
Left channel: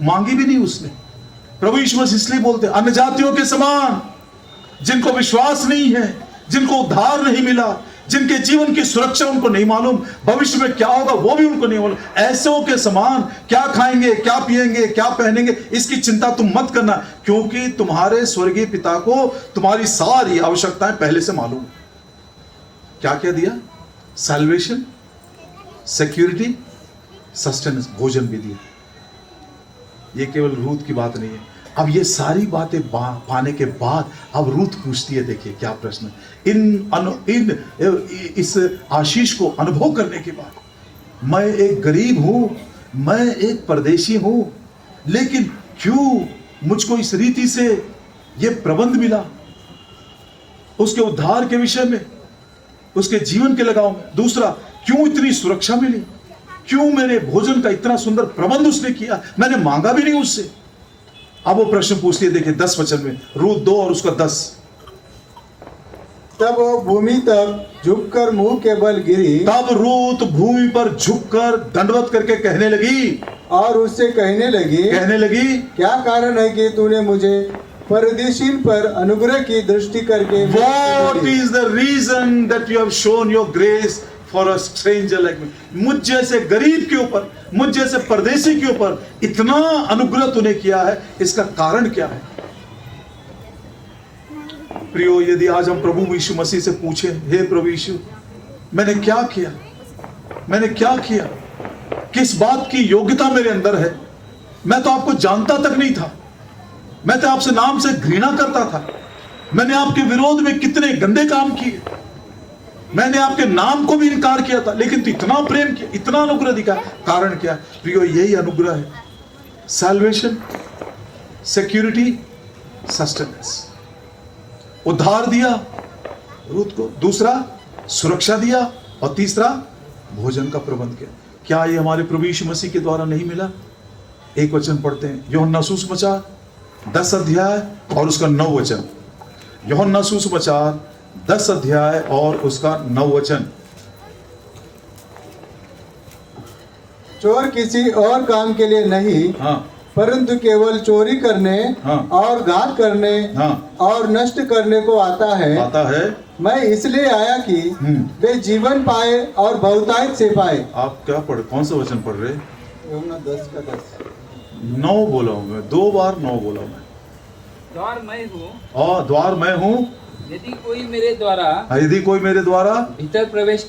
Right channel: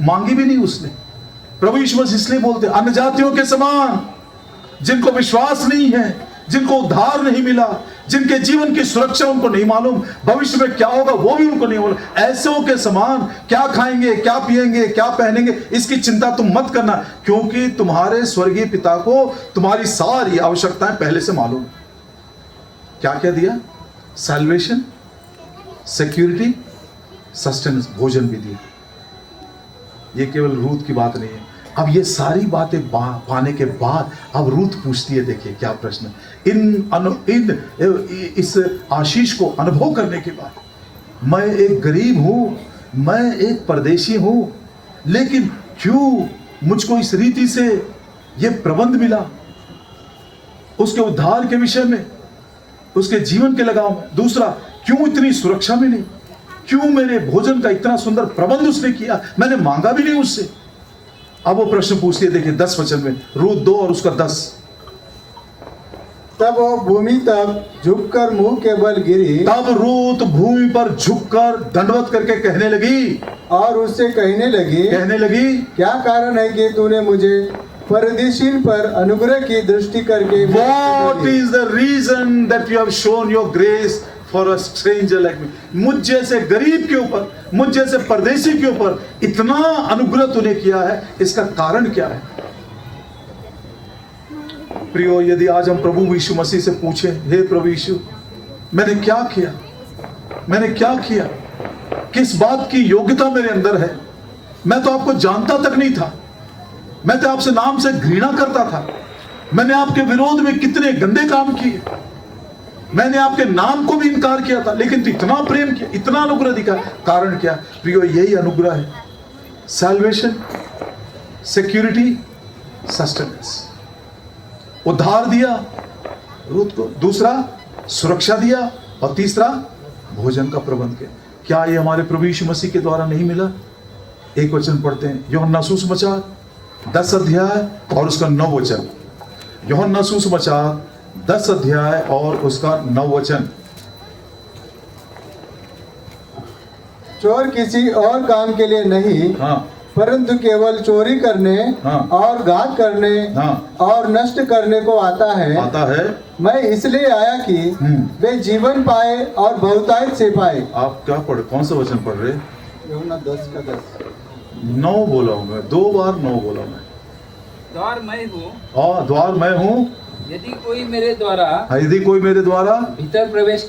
मांगी भी नहीं उसने। प्रभु यीशु मसीह इसलिए बोलते अन्य जातियों के समान, जिनको विश्वास नहीं है, जिनको उद्धार नहीं मिला, जिनके जीवन की सुरक्षा उनको नहीं मालूम, भविष्य में क्या होगा वो भी उनको नहीं मालूम, ऐसों के समान क्या खाएंगे, क्या पिएंगे, क्या पहनेंगे, इसकी चिंता तुम मत करना, क्योंकि तुम्हारे स्वर्गीय पिता को तुम्हारी सारी आवश्यकताएं पहले से मालूम है। क्या क्या दिया? सैल्वेशन, सिक्योरिटी, सस्टेनेंस, भोजन भी दिया। ये केवल रूथ की बात नहीं है। अब ये सारी बातें पाने के बाद अब रूथ पूछती है, देखिए क्या प्रश्न है। इस आशीष को अनुभव करने के बाद, मैं एक गरीब हूं, मैं एक परदेशी हूं, लेकिन क्यों मुझको इस रीति से ये प्रबंध मिला उसके उद्धार के विषय में, उसके जीवन के लगाव में। दूसरा, क्यों इतनी सुरक्षा मिली, क्यों मेरे भोजन का इतना सुंदर प्रबंध उसने किया, मैंने मांगा भी नहीं उससे। अब वो प्रश्न पूछती है, देखिए 10 वचन में, रूथ 2 और उसका 10। तब वो भूमि तक झुककर मुंह के बल गिरी, तब रूथ भूमि पर झुककर दंडवत करके कहने लगी, और उससे कहने लगी, क्या कारण है कि तूने मुझे परदेशीन पर अनुग्रह की दृष्टि करके What is the reason that you have shown your grace for a stranger like me? मुझ जैसे गरीब के ऊपर, मुझ जैसे परदेशी के ऊपर इतना अनुग्रह तूने किया है, इसका कारण क्या है? प्रियो, यदि आज हम प्रभु यीशु मसीह से पूछें, हे प्रभु यीशु, मैंने क्या किया, मैंने क्या किया, किस बात की योग्यता मेरे अंदर है? मैं तो आपको जानता तक नहीं था, मैं तो आपसे नाम से घृणा करता था, मैंने आपके विरोध में कितने गंदे काम किए, मैंने आपके नाम को भी इनकार किया था, लेकिन तू इतना प्रेम किया, इतना अनुग्रह दिखा। कारण क्या? प्रियो, यही अनुग्रह है। Salvation, security, sustenance. उद्धार दिया रूथ को, दूसरा सुरक्षा दिया, और तीसरा भोजन का प्रबंध किया। क्या ये हमारे प्रभु यीशु मसीह के द्वारा नहीं मिला? एक वचन पढ़ते हैं, यूहन्ना सुसमाचार 10 अध्याय और उसका 9 वचन। यूहन्ना सुसमाचार 10 अध्याय और उसका 9 वचन। चोर किसी और काम के लिए नहीं, हाँ, परंतु केवल चोरी करने, हाँ, और घात करने, हाँ, और नष्ट करने को आता है। मैं इसलिए आया कि वे जीवन पाए और बहुतायत से पाए। आप क्या पढ़, कौन सा वचन पढ़ रहे? यूहन्ना 10 का 10। 9 बोला हूं मैं, 2 बार 9 बोला मैं। द्वार मैं हूँ, हाँ, द्वार मैं हूँ, यदि कोई मेरे द्वारा भीतर प्रवेश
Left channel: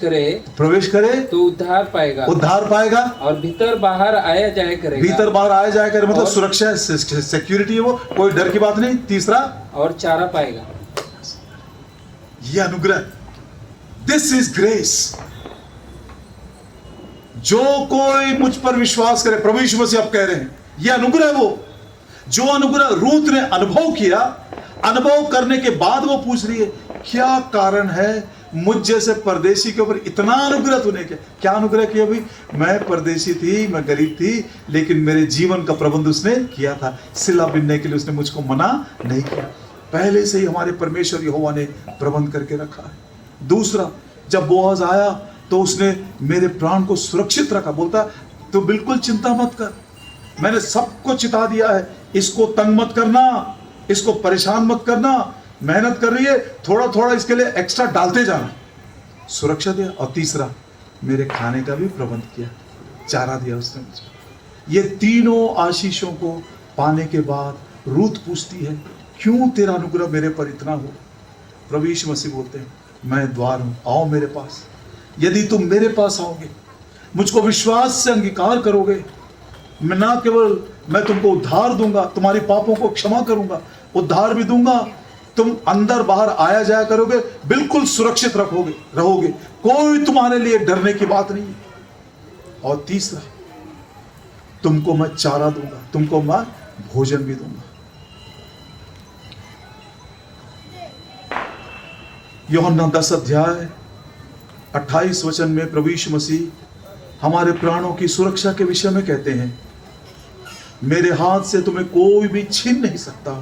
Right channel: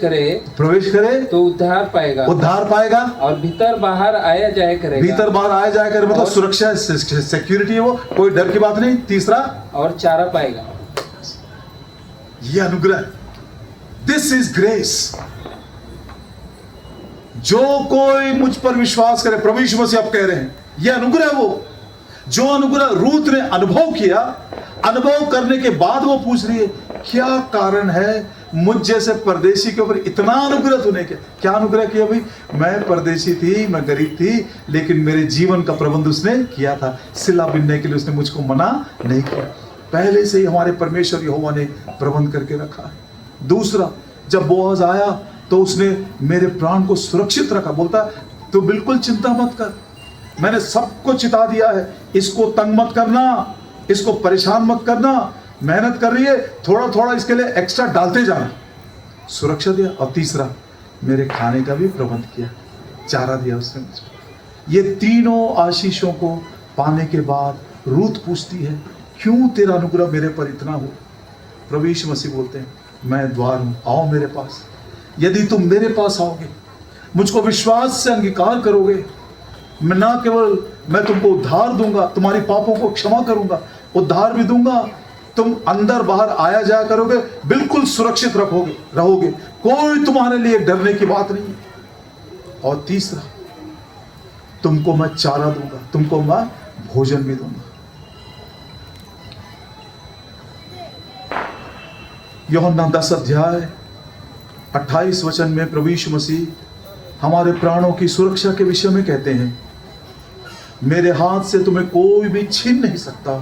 करे तो उद्धार पाएगा, और भीतर बाहर आया जाया करेगा, मतलब सुरक्षा, सिक्योरिटी है वो, कोई डर की बात नहीं। तीसरा, और चारा पाएगा। ये अनुग्रह, दिस इज ग्रेस। जो कोई मुझ पर विश्वास करे, प्रभु यीशु मसीह आप कह रहे हैं, ये अनुग्रह, वो जो अनुग्रह रूथ ने अनुभव किया, अनुभव करने के बाद वो पूछ रही है, क्या कारण है मुझ जैसे परदेशी के ऊपर इतना अनुग्रह तूने किया? क्या अनुग्रह किया भाई? मैं परदेशी थी, मैं गरीब थी, लेकिन मेरे जीवन का प्रबंध उसने किया था। सिला बिनने के लिए उसने मुझको मना नहीं किया, पहले से ही हमारे परमेश्वर यहोवा ने प्रबंध करके रखा है। दूसरा, जब बोआज आया तो उसने मेरे प्राण को सुरक्षित रखा, बोलता तो बिल्कुल चिंता मत कर, मैंने सबको चिता दिया है, इसको तंग मत करना, इसको परेशान मत करना, मेहनत कर रही है, थोड़ा थोड़ा इसके लिए एक्स्ट्रा डालते जाना, सुरक्षा दिया। और तीसरा, मेरे खाने का भी प्रबंध किया, चारा दिया उसने मुझे। ये तीनों आशीषों को पाने के बाद रूथ पूछती है, क्यों तेरा अनुग्रह मेरे पर इतना हो? प्रभु यीशु मसीह बोलते हैं, मैं द्वार हूं, आओ मेरे पास। यदि तुम मेरे पास आओगे, मुझको विश्वास से अंगीकार करोगे, मैं ना केवल मैं तुमको उद्धार दूंगा, तुम्हारी पापों को क्षमा करूंगा, उद्धार भी दूंगा, तुम अंदर बाहर आया जाया करोगे, बिल्कुल सुरक्षित रहोगे, कोई तुम्हारे लिए डरने की बात नहीं। और तीसरा, तुमको मैं चारा दूंगा, तुमको मैं भोजन भी दूंगा। यूहन्ना 10 अध्याय 28 वचन में प्रभु यीशु मसीह हमारे प्राणों की सुरक्षा के विषय में कहते हैं, मेरे हाथ से तुम्हें कोई भी छीन नहीं सकता,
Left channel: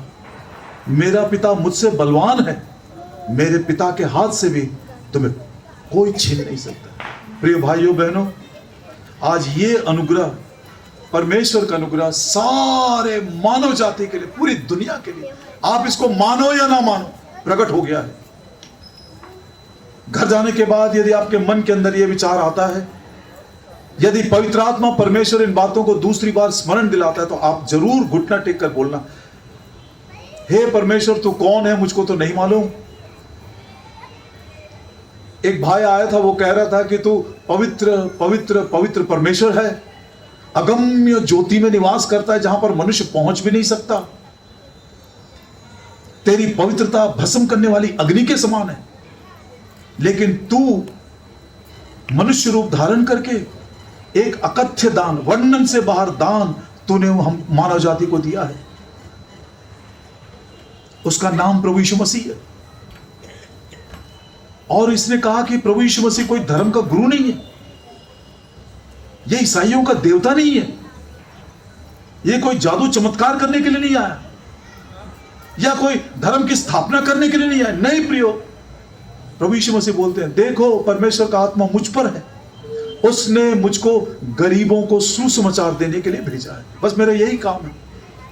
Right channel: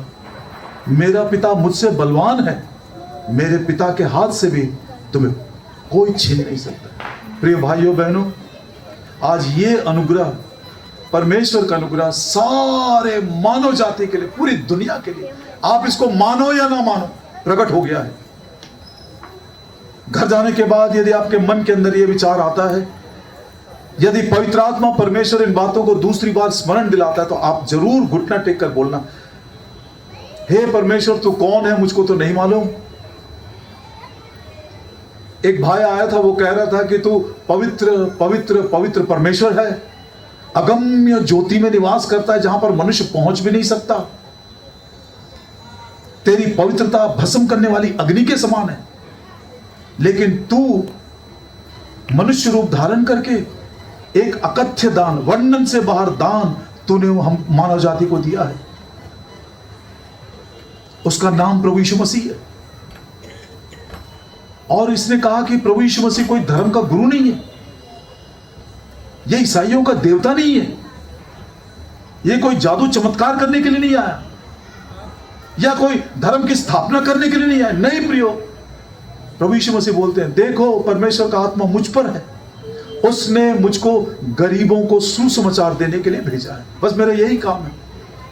मेरा पिता मुझसे बलवान है, मेरे पिता के हाथ से भी तुम्हें कोई छीन नहीं सकता। प्रिय भाइयों बहनों, आज ये अनुग्रह, परमेश्वर का अनुग्रह सारे मानव जाति के लिए, पूरी दुनिया के लिए, आप इसको मानो या ना मानो, प्रकट हो गया है। घर जाने के बाद यदि आपके मन के अंदर यह विचार आता है, यदि पवित्र आत्मा परमेश्वर इन बातों को दूसरी बार स्मरण दिलाता है, तो आप जरूर घुटना टेक कर बोलना, हे परमेश्वर तू कौन है, मुझको तो नहीं मालूम। एक भाई आया था, वो कह रहा था कि तू पवित्र पवित्र पवित्र परमेश्वर है, अगम्य ज्योति में निवास करता है जहां पर मनुष्य पहुंच भी नहीं सकता। तेरी पवित्रता भस्म करने वाली अग्नि के समान है, लेकिन तू मनुष्य रूप धारण करके एक अकथ्य दान, वर्णन से बाहर दान तूने हम मानव जाति को दिया है। उसका नाम प्रभु यीशु मसीह है। और इसने कहा कि प्रभु यीशु मसीह कोई धर्म का गुरु नहीं है, यह ईसाइयों का देवता नहीं है, यह कोई जादू चमत्कार करने के लिए नहीं आया, या कोई धर्म की स्थापना करने के लिए नहीं आया। नहीं प्रियो, प्रभु यीशु मसीह बोलते हैं, देखो परमेश्वर का आत्मा मुझ पर है, उसने मुझको गरीबों को सुसमाचार देने के लिए भेजा है। बस मेरा यही काम है।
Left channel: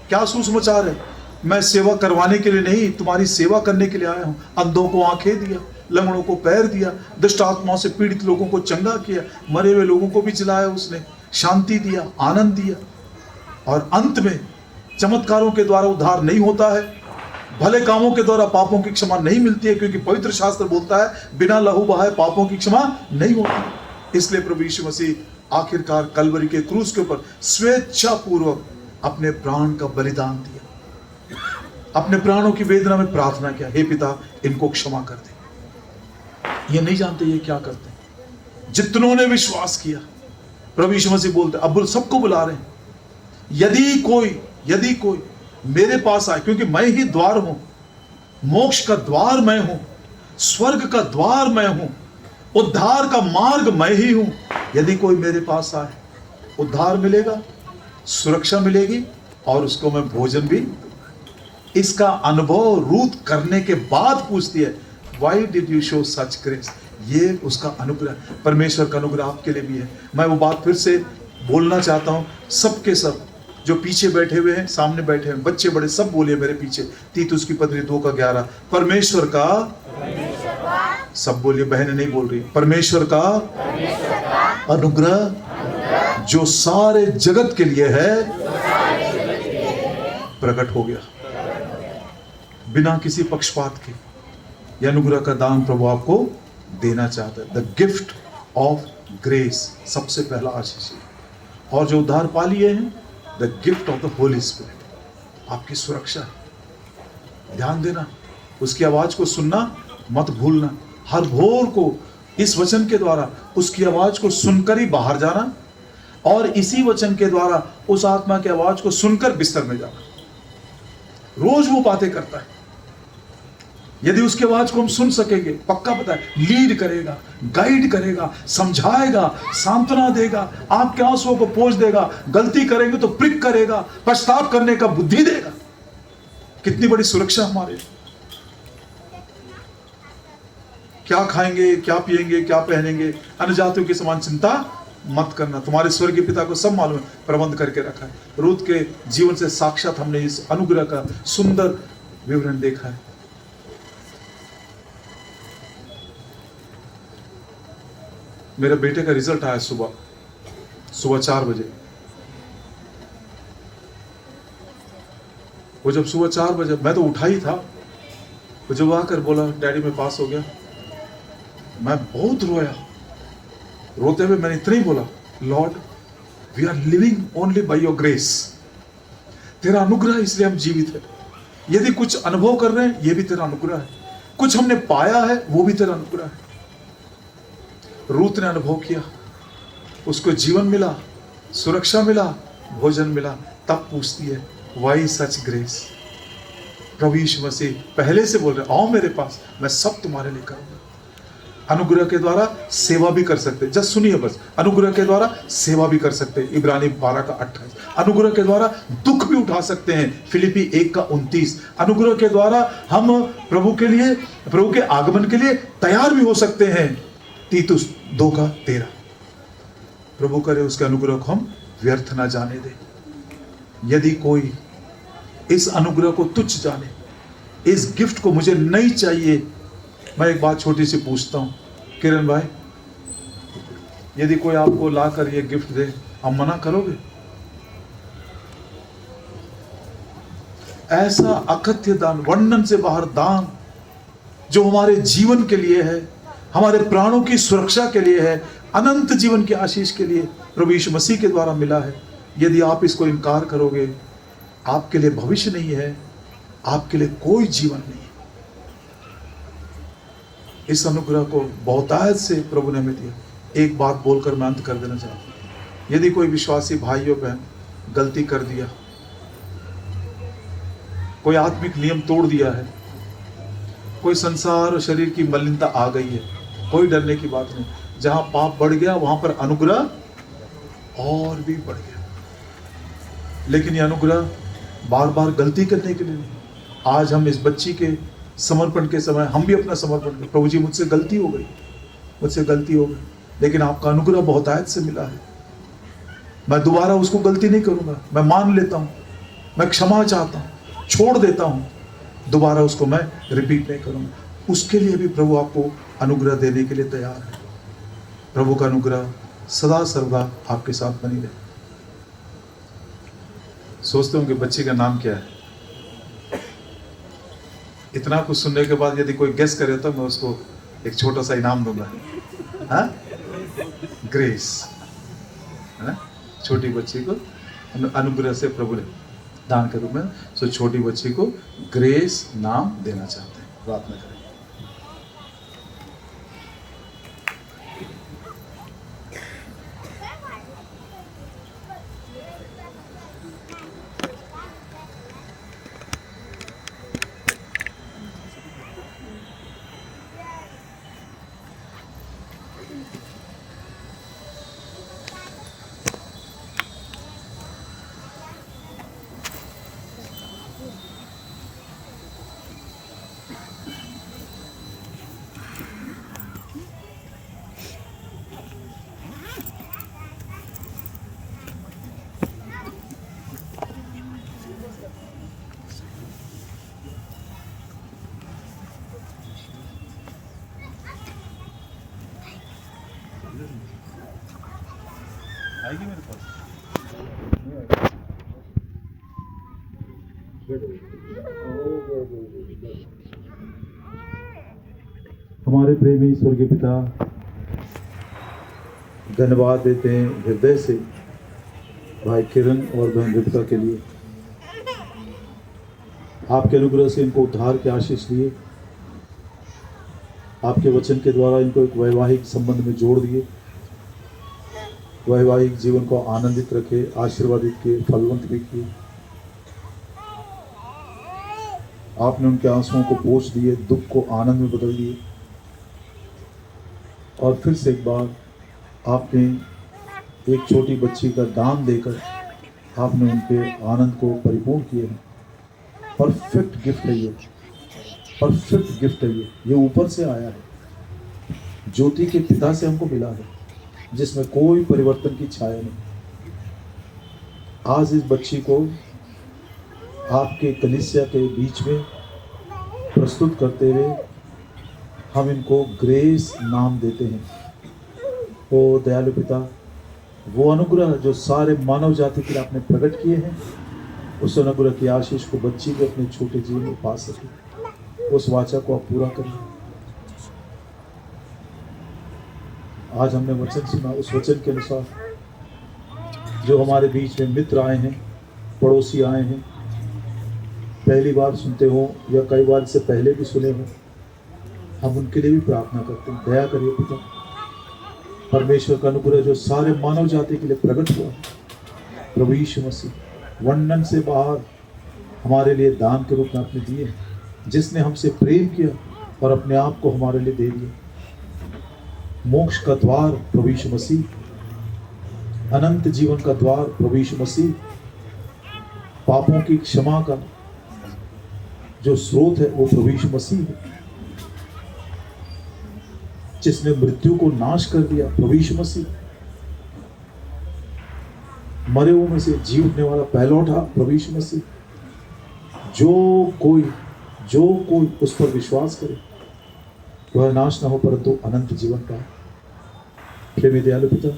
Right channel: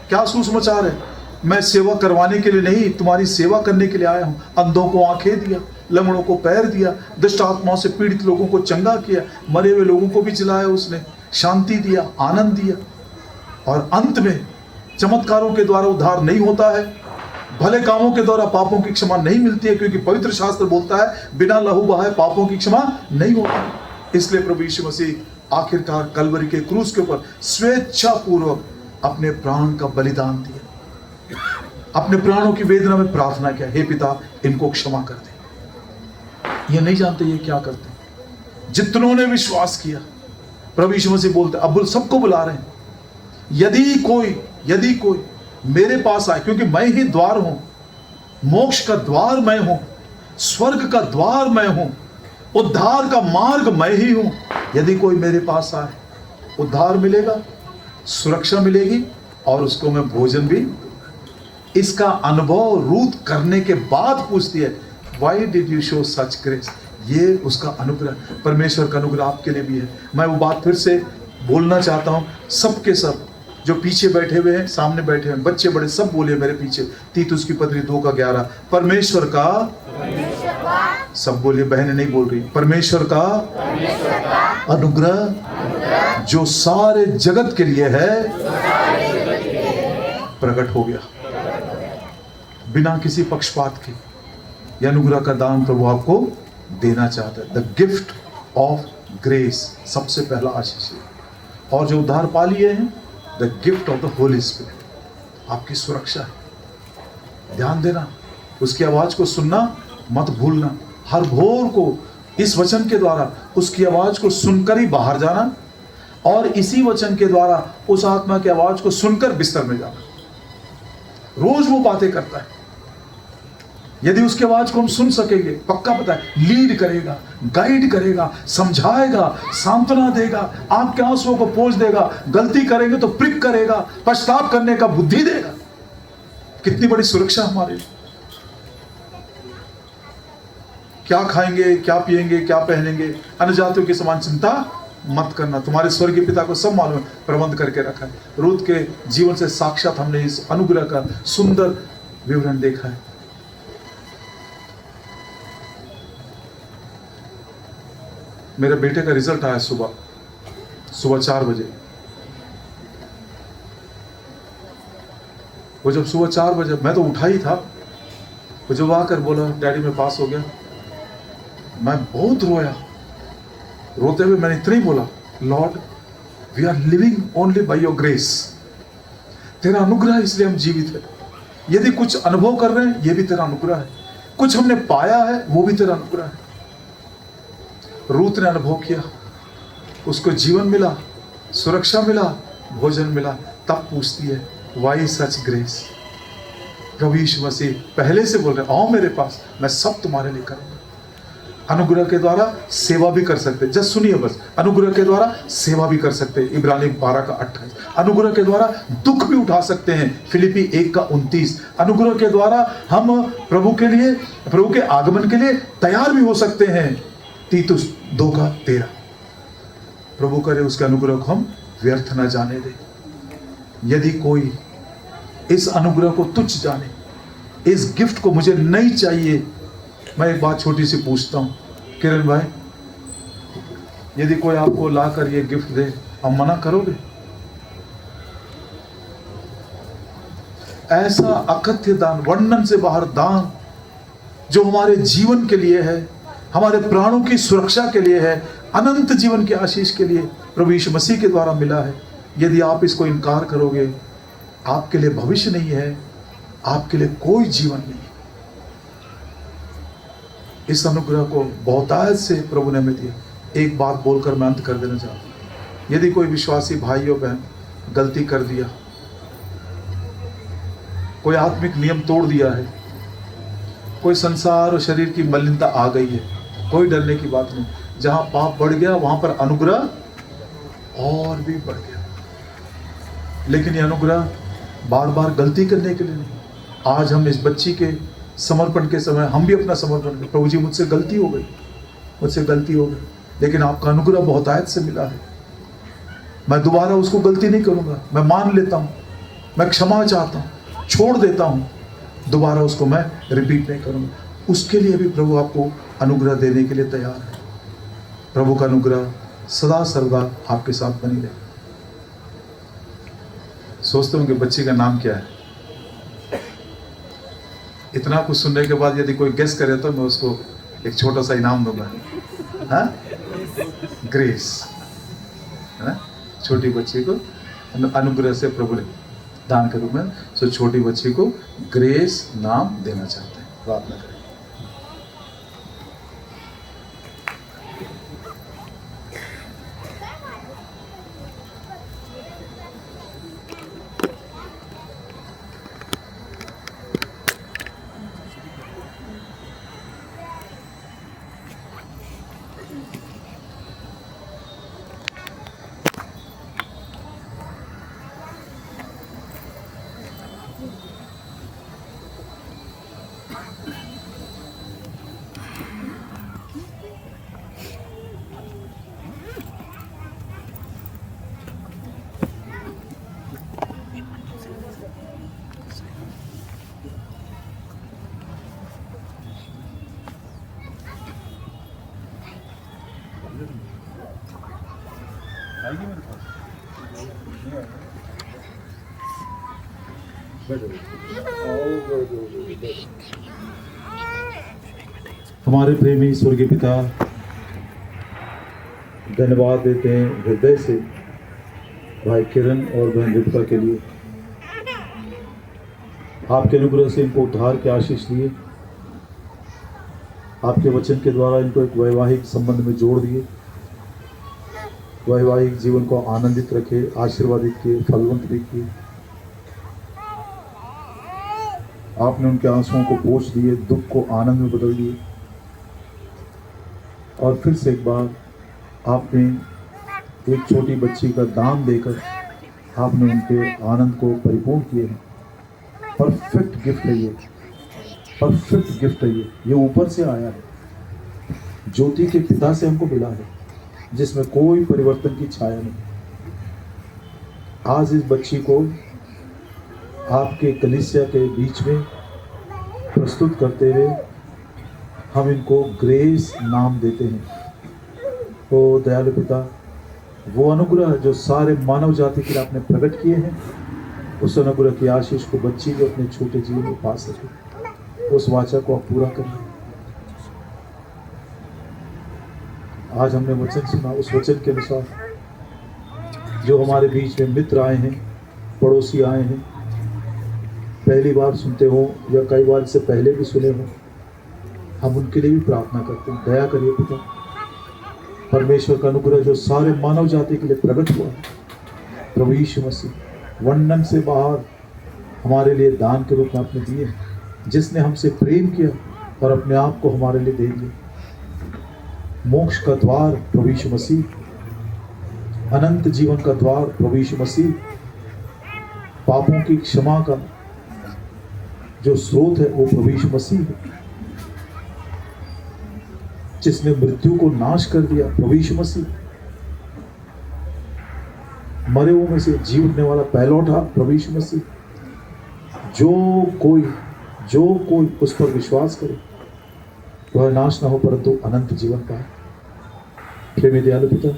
क्या सुसमाचार है? मैं सेवा करवाने के लिए नहीं, तुम्हारी सेवा करने के लिए आया हूं। अंधों को आंखें दिया, लंगड़ों को पैर दिया, दुष्ट आत्माओं से पीड़ित लोगों को चंगा किया, मरे हुए लोगों को भी जिलाया, उसने शांति दिया, आनंद दिया। और अंत में चमत्कारों के द्वारा उद्धार नहीं होता है, भले कामों के द्वारा पापों की क्षमा नहीं मिलती है, क्योंकि पवित्र शास्त्र बोलता है बिना लहू बहाए पापों की क्षमा नहीं होती। इसलिए प्रभु यीशु मसीह आखिरकार कलवरी के क्रूस के ऊपर स्वेच्छा पूर्वक अपने प्राण का बलिदान दिया, अपने प्राणों की वेदना में प्रार्थना किया, हे पिता इनको क्षमा कर दे। ये नहीं जानते ये क्या करते। जितनों ने विश्वास किया, प्रभु यीशु मसीह बोलते, अब सबको बुला रहे हैं, यदि कोई मेरे पास आए, क्योंकि मैं ही द्वार हूं, मोक्ष का द्वार मैं हूं, स्वर्ग का द्वार मैं हूं, उद्धार का मार्ग मैं ही हूं। यदि कोई मेरे पास आए, उद्धार मिलेगा, सुरक्षा मिलेगी, और उसको मैं भोजन भी। इसका अनुभव रूथ करने के बाद पूछती है, why did you show such grace? ये उसका अनुग्रह, परमेश्वर का अनुग्रह आपके लिए भी है। मैं वो बात फिर से बोलना चाहता हूं, सबके सब जो पीछे बैठे हुए हैं, सामने बैठे हैं, बच्चे बड़े सब बोले मेरे पीछे, तीतुस की पत्री 2:11, परमेश्वर का, सब बोलिए, बहनें नहीं बोल रही, परमेश्वर का अनुग्रह जो सारे जगत के लिए है प्रकट हो गया, बिना किसी पक्षपात के। यह अनुग्रह का दान प्रभु आपको देना चाहता है। द गिफ्ट ऑफ ग्रेस, सबसे पहला आशीष है। और जो उद्धार पा लिए हैं, the gift of the Holi spirit, आपकी सुरक्षा है। ध्यान देना, उसकी आवाज को सुनना मत भूलना। हर भोर को इस वचन के द्वारा उसकी आवाज को सुनकर ही बाहर जाना, और इसी वचन के द्वारा उस आत्मा की आवाज को सुनकर बिस्तर में जाना। रोज वो बातें करता है। यदि उसकी आवाज को हम सुन सकेंगे, पक्का पता है, लीड करेगा, गाइड करेगा, समझाएगा, सांत्वना देगा, आपके आंसुओं को पोंछ देगा, गलती करेंगे तो प्रिक करेगा, पछतावा करने का बुद्धि देगा। कितनी बड़ी सुरक्षा हमारे। क्या खाएंगे, क्या पिएंगे, क्या पहनेंगे, अन्य जातियों की समान चिंता मत करना, तुम्हारे स्वर्गीय पिता को सब मालूम है, प्रबंध करके रखा है। रूथ के जीवन से साक्षात हमने इस अनुग्रह का सुंदर विवरण देखा है। मेरे बेटे का रिजल्ट आया सुबह 4 बजे। वो जब सुबह 4 बजे, मैं तो उठा ही था, तो जब आकर बोला डैडी मैं पास हो गया, मैं बहुत रोया। रोते हुए मैंने इतना ही बोला, Lord we are living only by your grace, तेरा अनुग्रह इसलिए हम जीवित है। यदि कुछ अनुभव कर रहे हैं, ये भी तेरा अनुग्रह है, कुछ हमने पाया है, वो भी तेरा अनुग्रह है। रूत ने अनुभव किया, उसको जीवन मिला, सुरक्षा मिला, भोजन मिला। तब पूछती है, वाई सच ग्रेस? प्रभु यीशु मसीह पहले से बोल रहे, आओ मेरे पास, मैं सब तुम्हारे लिए करूंगा। अनुग्रह के द्वारा सेवा भी कर सकते, जस्ट सुनिए बस, अनुग्रह के द्वारा सेवा भी कर सकते, इब्रानी 12:28। अनुग्रह के द्वारा दुख भी उठा सकते हैं, फिलिपी 1:29। अनुग्रह के द्वारा हम प्रभु के आगमन के लिए तैयार भी हो सकते हैं, तीतुस 2:13। प्रभु करे उसके अनुग्रह को हम व्यर्थ ना जाने दें। यदि कोई इस अनुग्रह को तुच्छ जाने, इस गिफ्ट को मुझे नहीं चाहिए, मैं एक बात छोटी सी पूछता हूं, किरण भाई, यदि कोई आपको लाकर ये गिफ्ट दे, आप मना करोगे? ऐसा अकथ्य दान, वर्णन से बाहर दान, जो हमारे जीवन के लिए है, हमारे प्राणों की सुरक्षा के लिए है, अनंत जीवन की आशीष के लिए प्रभु यीशु मसीह के द्वारा मिला है। यदि आप इसको इनकार करोगे, आपके लिए भविष्य नहीं है, आपके लिए कोई जीवन नहीं है। इस अनुग्रह को बहुतायत से प्रभु ने हमें दिया। एक बात बोलकर मैं अंत कर देना चाहता हूं। यदि कोई विश्वासी भाई और बहन गलती कर दिया, कोई आत्मिक नियम तोड़ दिया है, कोई संसार और शरीर की मलिनता आ गई है, कोई डरने की बात नहीं। जहां पाप बढ़ गया वहां पर अनुग्रह और भी बढ़ गया। लेकिन यह अनुग्रह बार बार गलती करने के लिए नहीं। आज हम इस बच्ची के समर्पण के समय हम भी अपना समर्पण करें। प्रभु जी, मुझसे गलती हो गई, मुझसे गलती हो गई, लेकिन आपका अनुग्रह बहुतायत से मिला है। मैं दोबारा उसको गलती नहीं करूंगा। मैं मान लेता हूं, मैं क्षमा चाहता हूं, छोड़ देता हूं, दोबारा उसको मैं रिपीट नहीं करूंगा। उसके लिए भी प्रभु आपको अनुग्रह देने के लिए तैयार है। प्रभु का अनुग्रह सदा सर्वदा आपके साथ बनी रहे। सोचते होंगे बच्ची का नाम क्या है? इतना कुछ सुनने के बाद यदि कोई गेस करे तो मैं उसको एक छोटा सा इनाम दूंगा। हाँ, ग्रेस। छोटी बच्ची को अनुग्रह से प्रभु ने दान करूंगा। सो छोटी बच्ची को ग्रेस नाम देना चाहते हैं। प्रार्थना करें। आएगी मेरे पास? हमारे प्रेमी स्वर्गीय पिता, धन्यवाद देते हैं हृदय से भाई किरण और बहन रितिका के लिए। आपके अनुग्रह से इनको उद्धार की आशीष दिए, आपके वचन के द्वारा इनको एक वैवाहिक संबंध में जोड़ दिए, वैवाहिक जीवन को आनंदित रखे, आशीर्वादित किए, फलवंत भी किए। आपने उनके आंसुओं को पोंछ दिए, दुख को आनंद में बदल दिए, और फिर से एक बार आपने एक छोटी बच्ची का दान देकर आपने उनके आनंद को परिपूर्ण किए हैं। परफेक्ट गिफ्ट है ये, परफेक्ट गिफ्ट है ये ऊपर से आया है, ज्योति के पिता से हमको मिला है, जिसमें कोई परिवर्तन की छाया नहीं। आज इस बच्ची को आपके कलीसिया के बीच में प्रस्तुत करते हुए हम इनको ग्रेस नाम देते हैं। ओ दयालु पिता, वो अनुग्रह जो सारे मानव जाति के लिए आपने प्रकट किए हैं, उस अनुग्रह की आशीष को बच्ची को अपने छोटे जीवन में पा सके, उस वाचा को आप पूरा करिए। आज हमने वचन सुना, उस वचन के अनुसार जो हमारे बीच में मित्र आए हैं, पड़ोसी आए हैं, पहली बार सुनते हो या कई बार इससे पहले भी सुने हो, हम उनके लिए भी प्रार्थना करते हैं। दया करिए पिता, परमेश्वर का अनुग्रह जो सारे मानव जाति के लिए प्रकट हुआ, प्रभु यीशु मसीह वर्णन से बाहर हमारे लिए दान के रूप में आपने दिए, जिसने हमसे प्रेम किया और अपने आप को हमारे लिए दे दिया। मोक्ष का द्वार प्रभु यीशु मसीह, अनंत जीवन का द्वार प्रभु यीशु मसीह, पापों की क्षमा का जो स्रोत है वो प्रभु यीशु मसीह है, जिसने मृत्यु को नाश कर दिया प्रभु यीशु मसीह, मरे हुओं में से जी उठने वाला पहलौठा प्रभु यीशु मसीह। जो कोई उस पर विश्वास करे वह नाश न हो परंतु अनंत जीवन पाए। प्रेमी दयालु पिता,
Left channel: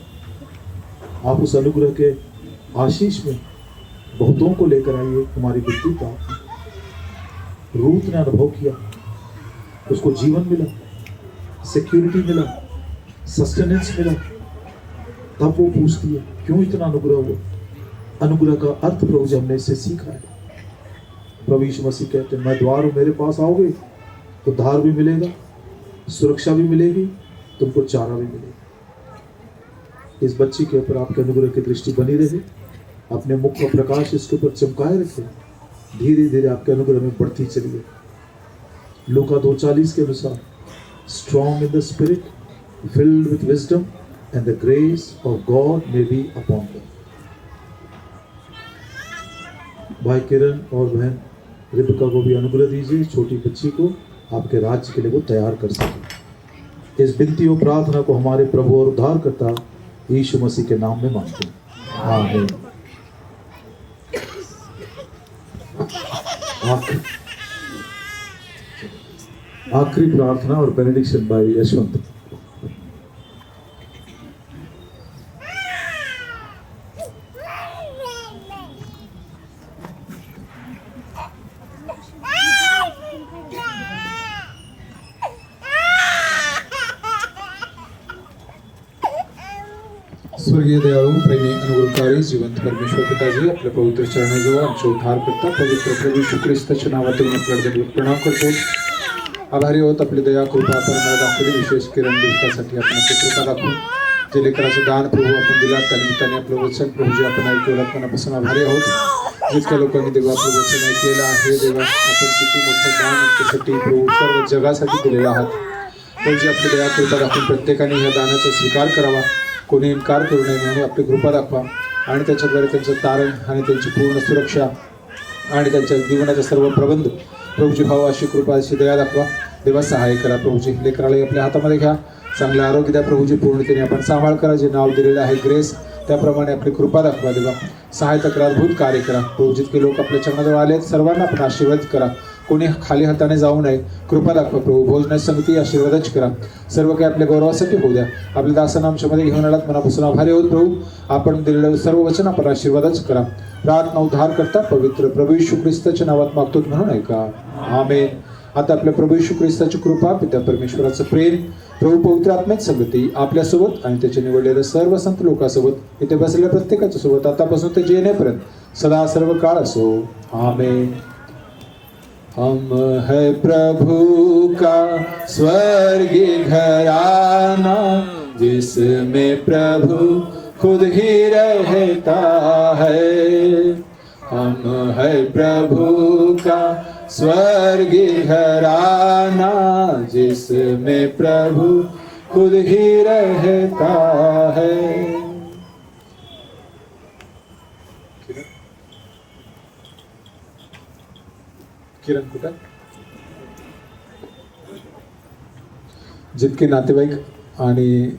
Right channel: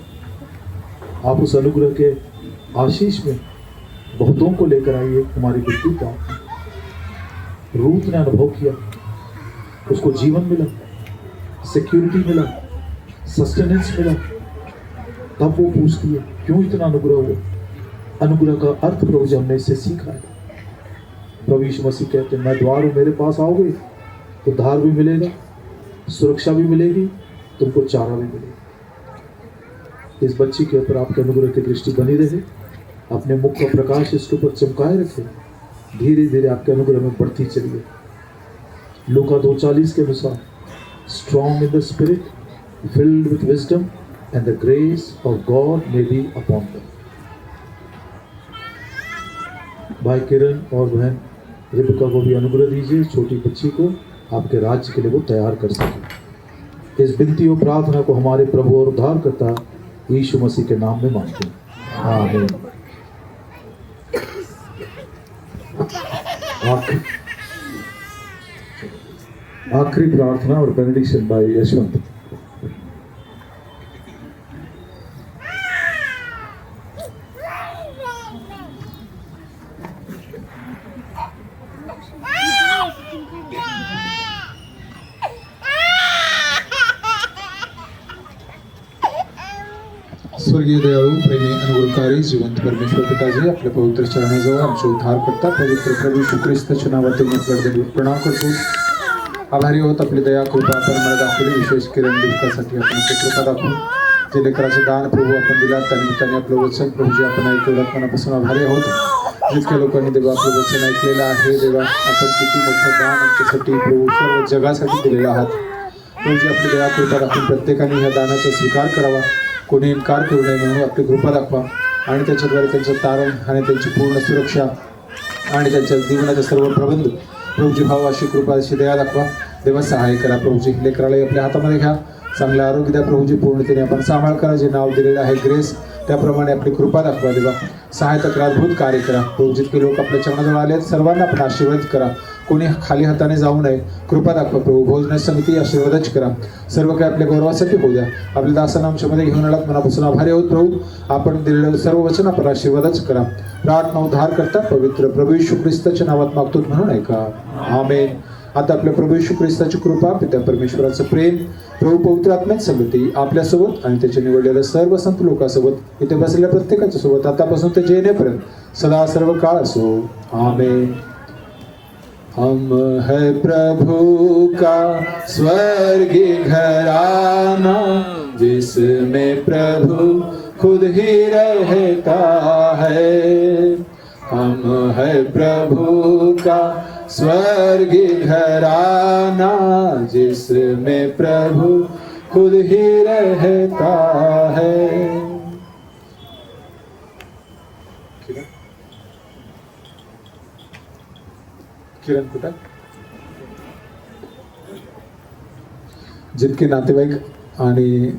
आप उस अनुग्रह के आशीष में बहुतों को लेकर आइए। हमारी मृत्यु का रूत ने अनुभव किया, उसको जीवन मिला, सिक्योरिटी मिला, सस्टेनेंस मिला। तब वो पूछती है क्यों इतना अनुग्रह हुआ। अनुग्रह का अर्थ प्रभु जी हमने इससे सीखा है। प्रभु यीशु मसीह कहते हैं, मैं द्वार हूं, मेरे पास आओगे तो उद्धार भी मिलेगा, सुरक्षा भी मिलेगी, तुमको चारा भी मिलेगा। इस बच्ची के ऊपर आपके अनुग्रह की दृष्टि बनी रहे, अपने मुख का प्रकाश इसके ऊपर चमकाए रखे, धीरे धीरे आपके अनुग्रह में बढ़ती चलिए। लूका 2:40 के अनुसार, strong in the spirit, filled with wisdom and the grace of God may be upon them. भाई किरण और बहन रिबिका को भी अनुग्रह दीजिए, छोटी बच्ची को आपके राज्य के लिए वो तैयार कर सके। इस विनती और प्रार्थना को हमारे प्रभु और उद्धारकर्ता यीशु मसीह के नाम में मांगते हैं, आमीन। आखिरी प्रार्थना और बेनेडिक्शन बाय यशवंत। स्वर्गीय दयाळू प्रेमी अनुग्रहकारी जिवंत परमेश्वर पिताजी, आपल्या पवित्र चरणाजवळ आमचे उद्धार करता पवित्र प्रभू येशू ख्रिस्ताच्या नावातून मी प्रणाम करतो। आभारी आहोत आपली दया कृपा आपण मला दाखवली, विशेष किरण दुःखासाठी आपण आपली कृपा दाखवून जे लेकराचं दान प्रभू आपण दिलात त्यानिमित्ताने आपलं वचन प्रभूजी आपण ऐकलेलं मनापासून आभारी आहोत। जितक्या लोकांनी देवा आपलं वचन ऐकलेलं आहे, देवा आपण किती मोठं दान आमच्यासाठी प्रभू सर्व जगासाठी दिलेलं आहात। प्रभूजी आपली दया कृपा दाखवून प्रत्येकाने ह्या दानाचा स्वीकार करावा, कोणी इन्कार करू नये म्हणून आपली कृपा दाखवा आणि त्याच्याद्वारे त्यांचं तारण आणि त्यांची पूर्ण सुरक्षा आणि त्यांच्या जीवनाचे सर्व प्रबंध प्रभूजी भाव अशी कृपा अशी दया दाखवा। देवा सहाय्य करा प्रभूजी, लेकराला आपल्या हातामध्ये घ्या, चांगलं आरोग्य द्या प्रभूजी, पूर्णतेने आपण सांभाळ करा, जे नाव दिलेलं आहे ग्रेस त्याप्रमाणे आपली कृपा दाखवा। देवा सहायता करा, अद्भुत कार्य करा प्रभू। जितके लोक आपल्या चरणाजवळ आले आहेत सर्वांना आपण आशीर्वाद करा, कोणी खाली हाताने जाऊ नये, कृपा दाखवा प्रभू। भोजन समिती आशीर्वादच करा, सर्व काही आपल्या गौरवासाठी होऊ द्या। आपल्या दासांना आमच्यामध्ये घेऊन आलात, मनापासून आभारी आहोत प्रभू। आपण दिलेलं सर्व वचन आपण आशीर्वादच करा। प्रार्थना उद्धार करता पवित्र प्रभू येशू ख्रिस्ताच्या नावात मागतो म्हणून ऐका, आमेन। आता आपल्या प्रभू येशू ख्रिस्ताची कृपा, पिता परमेश्वराचं प्रेम, प्रभू पवित्र आत्म्याची संगती आपल्यासोबत आणि त्याचे निवडलेल्या सर्व संत लोकांसोबत इथे बसलेल्या प्रत्येकाच्या सोबत आतापासून ते येण्यापर्यंत सदा सर्व काळ असो, आमेन। हम है प्रभु का स्वर्गीय घराना, जिसमें प्रभु खुद ही रहता है। हम है प्रभु का स्वर्गीय घराना, जिसमें प्रभु खुद ही रहता है। किरण कुठं? जितके नातेवाईक आणि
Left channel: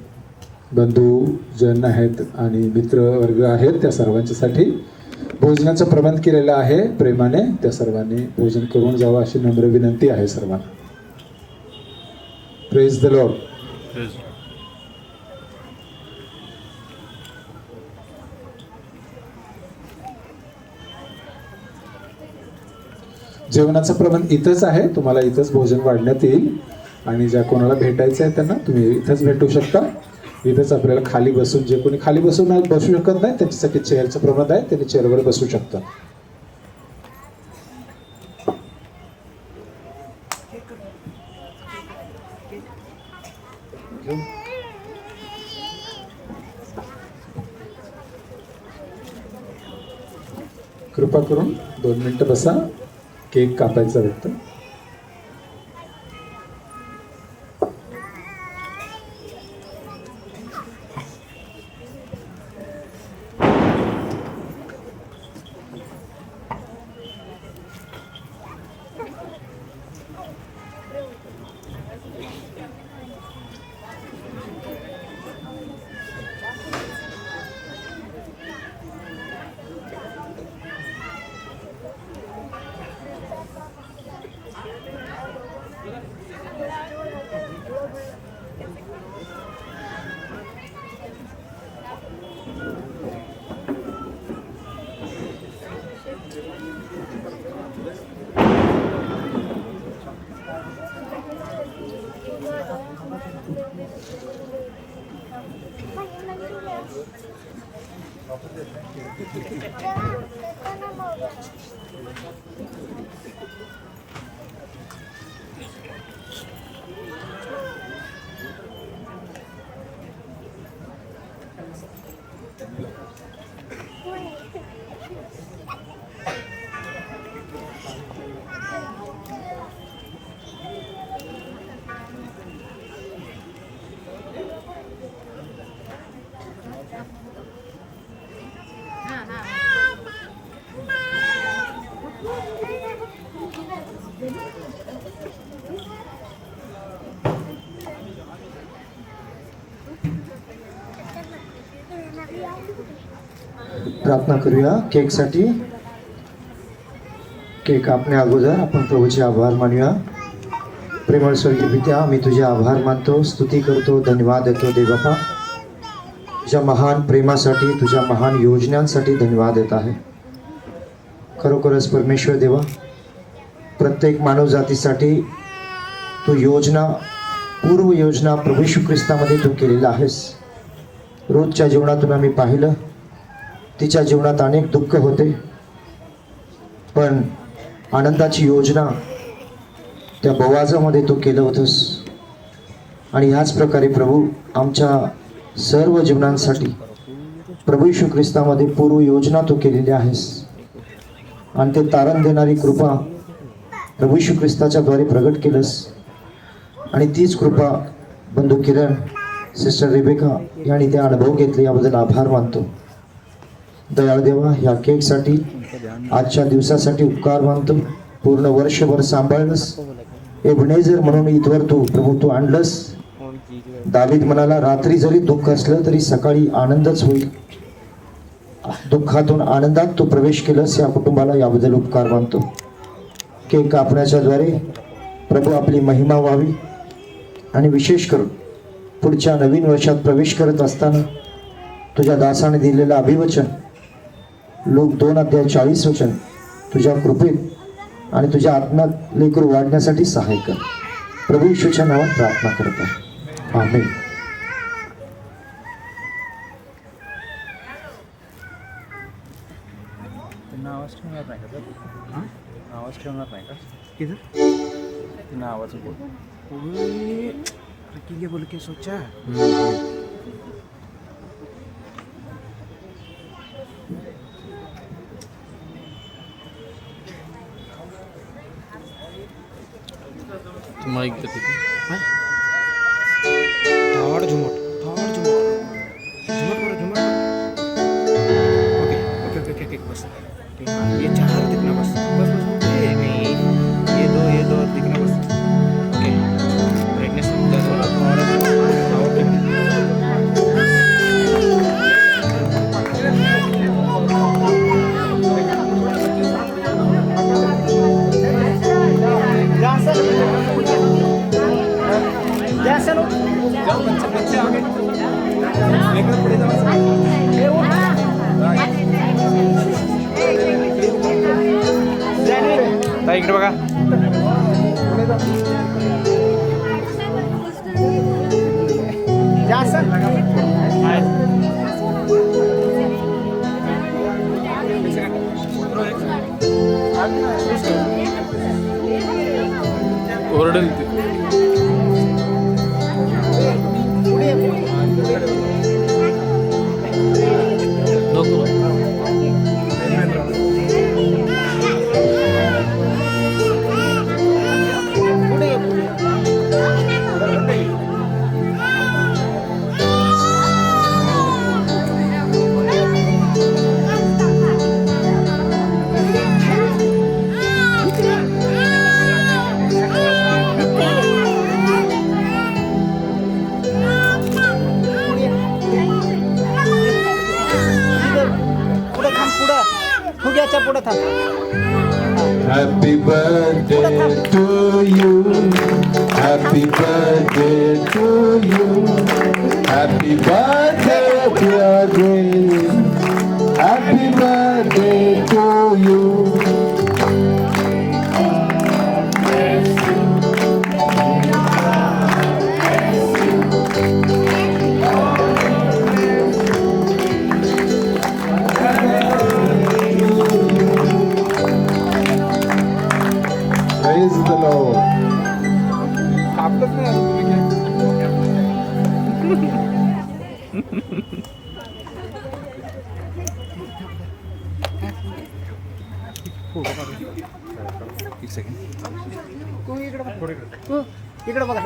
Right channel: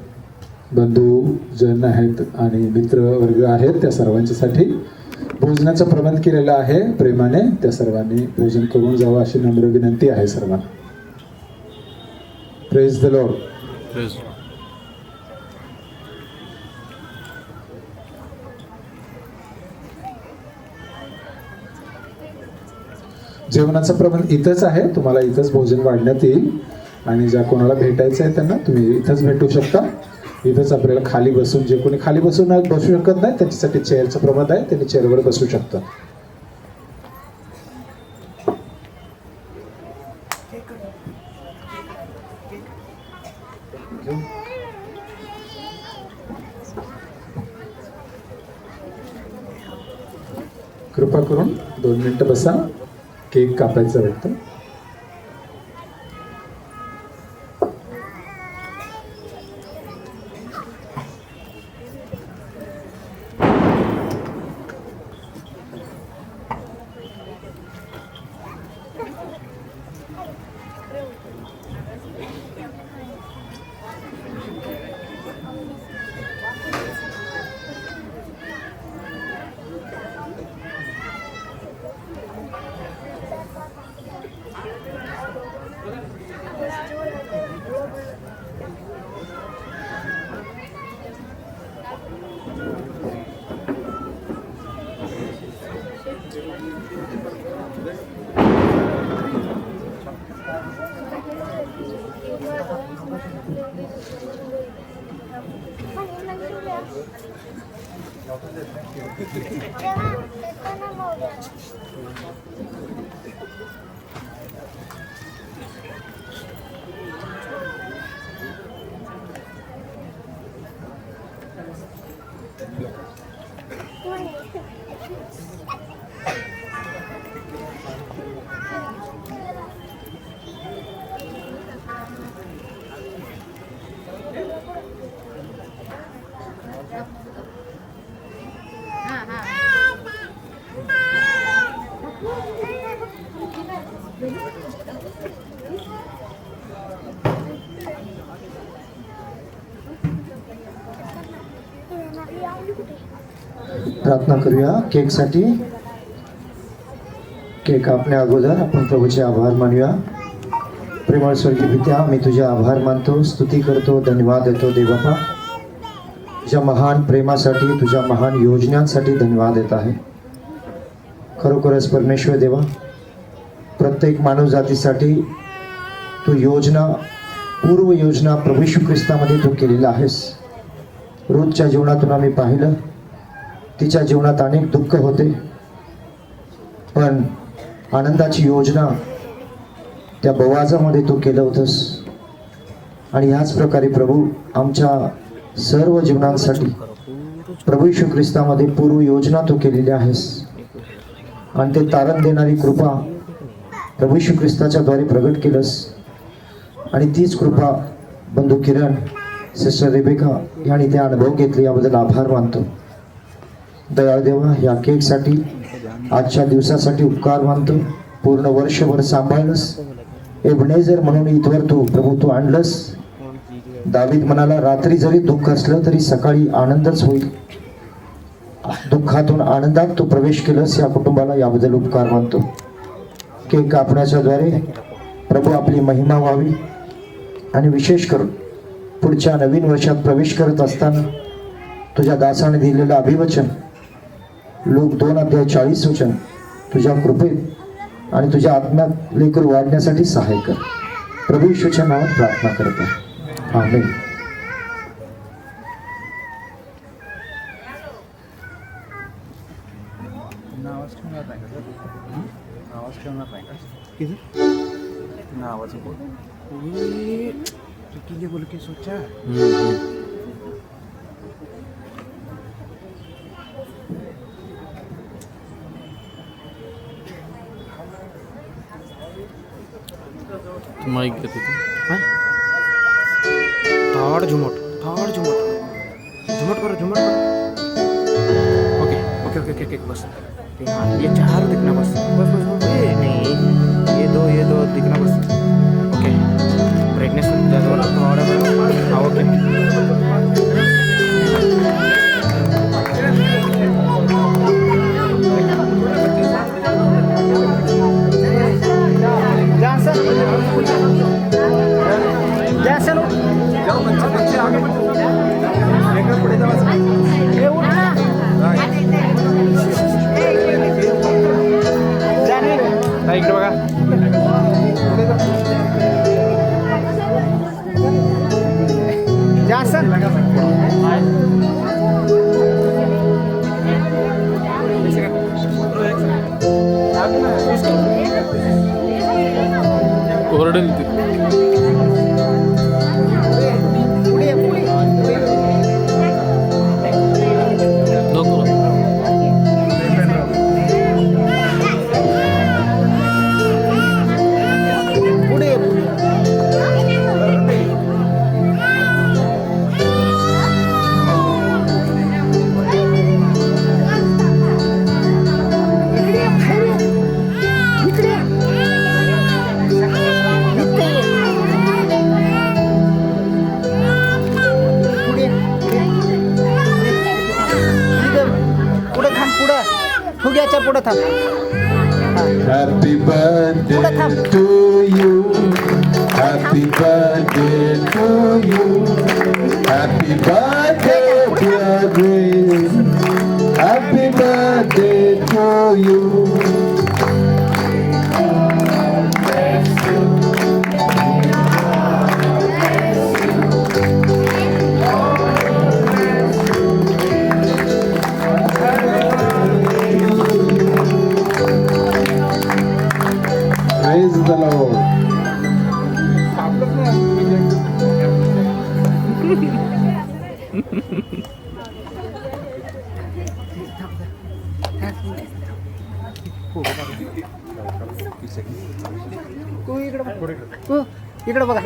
बंधू जन आहेत आणि मित्र वर्ग आहेत त्या सर्वांच्यासाठी भोजनाचा प्रबंध केलेला आहे प्रेमाने, त्या सर्वांनी भोजन करून जावं अशी नम्र विनंती आहे सर्वांना। Praise the Lord. जेवणाचा प्रबंध इथंच आहे, तुम्हाला इथंच भोजन वाढण्यात येईल आणि ज्या कोणाला भेटायचं आहे त्यांना तुम्ही इथंच भेटू शकता। इथंच आपल्याला खाली बसून, जे कोणी खाली बसू शकत नाही त्यांच्यासाठी चेअरचं प्रबंध आहे, त्यांनी चेअरवर बसू शकतात। कृपा करून 2 मिनिटं बसा, केक कापायचा वाटतं। प्रार्थना करूया केकसाठी. केक कापण्या अगोदर आपण प्रभूचे आभार मानूया. प्रेमळ स्वर्गीय पित्या, मी तुझे आभार मानतो, स्तुती करतो, धन्यवाद देतो देवबापा. तुझ्या महान प्रेमासाठी, तुझ्या महान योजनांसाठी धन्यवाद देत आहे. खरोखरच परमेश्वर देवा, प्रत्येक मानव जातीसाठी तू योजना, पूर्व योजना प्रभू येशू ख्रिस्तामध्ये तू केलेला आहेस. रोजच्या जीवनातून आम्ही पाहिलं, तिच्या जीवनात अनेक दुःख होते, पण आनंदाची योजना त्या बवाजामध्ये तू केलं होतंस. आणि ह्याच प्रकारे प्रभू आमच्या सर्व जीवनांसाठी प्रभू येशू ख्रिस्तामध्ये पूर्व योजना तू केलेली आहेस. आणि ते तारण देणारी कृपा प्रभू येशू ख्रिस्ताच्या द्वारे प्रगट केलंस. आणि तीच कृपा बंधू किरण, सिस्टर रेबेका यांनी ते अनुभव घेतले, याबद्दल आभार मानतो. दयाळ देवा, या केकसाठी, आजच्या दिवसासाठी उपकार मानतो. पूर्ण वर्षभर सांभाळलंस, एबनेझर म्हणून इथवर तू प्रभू तू आणलंस. दावीद म्हणाला, रात्री जरी दुःख असलं तरी सकाळी आनंदच होईल. दुःखातून आनंदात तू प्रवेश केलंस या कुटुंबाला, याबद्दल उपकार मानतो. केक कापण्याच्या द्वारे प्रभू आपली महिमा व्हावी. आणि विशेष करून पुढच्या नवीन वर्षात प्रवेश करत असताना तुझ्या दासाने दिलेलं अभिवचन लोक 2:40 वचन तुझ्या कृपेत आणि तुझ्या आत्म्यात लेकरू वाढण्यासाठी सहाय्य कर. प्रभू येशूच्या नावात प्रार्थना करत आहे, आमेन. बोल के सोचा माइक देते तो धाड़ झुमट करो ओके ओके ओके ओके बस. हाँ, ये 4 दिखना बस बस बस बस. नहीं, ये दो दिखना बस. ओके, ब्राइटनेस थोड़ा हाँ ओके. इकडे बघा. ओरडेल ती. नको Happy birthday to you. Happy birthday to you. Happy birthday, dear Grace. Happy birthday to you. इकडे बघा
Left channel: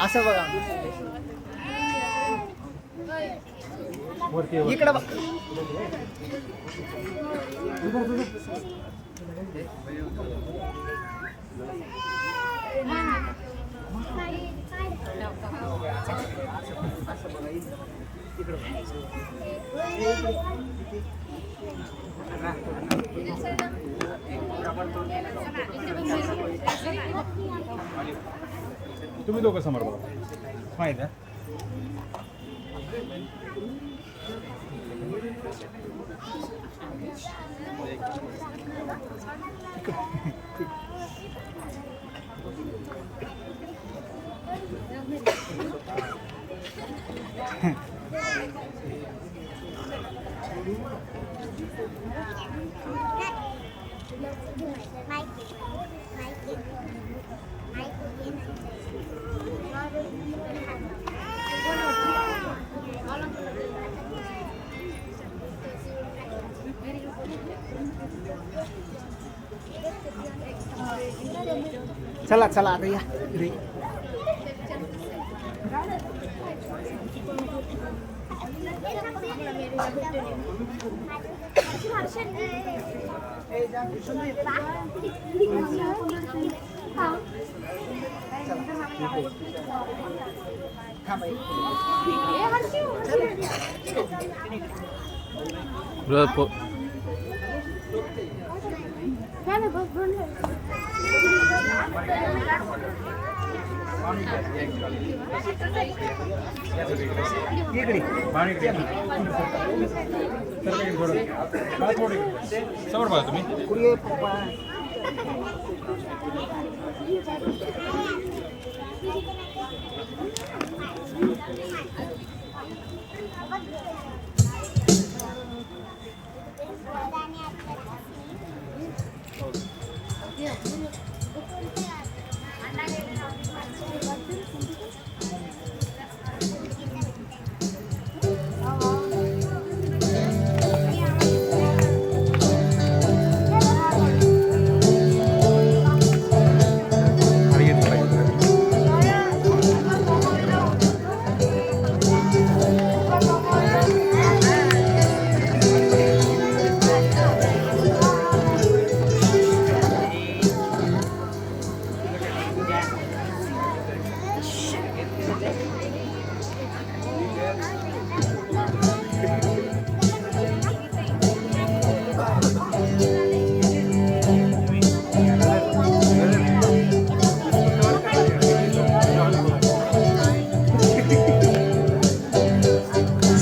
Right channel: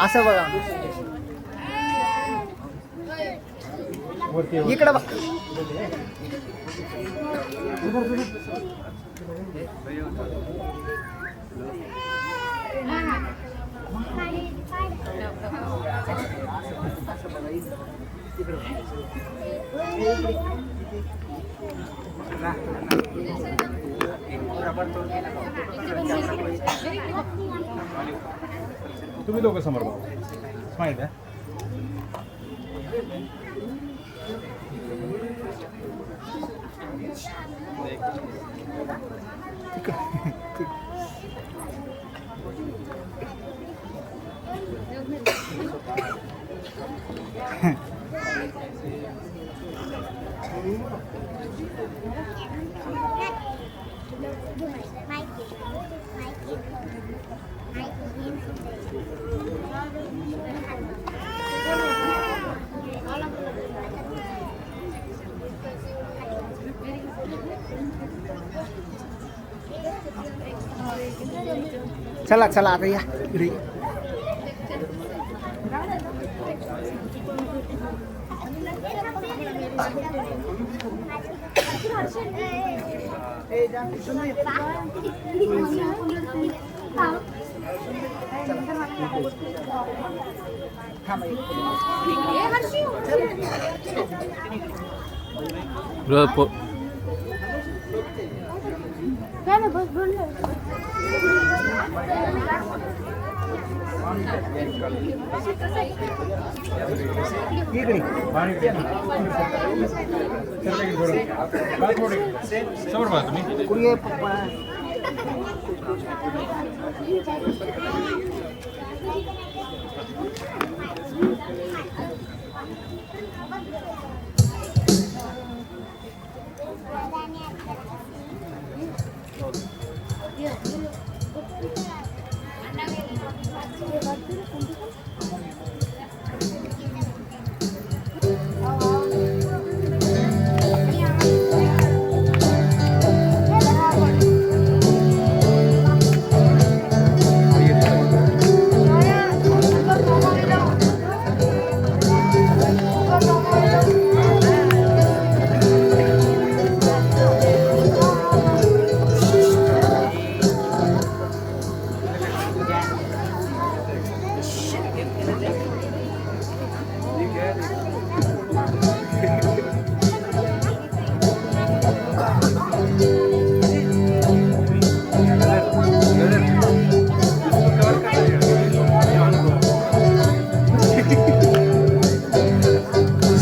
असं बघा इकडे बघा तुम्ही दोघं समोर बघा माहिती आहे चला चला आता या घरी. समोर बघा तुम्ही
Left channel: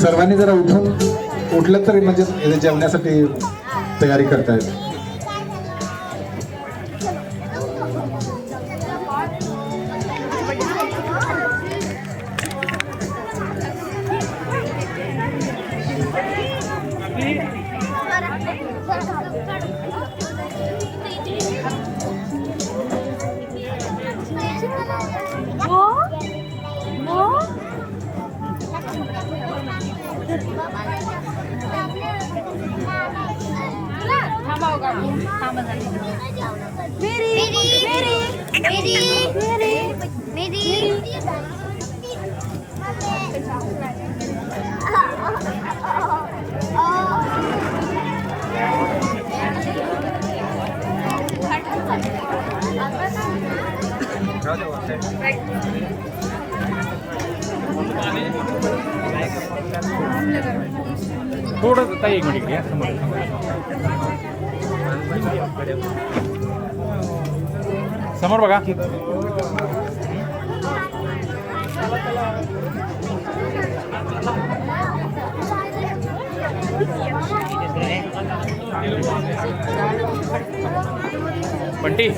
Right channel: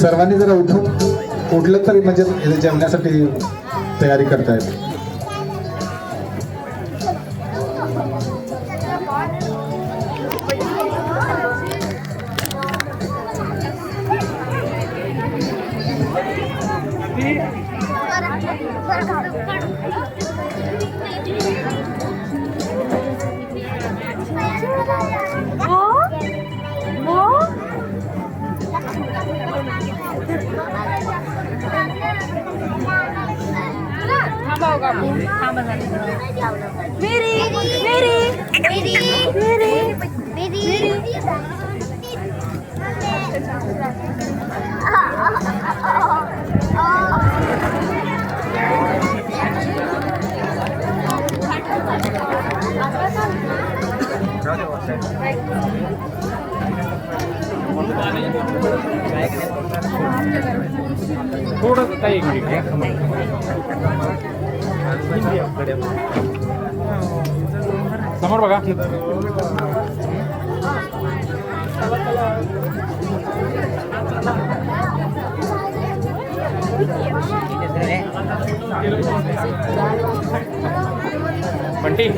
सर्वांनी जरा उठलं तरी म्हणजे जेवण्यासाठी तयारी करतायत. थोडं ताई एक मिनिट घ्या समोर बघा बंटी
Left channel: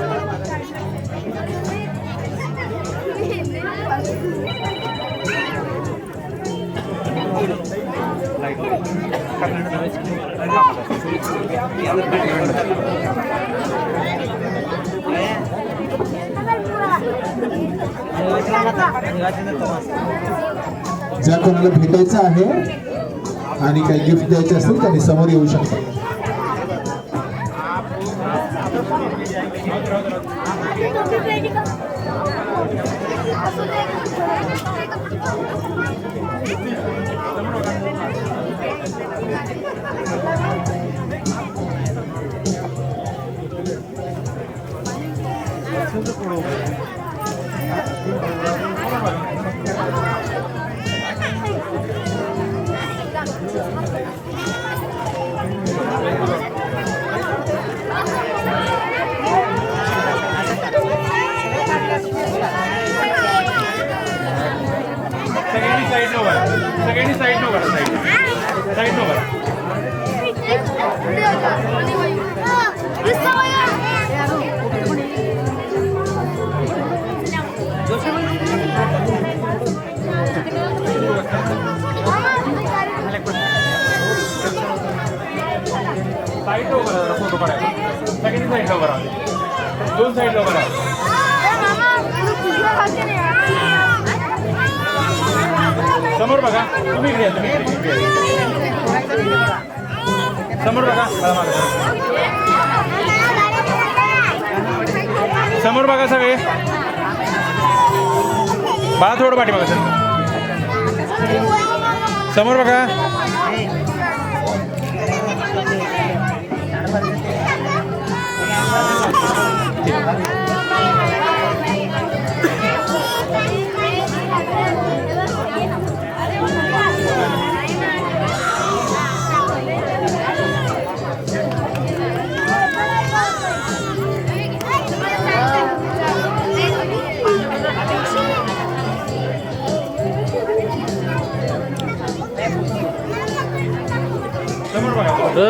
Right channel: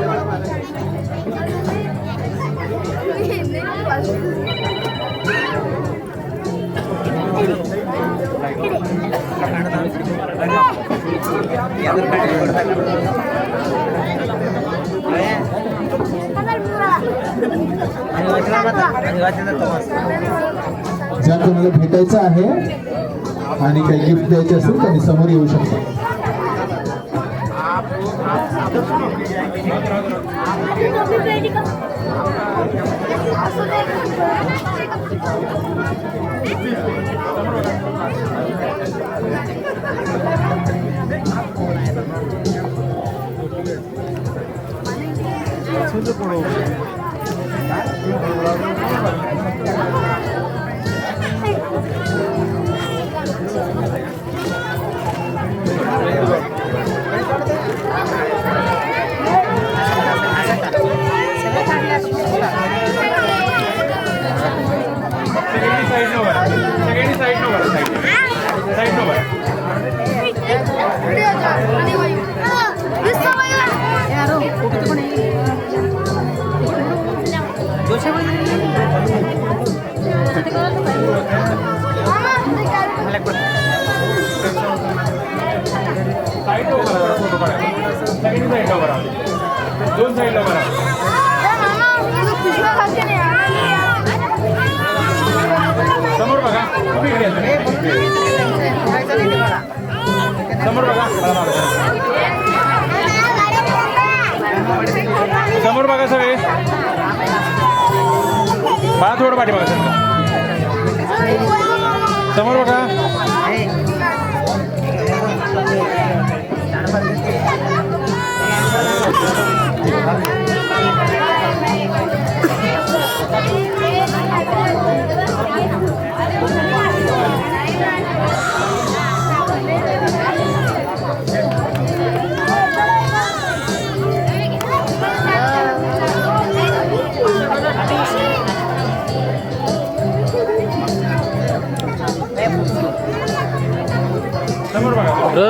आणि ज्या कोणाला भेटायचं आहे आणि काही गिफ्ट द्यायचे असेल त्यांनी समोर येऊ शकतो. साईड लो करा फोटो काढायला. सगळ्यांनी साईड लो करा. दोन साईड लो करा. समोर बघा. तुम्ही घ्या. समोर बघा. समोर बघा सगळे. मला थोडं पाठी बघा सर. समोर बघा.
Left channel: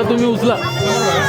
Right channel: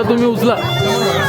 तुम्ही उचला. समोर बघा.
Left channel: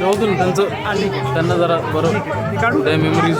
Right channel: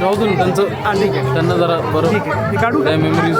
राहू दे ना त्यांचं. त्यांना जरा बरं त्या मेमरीज.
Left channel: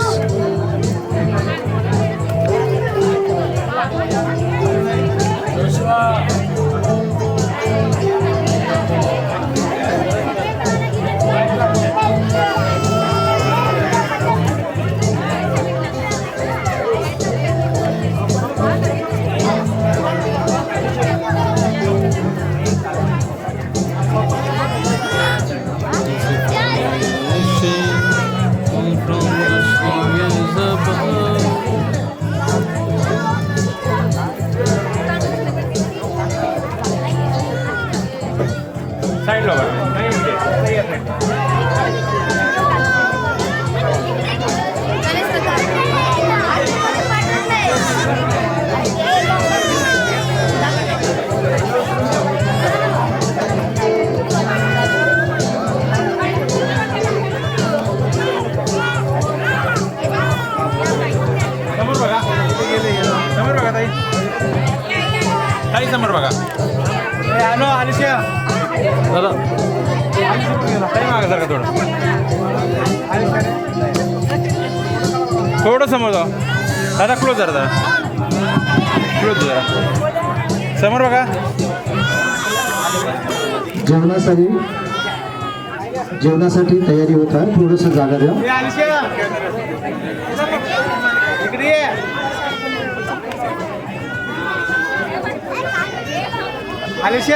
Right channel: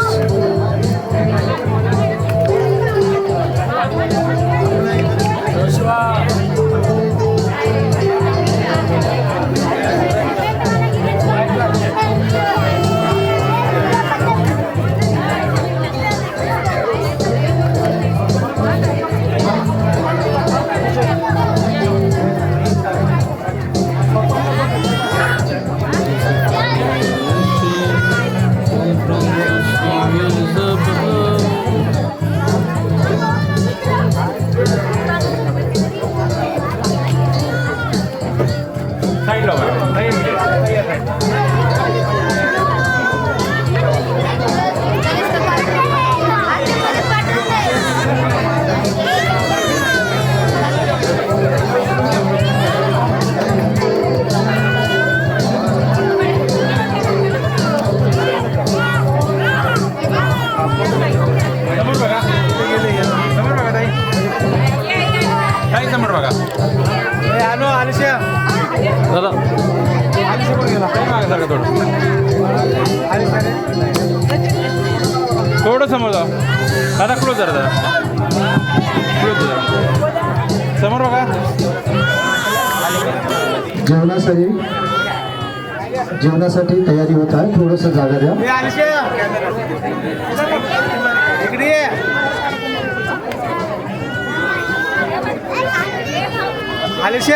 दादा थोडं समोर जा दादा. क्लोज जरा क्लोज जरा. समोर बघा. जेवणासाठी तयारी होत आहे. थोडंसं जागा द्या. समोर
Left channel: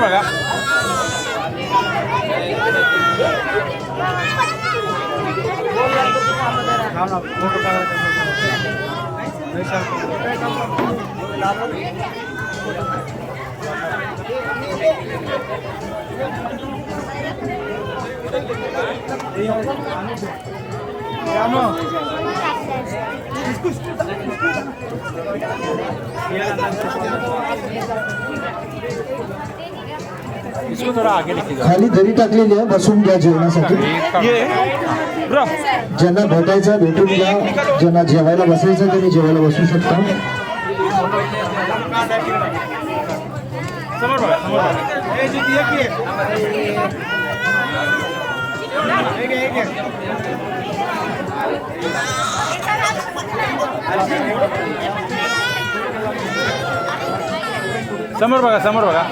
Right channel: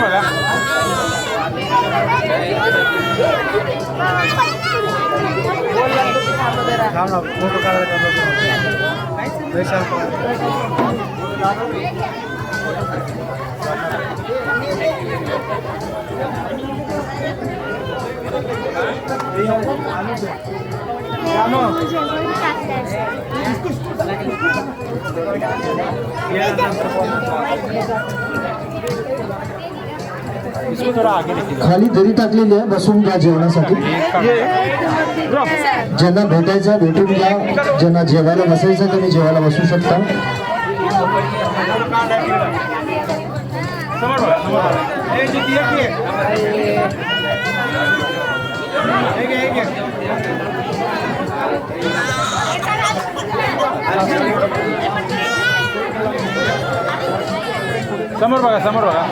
बघा. खाली दरी टाकलेली आहे, बसून घ्या जेवणासाठी. ज्यांना भेटायचं भेटून घ्या, ज्यांना जेवायला बसायचं त्यांनी जेवायला बसू शकता. समोर बघा, समोर बघा. समोर बघा, समोर बघा.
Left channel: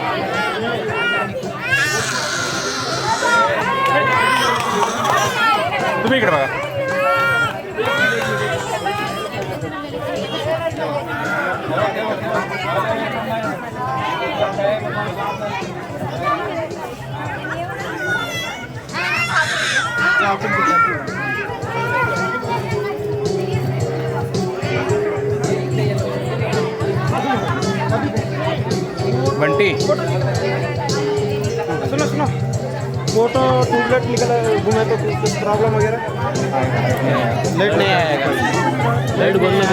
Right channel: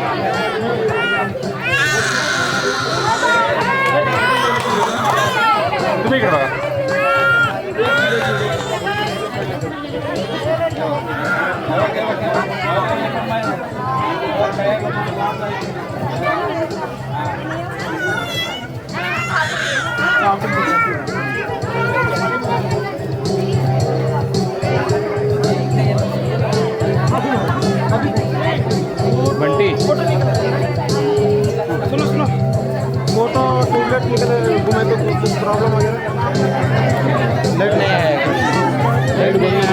तुम्ही इकडे बघा. बंटी सुनो सुनो वो तो ट्यूबलाइट निकल घूमे तो कुछ प्रॉब्लम वगैरह लाइट नहीं है. लाइट बंद नहीं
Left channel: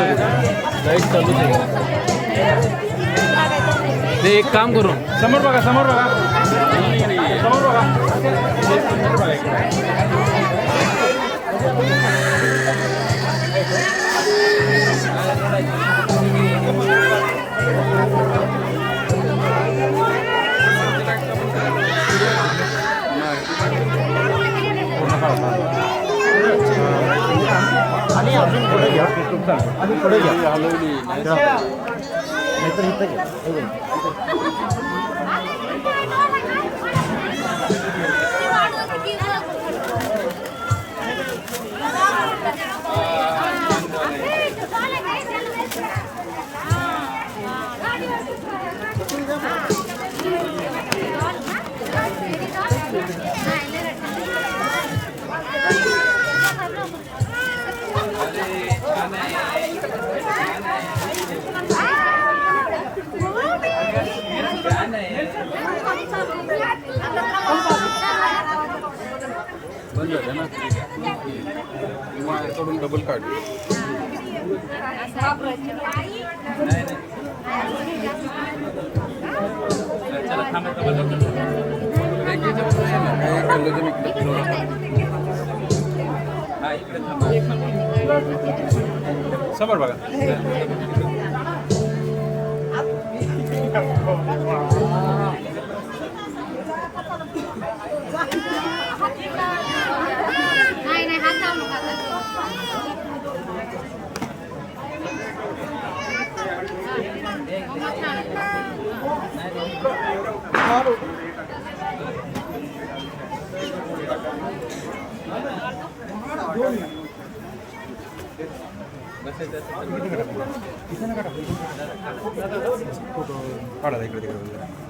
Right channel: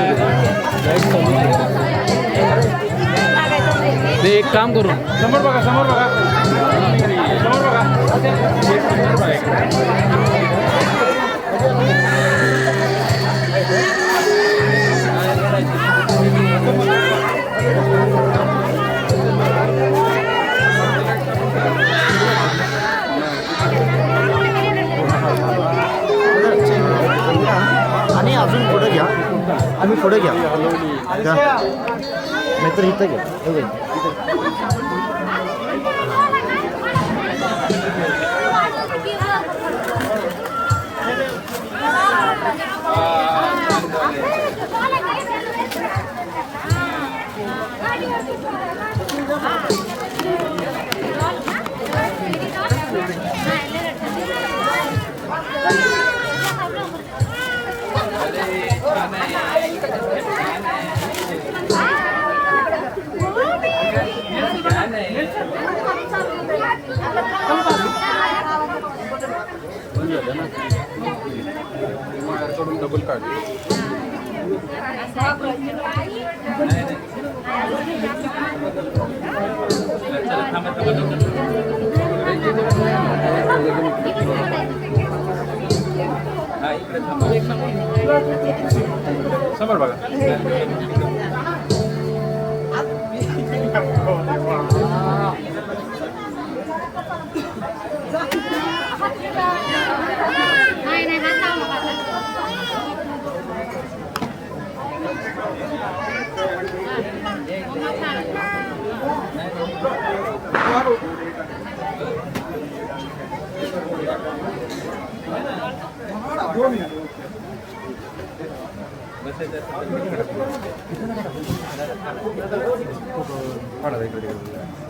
लाइट चालू है. नाही एक काम करू समोर बघा, समोर बघा, समोर बघा. आम्ही पुढे घ्या, नाहीतर इथं घ्या. डबल कार्ड समोर बघा. नाही हात लावू नका आता. मम्मा छान.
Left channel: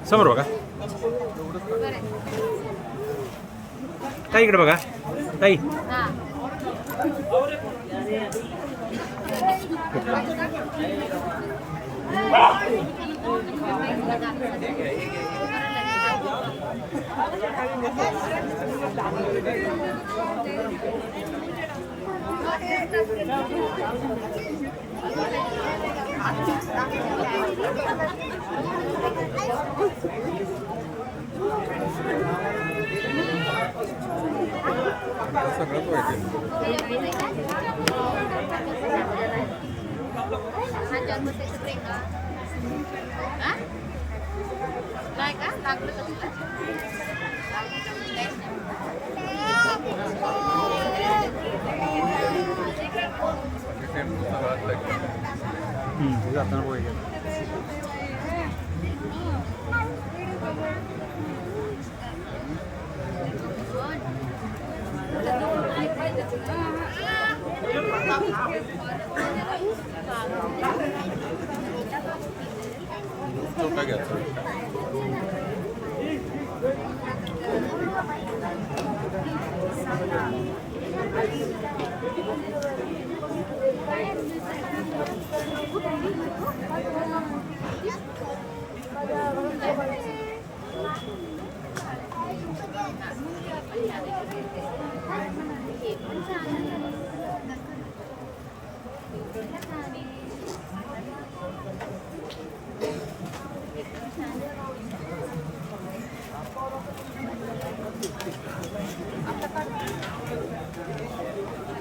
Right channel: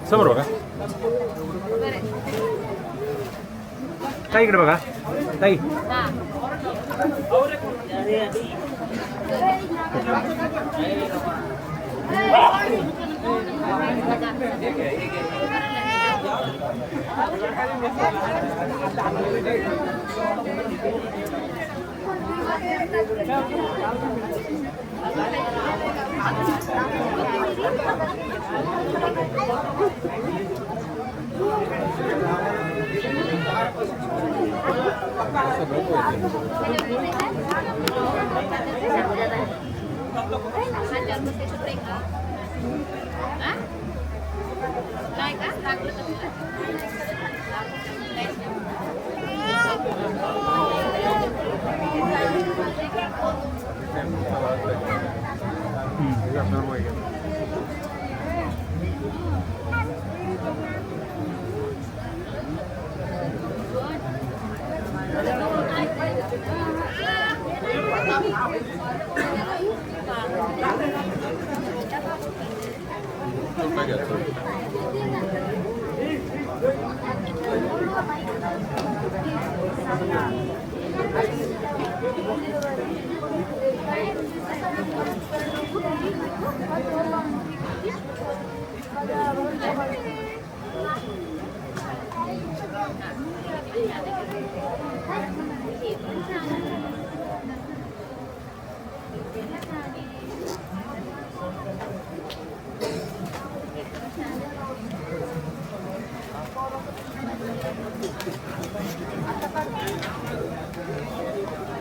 समोर बघा. ताई इकडे बघा. ताई काय का लागलं का तुला?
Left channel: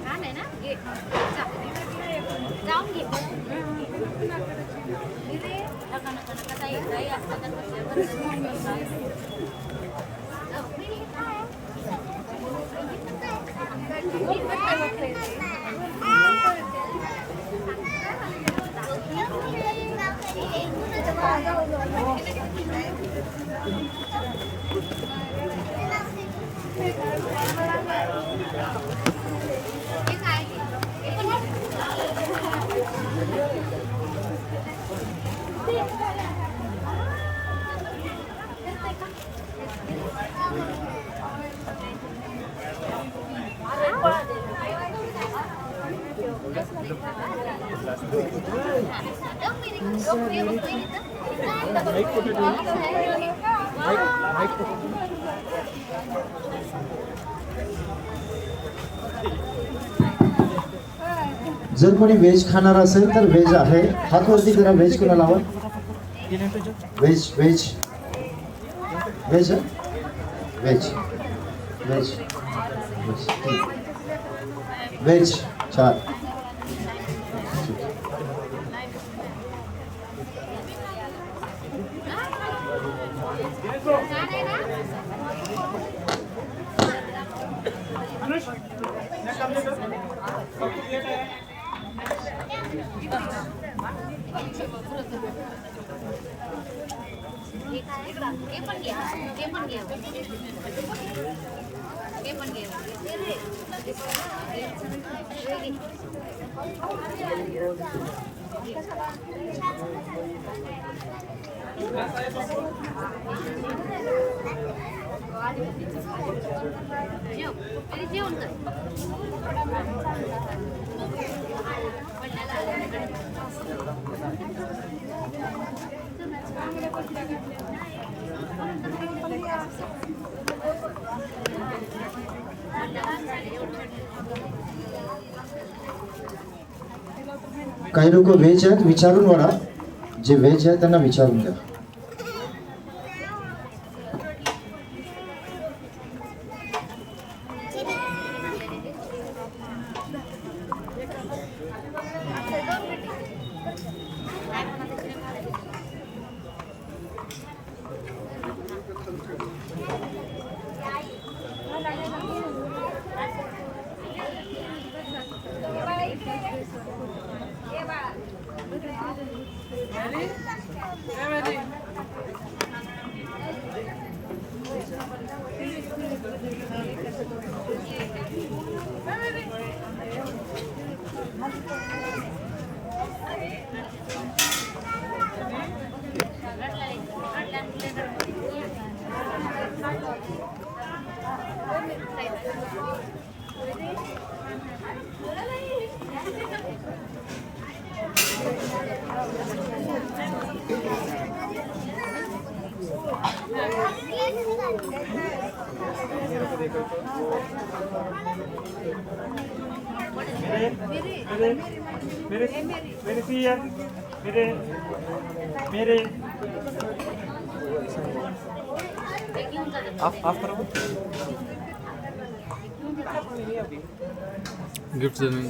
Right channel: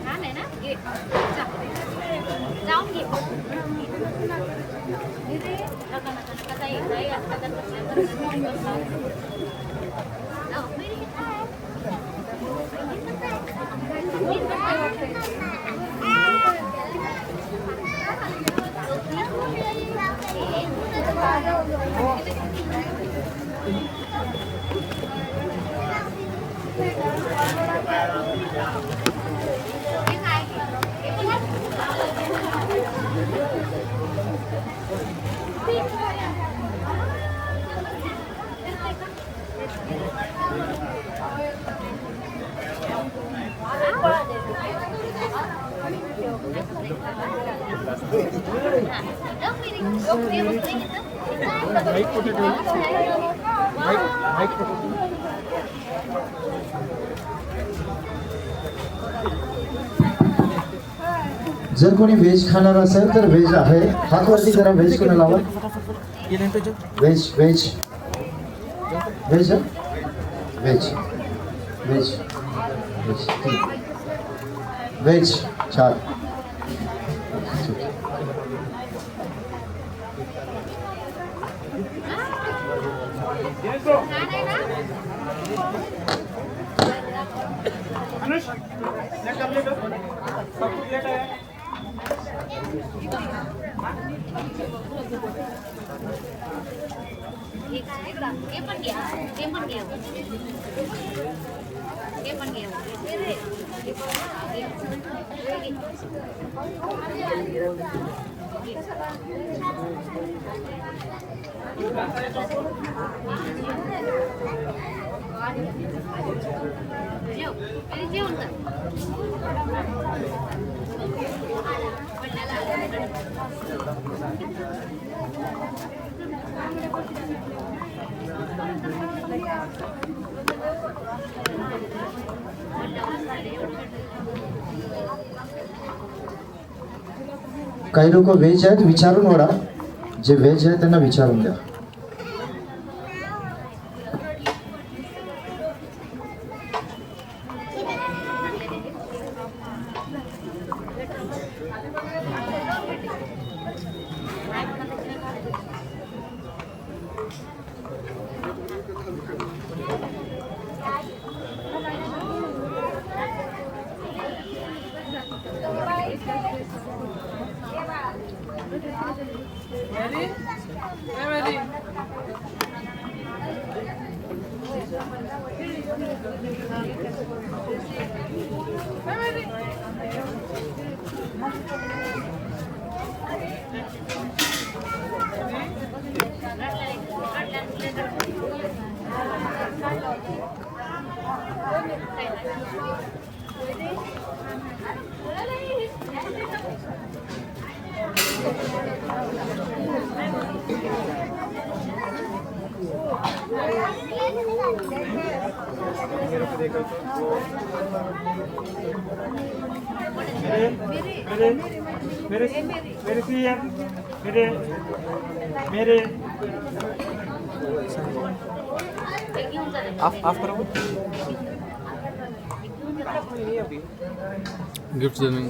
छान आहे ना घे जा. जाऊन घे नका नका नका काही असलं तर बसल्यावर जाऊ. मी काय जर कोणी व्हेज खाणार असेल तर व्हेज आहे. हात वरती करा. व्हेज कोणाला हवं? Veg veg veg veg veg veg 4. छान आहे ना. हे काय हे पण घ्या. ते पण घ्या. ते पण घ्या. जेवण कर. काही लोक व्हेज आहेत, विचारून वडा. जे व्हेज आहे त्यांना विचारून द्या. गिफ्ट देने